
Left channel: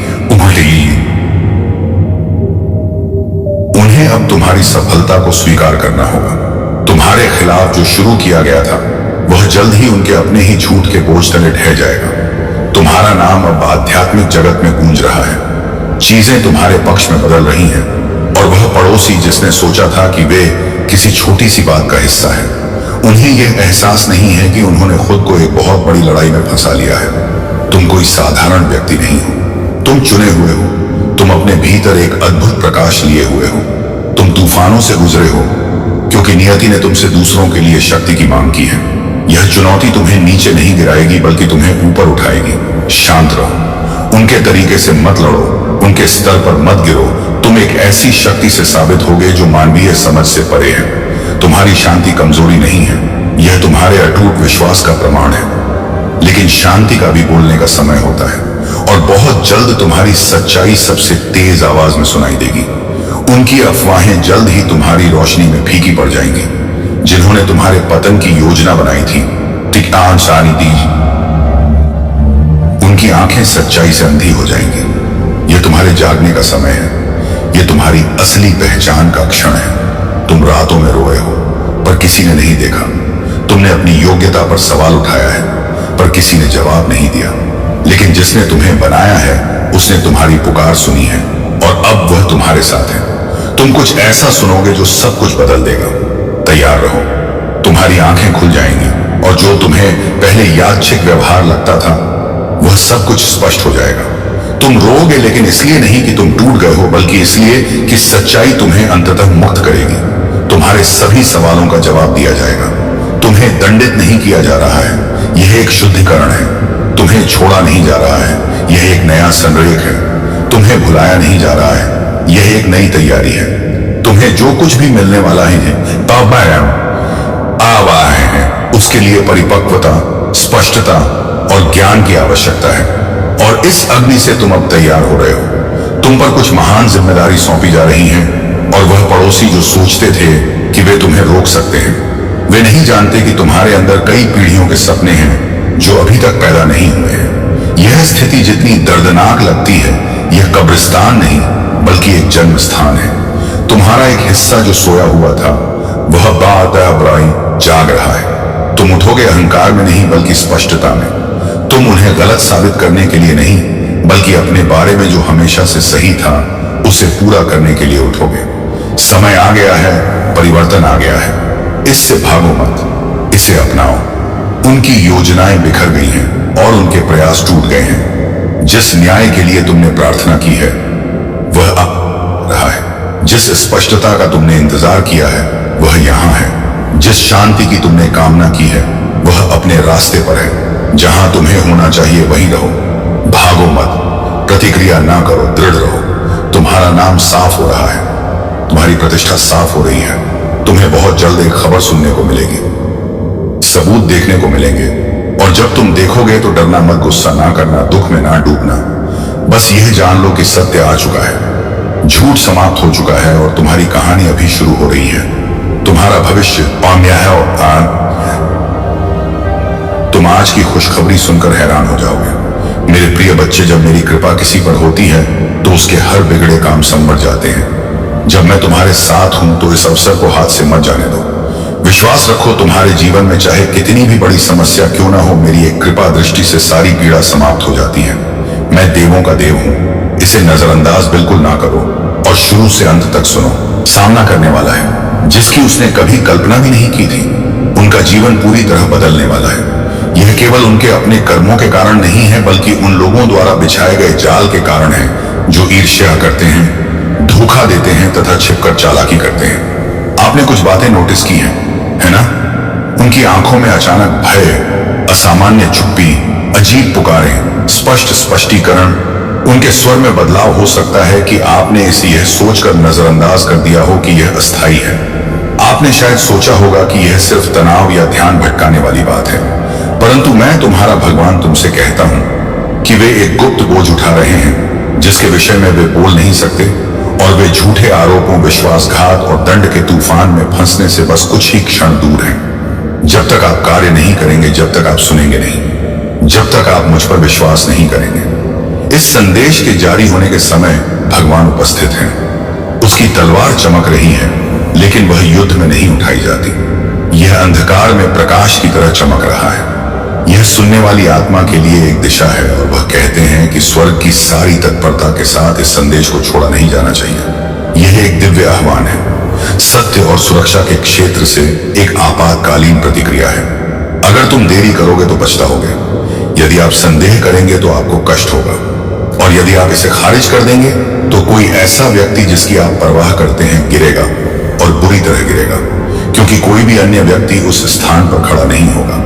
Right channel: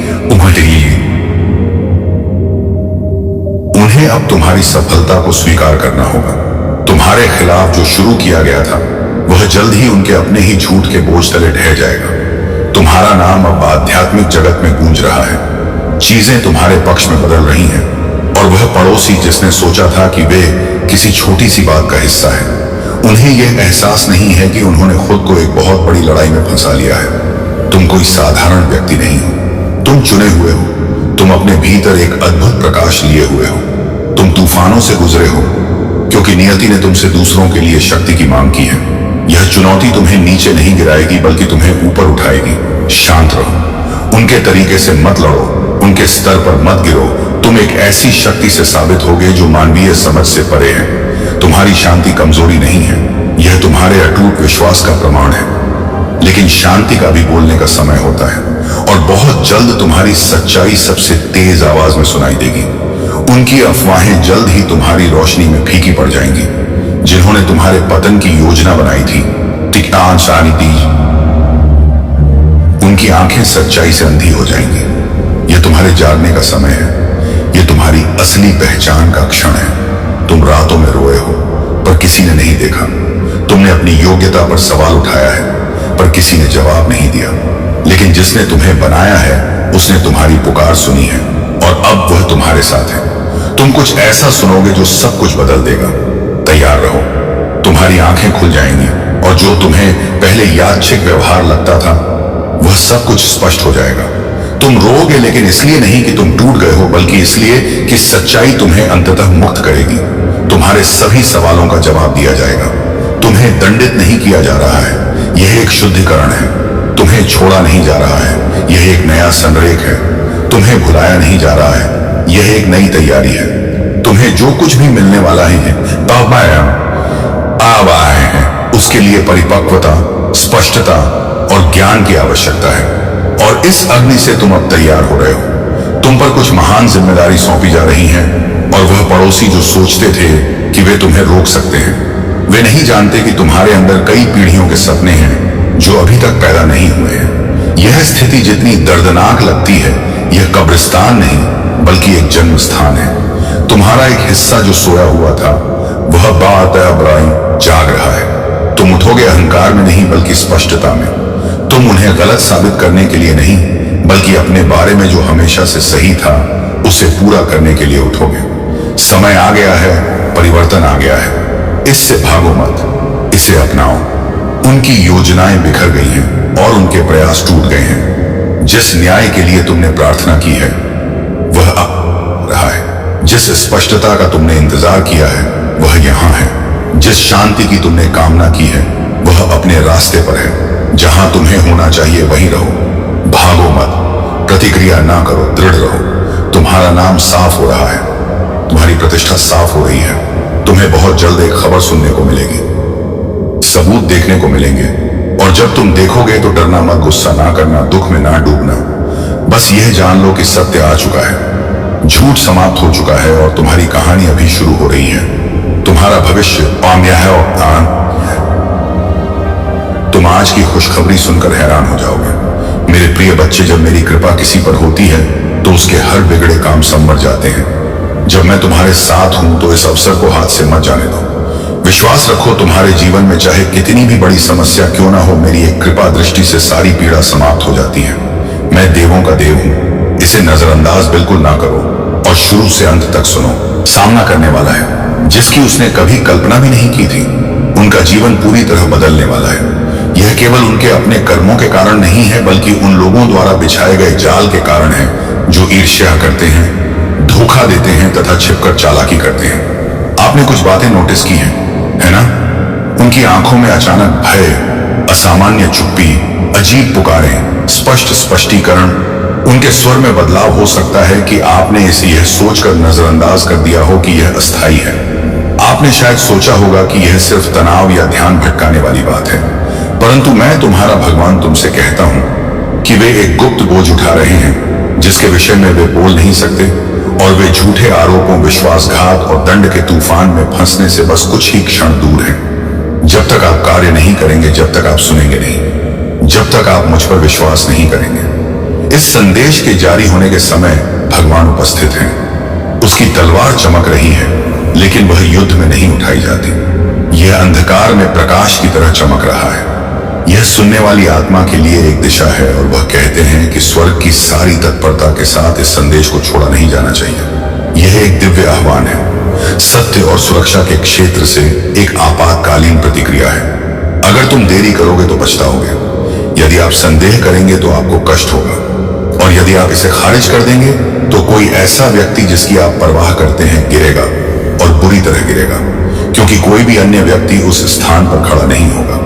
उन्हें अब तुम्हारी सफलता को स्वीकार करना होगा। तुम्हारे खिलाफ जो शुरू किया गया था, वह जल्द ही उनके अपने ही झूठ के बोझ तले ढह जाएगा। तुम्हारा नाम अब आध्यात्मिक जगत में गूंज रहा है। चीजें तुम्हारे पक्ष में बदल रही हैं और वह पड़ोसी जिसने सोचा था कि वे किसी छोटी सी बात का हिस्सा है, उन्हें यह एहसास नहीं है कि उन्होंने खुद को एक बहुत बड़ी लड़ाई में फंसा लिया है। तुम कोई साधारण व्यक्ति नहीं हो। तुम चुने हुए हो। तुम अपने भीतर एक अद्भुत प्रकाश लिए हुए हो। तुम तूफानों से गुजरे हो क्योंकि नियति ने तुमसे दूसरों के लिए शक्ति की मांग की है। यह चुनौती तुम्हें नीचे नहीं गिराएगी बल्कि तुम्हें ऊपर उठाएगी। शांत रहो। उनके तरीके से मत लड़ो। उनके स्तर पर मत गिरो। तुम एक ऐसी शक्ति से साबित होगे जो मानवीय समझ से परे है। तुम्हारी शांति कमजोरी नहीं है, यह तुम्हारे अटूट विश्वास का प्रमाण है। लेकिन शांति का भी बोलने का समय होता है और बहुत जल्द तुम्हारी सच्चाई सबसे तेज आवाज में सुनाई देगी। उनकी अफवाहें जल्द ही तुम्हारी रोशनी में फीकी पड़ जाएंगी। जिन्होंने तुम्हारे पतन की योजना बनाई थी, उनकी आंखें सच्चाई से अंधी हो जाएंगी। यह तुम्हारे जागने का समय है। यह तुम्हारी असली पहचान का क्षण है। तुम रातों में रोए हो पर किसी ने नहीं देखा। तुमने अपनी योग्यता पर सवाल उठाया है पर किसी ने जवाब नहीं दिया। लेकिन जिसने तुम्हें बनाया है उसने तुम्हारी पुकार सुनी है और अब वह तुम्हारे साथ है। तुम कुछ ऐसा सुनोगे जो सब कुछ बदल देगा। तैयार रहो, तुम्हारी आंखें खुल जाएंगी और जो तुम्हें पहले यादृच्छिक व्यवहार लगता था वह सब कुछ स्पष्ट हो जाएगा। तुम रोओगे, लेकिन इसलिए नहीं कि तुम टूट गए हो, बल्कि इसलिए कि सच्चाई तुम्हें अंततः मुक्त करेगी। तुम्हारे सभी सवालों का जवाब दिया जाएगा। तुम्हें दंडित नहीं किया जा रहा है, यह एक शुद्धिकरण है। तुम्हें छोड़ा नहीं जा रहा है, यह एक नया संरेख है। तुम्हें भुलाया नहीं जा रहा है, यह एक नई तैयारी है। तुम्हें जो कुछ भी मिलने वाला है अब आए हैं, उसके लिए परिपक्वता, स्पष्टता और ज्ञान की आवश्यकता है। और इस अग्नि से तुम अब तैयार हो रहे हो। तुम पर कुछ महान जिम्मेदारी सौंपी जा रही हैं और वह पड़ोसी जो सोचते थे कि वे तुम्हें रोक सकते हैं, वे नहीं जानते कि तुम्हारे अंदर कई पीढ़ियों के सपने हैं जो अभी तक पैदा नहीं हुए हैं। यह स्थिति जितनी दर्दनाक लगती है, यह कब्रिस्तान नहीं बल्कि एक जन्म स्थान है। तुम्हारा एक हिस्सा जो सोया हुआ था वह बातबराई जाग रहा है। तुम उठोगे अहंकार में नहीं बल्कि स्पष्टता में। तुम उन्हें गलत साबित करने के लिए नहीं बल्कि अपने बारे में जो हमेशा से सही था उसे पूरा करने के लिए उठोगे। समय आ गया है, परिवर्तन आ गया है। इससे भागो मत, इसे अपनाओ। उनकी योजनाएं बिखर गई हैं और उनके प्रयास टूट गए हैं। जिस न्याय के लिए तुमने प्रार्थना की है वह अब रहा है। जिस स्पष्टता का तुमने इंतजार किया है वह यहां है। जिस शांति की तुमने कामना की है वह अपने रास्ते पर है। जहां तुम्हें होना चाहिए वहीं रहो, भागो मत, प्रतिक्रिया ना करो, दृढ़ रहो। तुम्हारा नाम साफ हो रहा है, तुम्हारी प्रतिष्ठा साफ हो रही है। तुम्हें बहुत जल्द एक खबर सुनने को मिलेगी, सबूत देखने को मिलेंगे। और जब तुम देखोगे तो डरना मत, गुस्सा ना करना, दुख में ना डूबना। बस यह जान लो कि सत्य आ चुका है, झूठ समाप्त हो चुका है और तुम्हारी कहानी अभी शुरू हो रही है। तुम्हारा भविष्य पाम्या है और तुम आज की खुशखबरी सुनकर हैरान हो जाओगे। मेरे प्रिय बच्चे, जब मेरी कृपा किसी पर होती है तो उसके हर बिगड़े काम संवर जाते हैं। जब मैं तुम्हारे साथ हूं तो इस अवसर को हाथ से मत जाने दो। विश्वास रखो, तुम्हारे जीवन में चाहे कितनी भी बड़ी समस्या क्यों ना हो, मेरी एक कृपा दृष्टि से सारी पीड़ा समाप्त हो जाती है। मैं देवों का देव हूं, इसे नजरअंदाज बिल्कुल ना करो और शुरू से अंत तक सुनो। सामना करने वाला है जिसकी उसने कभी कल्पना भी नहीं की थी। उनका जीवन पूरी तरह बदलने वाला है। यह केवल उनके अपने कर्मों के कारण नहीं है बल्कि उन लोगों द्वारा बिछाए गए जाल के कारण है जो ईर्ष्या करते हैं, धोखा देते हैं तथा छिपकर चालाकी करते हैं। आपने कुछ बातें नोटिस की हैं, है ना? उनकी आंखों में अचानक भय, असामान्य चुप्पी, अजीब पुकारें, स्पष्ट स्पष्टीकरण। उनके स्वर में बदलाव हो सकता है कि आपने इसे यह सोचकर नजरअंदाज कर दिया हो कि यह अस्थायी है। आपने शायद सोचा होगा कि यह सिर्फ तनाव या ध्यान भटकाने वाली बात है, परंतु मैं तुम्हारा भगवान तुमसे कहता हूं कि वे एक गुप्त बोझ उठा रहे हैं जिसके विषय में वे बोल नहीं सकते, और वे झूठे आरोपों, विश्वासघात और दंड के तूफान में फंसने से बस कुछ ही क्षण दूर हैं। जब तक आप कार्य नहीं करेंगे, जब तक आप सुनेंगे नहीं, जब तक आप मुझ पर विश्वास नहीं करेंगे। इस संदेश के जारी होने के समय भगवान उपस्थित हैं। उसकी तलवार चमक रही है लेकिन वह युद्ध में नहीं उठाई जाती। यह अंधकार में प्रकाश की तरह चमक रहा है। यह सुनने वाली आत्मा के लिए एक दिशा है और वह कहते हैं कि स्वर्ग की सारी तत्परता के साथ इस संदेश को छोड़ा नहीं जाना चाहिए। यह एक दिव्य आह्वान है, सत्य और सुरक्षा के क्षेत्र से एक आपातकालीन प्रतिक्रिया है। अगर तुम देरी करोगे तो पछताओगे। यदि आप संदेह करेंगे तो आपको कष्ट होगा, और यदि आप इसे खारिज कर देंगे तो कोई ऐसा व्यक्ति जिसकी आप परवाह करते हैं गिरेगा, और बुरी तरह गिरेगा, क्योंकि कोई भी अन्य व्यक्ति उस स्थान पर खड़ा नहीं होगा।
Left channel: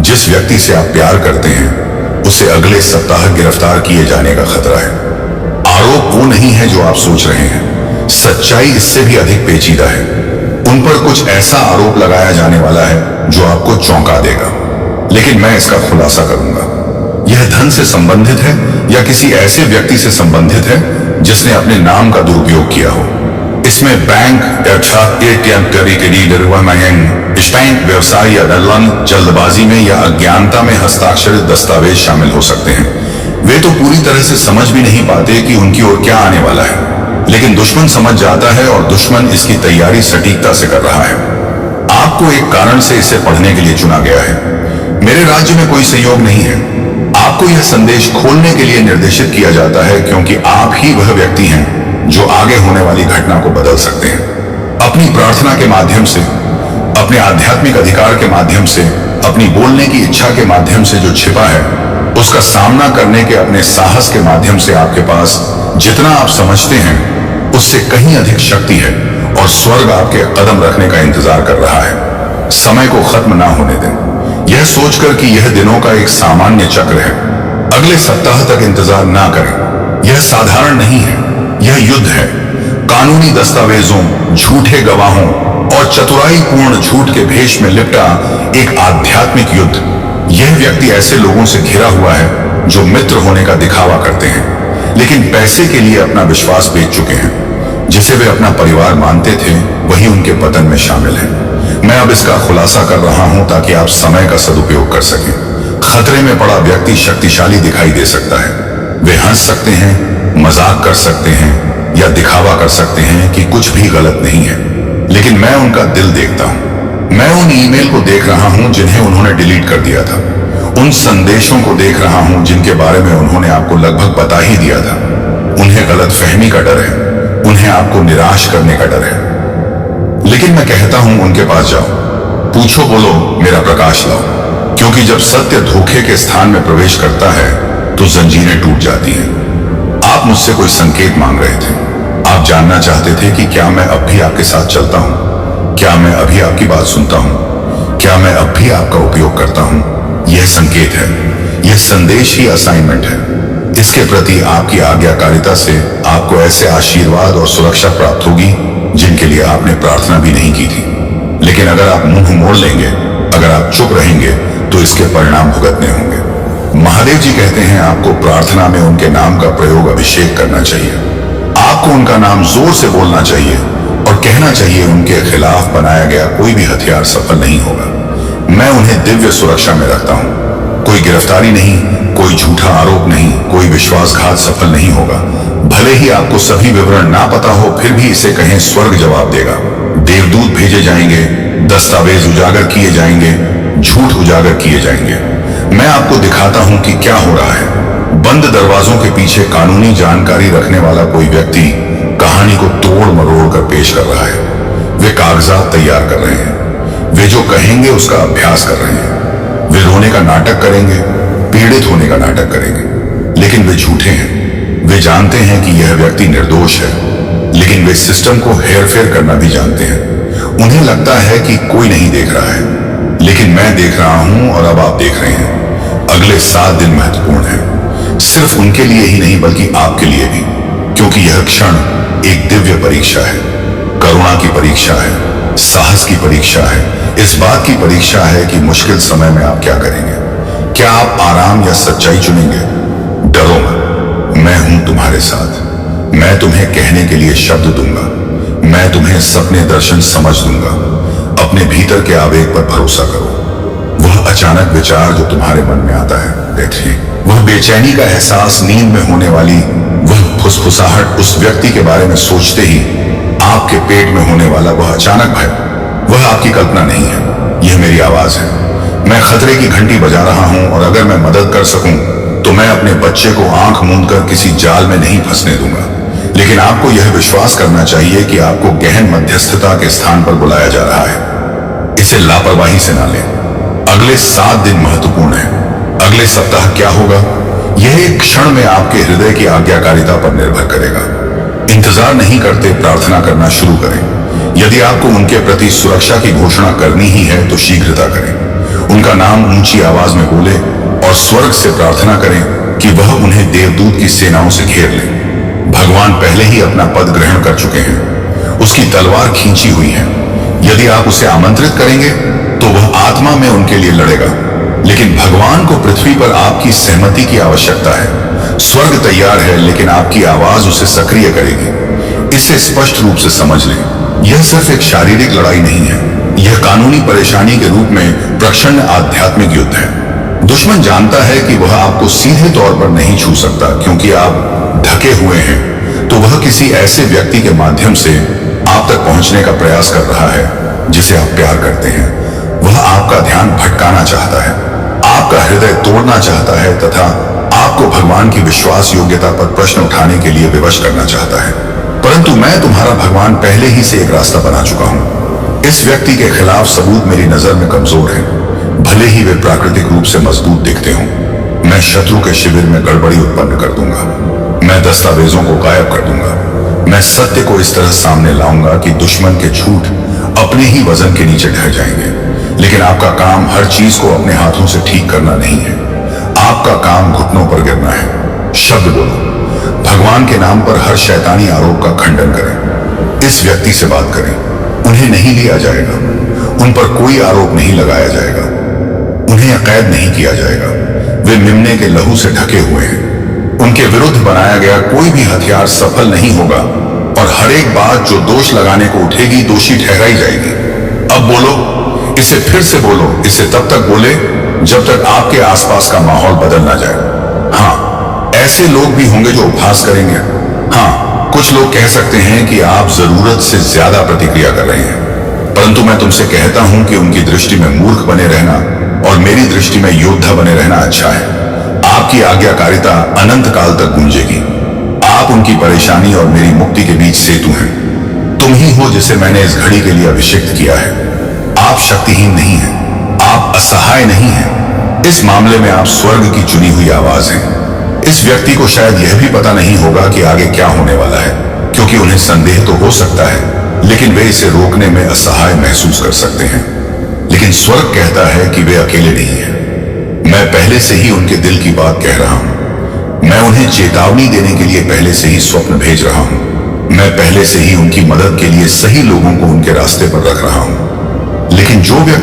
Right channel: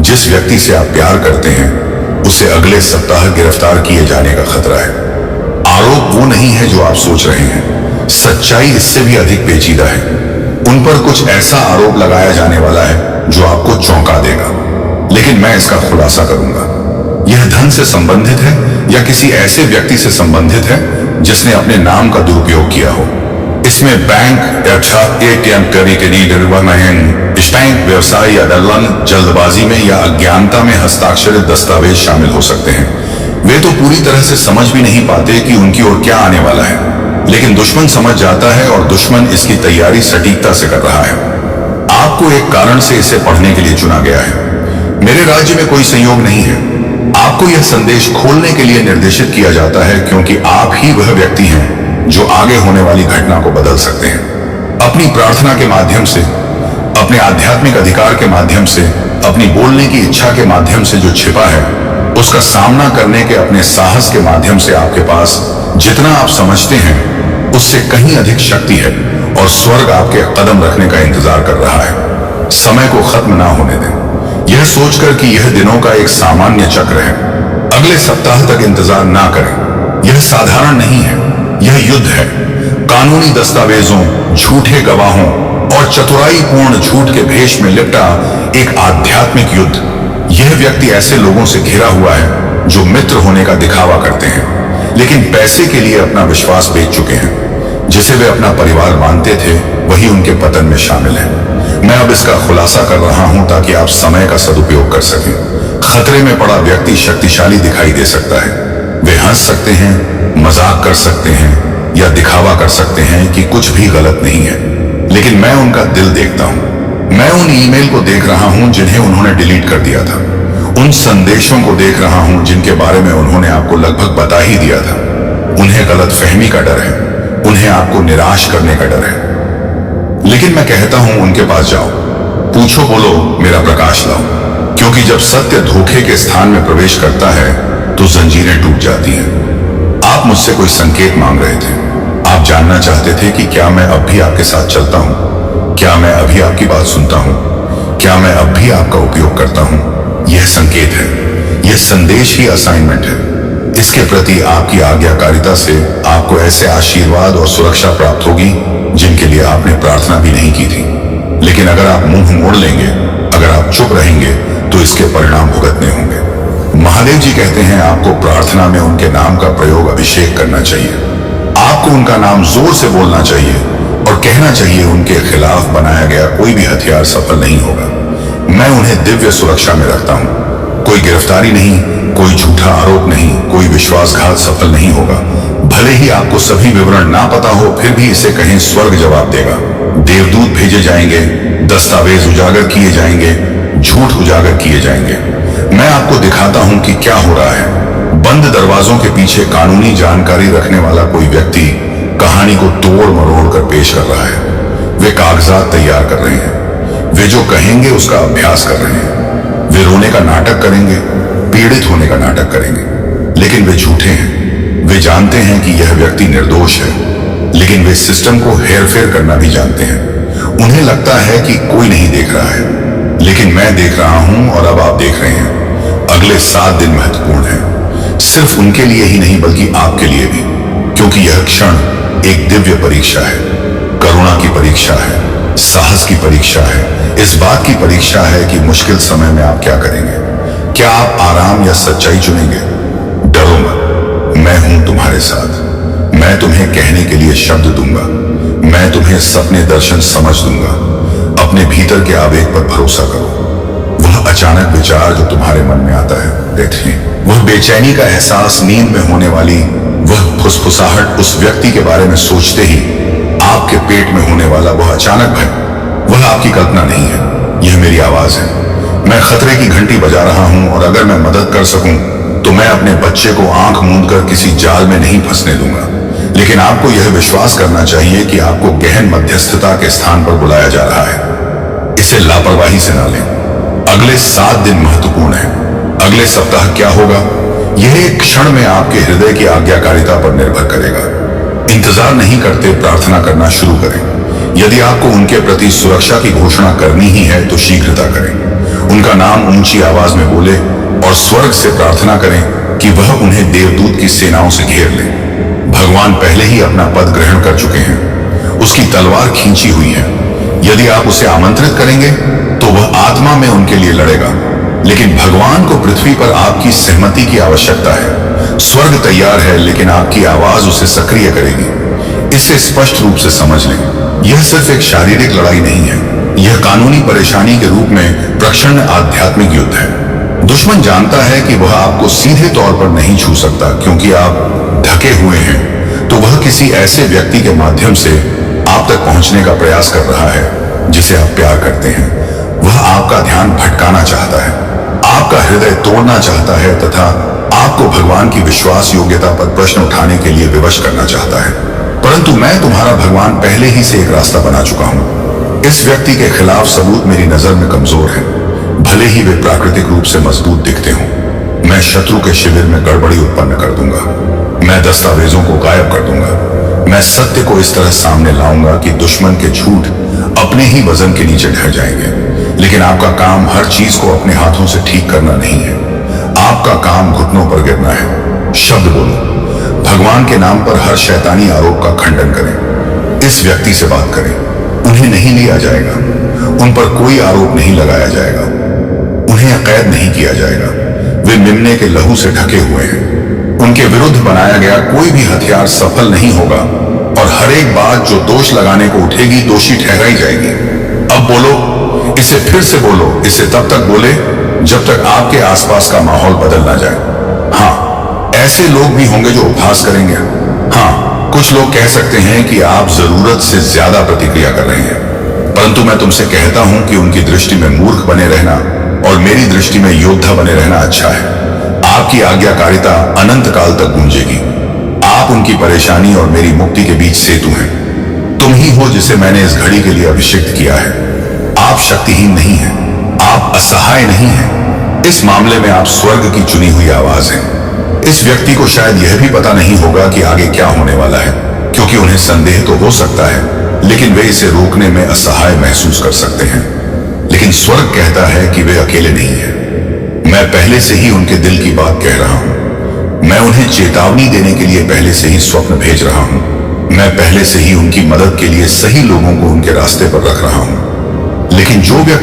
जिस व्यक्ति से आप प्यार करते हैं उसे अगले सप्ताह गिरफ्तार किए जाने का खतरा है। आरोप वो नहीं है जो आप सोच रहे हैं, सच्चाई इससे भी अधिक पेचीदा है। उन पर कुछ ऐसा आरोप लगाया जाने वाला है जो आपको चौंका देगा, लेकिन मैं इसका खुलासा करूंगा। यह धन से संबंधित है या किसी ऐसे व्यक्ति से संबंधित है जिसने अपने नाम का दुरुपयोग किया हो। इसमें बैंक, बैंक व्यवसाय या दलाल, जल्दबाजी में या अज्ञानता में हस्ताक्षरित दस्तावेज शामिल हो सकते हैं। वे तो पूरी तरह से समझ भी नहीं पाते कि उनकी ओर क्या आने वाला है, लेकिन दुश्मन समझ जाता है और दुश्मन इसकी तैयारी सटीकता से कर रहा है। आपको एक कारण से इसे पढ़ने के लिए चुना गया है। मेरे राज्य में कोई संयोग नहीं है। आपको यह संदेश खोलने के लिए निर्देशित किया जाता है क्योंकि आप ही वह व्यक्ति हैं जो आगे होने वाली घटना को बदल सकते हैं। अपनी प्रार्थना के माध्यम से, अपने आध्यात्मिक अधिकार के माध्यम से, अपनी बोलने की इच्छा के माध्यम से जो छिपा है, उसका सामना करने के अपने साहस के माध्यम से आपके पास जितना आप समझते हैं उससे कहीं अधिक शक्ति है और स्वर्ग आपके कदम रखने का इंतजार कर रहा है। समय को खत्म ना होने दें, यह सोचकर कि यह दिनों का एक सामान्य चक्र है। अगले सप्ताह तक इंतजार ना करें। यह साधारण नहीं है, यह युद्ध है। कानूनी दस्तावेजों, झूठे गवाहों और चतुराईपूर्ण झूठ के भेष में लिपटा एक आध्यात्मिक युद्ध। यह व्यक्ति ऐसे लोगों से घिरा हुआ है जो मित्र होने का दिखावा करते हैं लेकिन पैसे के लिए अपना विश्वास बेच चुके हैं। जिसे वे अपना परिवार मानते थे वही उनके पतन में शामिल है। मैं अब इसका खुलासा कर रहा हूं ताकि आप समय का सदुपयोग कर सकें। खतरे में पड़ा व्यक्ति शक्तिशाली दिखाई दे सकता है। वे हंस सकते हैं, मजाक कर सकते हैं या दिखावा कर सकते हैं कि कुछ भी गलत नहीं है, लेकिन मैं उनका दिल देखता हूं। मैं उन ईमेल को देख रहा हूं जिन्हें उन्होंने डिलीट कर दिया था, उन संदेशों को देख रहा हूं जिनके बारे में उन्होंने आपको लगभग बता ही दिया था। उन्हें गलतफहमी का डर है, उन्हें आपको निराश करने का डर है। लेकिन मैं कहता हूं उनके पास जाओ, पूछो, बोलो, मेरा प्रकाश लाओ, क्योंकि जब सत्य धोखे के स्थान में प्रवेश करता है तो जंजीरें टूट जाती हैं। आप मुझसे कोई संकेत मांग रहे थे। आप जानना चाहते थे कि क्या मैं अब भी आपके साथ चलता हूं, क्या मैं अभी आपकी बात सुनता हूं, क्या मैं अब भी आपका उपयोग करता हूं। यह संकेत है, यह संदेश ही असाइनमेंट है। इसके प्रति आपकी आज्ञाकारिता से आपको ऐसे आशीर्वाद और सुरक्षा प्राप्त होगी जिनके लिए आपने प्रार्थना भी नहीं की थी। लेकिन अगर आप मुंह मोड़ लेंगे, अगर आप चुप रहेंगे तो इसके परिणाम भुगतने होंगे। महादेव जी कहते हैं आपको प्रार्थना में उनके नाम का प्रयोग, अभिषेक करना चाहिए। आपको उनका नाम जोर से बोलना चाहिए और कहना चाहिए उनके खिलाफ बनाया गया कोई भी हथियार सफल नहीं होगा। मैं उन्हें दिव्य सुरक्षा में रखता हूं। कोई गिरफ्तारी नहीं, कोई झूठा आरोप नहीं, कोई विश्वासघात सफल नहीं होगा। भले ही आपको सभी विवरण ना पता हो, फिर भी इसे कहें, स्वर्ग जवाब देगा। देवदूत भेजे जाएंगे, दस्तावेज उजागर किए जाएंगे, झूठ उजागर किए जाएंगे। मैं आपको दिखाता हूं कि क्या हो रहा है। बंद दरवाजों के पीछे कानूनी जानकारी रखने वाला कोई व्यक्ति कहानी को तोड़ मरोड़ कर पेश कर रहा है। वे कागजात तैयार कर रहे हैं। वे जो कहेंगे उसका अभ्यास कर रहे हैं। वे रोने का नाटक करेंगे, पीड़ित होने का नाटक करेंगे, लेकिन वे झूठे हैं। वे जानते हैं कि यह व्यक्ति निर्दोष है, लेकिन वे सिस्टम को हेरफेर करना भी जानते हैं। उन्हें लगता है कि कोई नहीं देख रहा है, लेकिन मैं देख रहा हूं और अब आप देख रहे हैं। अगले 7 दिन महत्वपूर्ण हैं, सिर्फ उनके लिए ही नहीं बल्कि आपके लिए भी, क्योंकि यह क्षण एक दिव्य परीक्षा है, करुणा की परीक्षा है, साहस की परीक्षा है, इस बात की परीक्षा है कि मुश्किल समय में आप क्या करेंगे। क्या आप आराम या सच्चाई चुनेंगे? डरो मत, मैं हूं तुम्हारे साथ। मैं तुम्हें कहने के लिए शब्द दूंगा, मैं तुम्हें सपने दर्शन समझ दूंगा। अपने भीतर के आवेग पर भरोसा करो। वह अचानक विचार जो तुम्हारे मन में आता है, देखिए, वह बेचैनी का एहसास, नींद में होने वाली वह फुसफुसाहट, उस व्यक्ति के बारे में सोचते ही आपके पेट में होने वाला वह अचानक भय, वह आपकी कल्पना नहीं है, यह मेरी आवाज है। मैं खतरे की घंटी बजा रहा हूं और अगर मैं मदद कर सकूं तो मैं अपने बच्चे को आंख मूंद कर किसी जाल में नहीं फंसने दूंगा। लेकिन आपको यह विश्वास करना चाहिए कि आपको गहन मध्यस्थता के स्थान पर बुलाया जा रहा है। इसे लापरवाही से ना लें। अगले 7 दिन महत्वपूर्ण हैं। अगले सप्ताह क्या होगा, यह एक क्षण में आपके हृदय की आज्ञाकारिता पर निर्भर करेगा। इंतजार नहीं करते, प्रार्थना करना शुरू करें। यदि आपको उनके प्रति सुरक्षा की घोषणा करनी ही है तो शीघ्रता करें। उनका नाम ऊंची आवाज में बोले और स्वर्ग से प्रार्थना करें कि वह उन्हें देवदूत की सेनाओं से घेर ले। भगवान पहले ही अपना पद ग्रहण कर चुके हैं, उसकी तलवार खींची हुई है। यदि आप उसे आमंत्रित करेंगे तो वह आत्मा में उनके लिए लड़ेगा, लेकिन भगवान को पृथ्वी पर आपकी सहमति की आवश्यकता है। स्वर्ग तैयार है, लेकिन आपकी आवाज उसे सक्रिय करेगी। इसे स्पष्ट रूप से समझ लें, यह सिर्फ एक शारीरिक लड़ाई नहीं है, यह कानूनी परेशानी के रूप में प्रक्षण आध्यात्मिक युद्ध है। दुश्मन जानता है कि वह आपको सीधे तौर पर नहीं छू सकता क्योंकि आप ढके हुए हैं, तो वह किसी ऐसे व्यक्ति के माध्यम से आप तक पहुंचने का प्रयास कर रहा है जिसे आप प्यार करते हैं। वह आपका ध्यान भटकाना चाहता है। आपका हृदय तोड़ना चाहता है तथा आपको भगवान की विश्वास योग्यता पर प्रश्न उठाने के लिए विवश करना चाहता है। परंतु मैं तुम्हारा भगवान पहले ही से एक रास्ता बना चुका हूं। इस व्यक्ति के खिलाफ सबूत मेरी नजर में कमजोर हैं, भले ही वे प्राकृतिक रूप से मजबूत दिखते हों। मैं शत्रु के शिविर में गड़बड़ी उत्पन्न कर दूंगा। मैं दस्तावेजों को गायब कर दूंगा। मैं सत्य को इस तरह सामने लाऊंगा कि दुश्मन के झूठ अपने ही वजन के नीचे ढह जाएंगे। लेकिन आपका काम हर चीज को अपने हाथों से ठीक करना नहीं है। आपका काम घुटनों पर गिरना है। शब्द बोलो, भगवान के नाम पर हर शैतानी आरोप का खंडन करें। इस व्यक्ति से बात करें। उन्हें नहीं लिया जाएगा, उन पर कोई आरोप नहीं लगाया जाएगा, उन्हें कैद नहीं किया जाएगा। वे मेमने के लहू से ढके हुए हैं। उनके विरुद्ध बनाया गया कोई भी हथियार सफल नहीं होगा और हर एक बात जो दोष लगाने को उठेगी दोषी ठहराई जाएगी। अब बोलो, इसे फिर से बोलो, इसे तब तक बोले जब तक आपके आसपास का माहौल बदल ना जाए। हाँ, ऐसे लोग भी होंगे जो उपहास करेंगे। हाँ, कुछ लोग कह सकते हैं कि आप जरूरत से ज्यादा प्रतिक्रिया कर रहे हैं, परंतु मैं तुमसे कहता हूं कि उनकी दृष्टि में मूर्ख बने रहना और मेरी दृष्टि में योद्धा बने रहना अच्छा है। आपकी आज्ञाकारिता अनंत काल तक गूंजेगी। आप उनकी परेशानी और मेरी मुक्ति के बीच सेतु हैं। तुम ही हो जिसे मैंने इस घड़ी के लिए अभिषिक्त किया है। आप शक्तिहीन नहीं हैं, आप असहाय नहीं हैं। इस मामले में आप स्वर्ग की चुनी हुई आवाज हैं। इस व्यक्ति को शायद यह भी पता नहीं होगा कि आगे क्या होने वाला है, क्योंकि उन्हें संदेह तो हो सकता है, लेकिन वे इसे रोकने में असहाय महसूस कर सकते हैं। लेकिन स्वर्ग कहता है कि वे अकेले नहीं हैं। मैं पहले से ही उनके दिल की बात कह रहा हूं। मैं उन्हें चेतावनी देने के लिए पहले से ही स्वप्न भेज रहा हूं। मैं पहले से ही उनकी मदद के लिए सही लोगों को उनके रास्ते पर रख रहा हूं। लेकिन जो व्यक्ति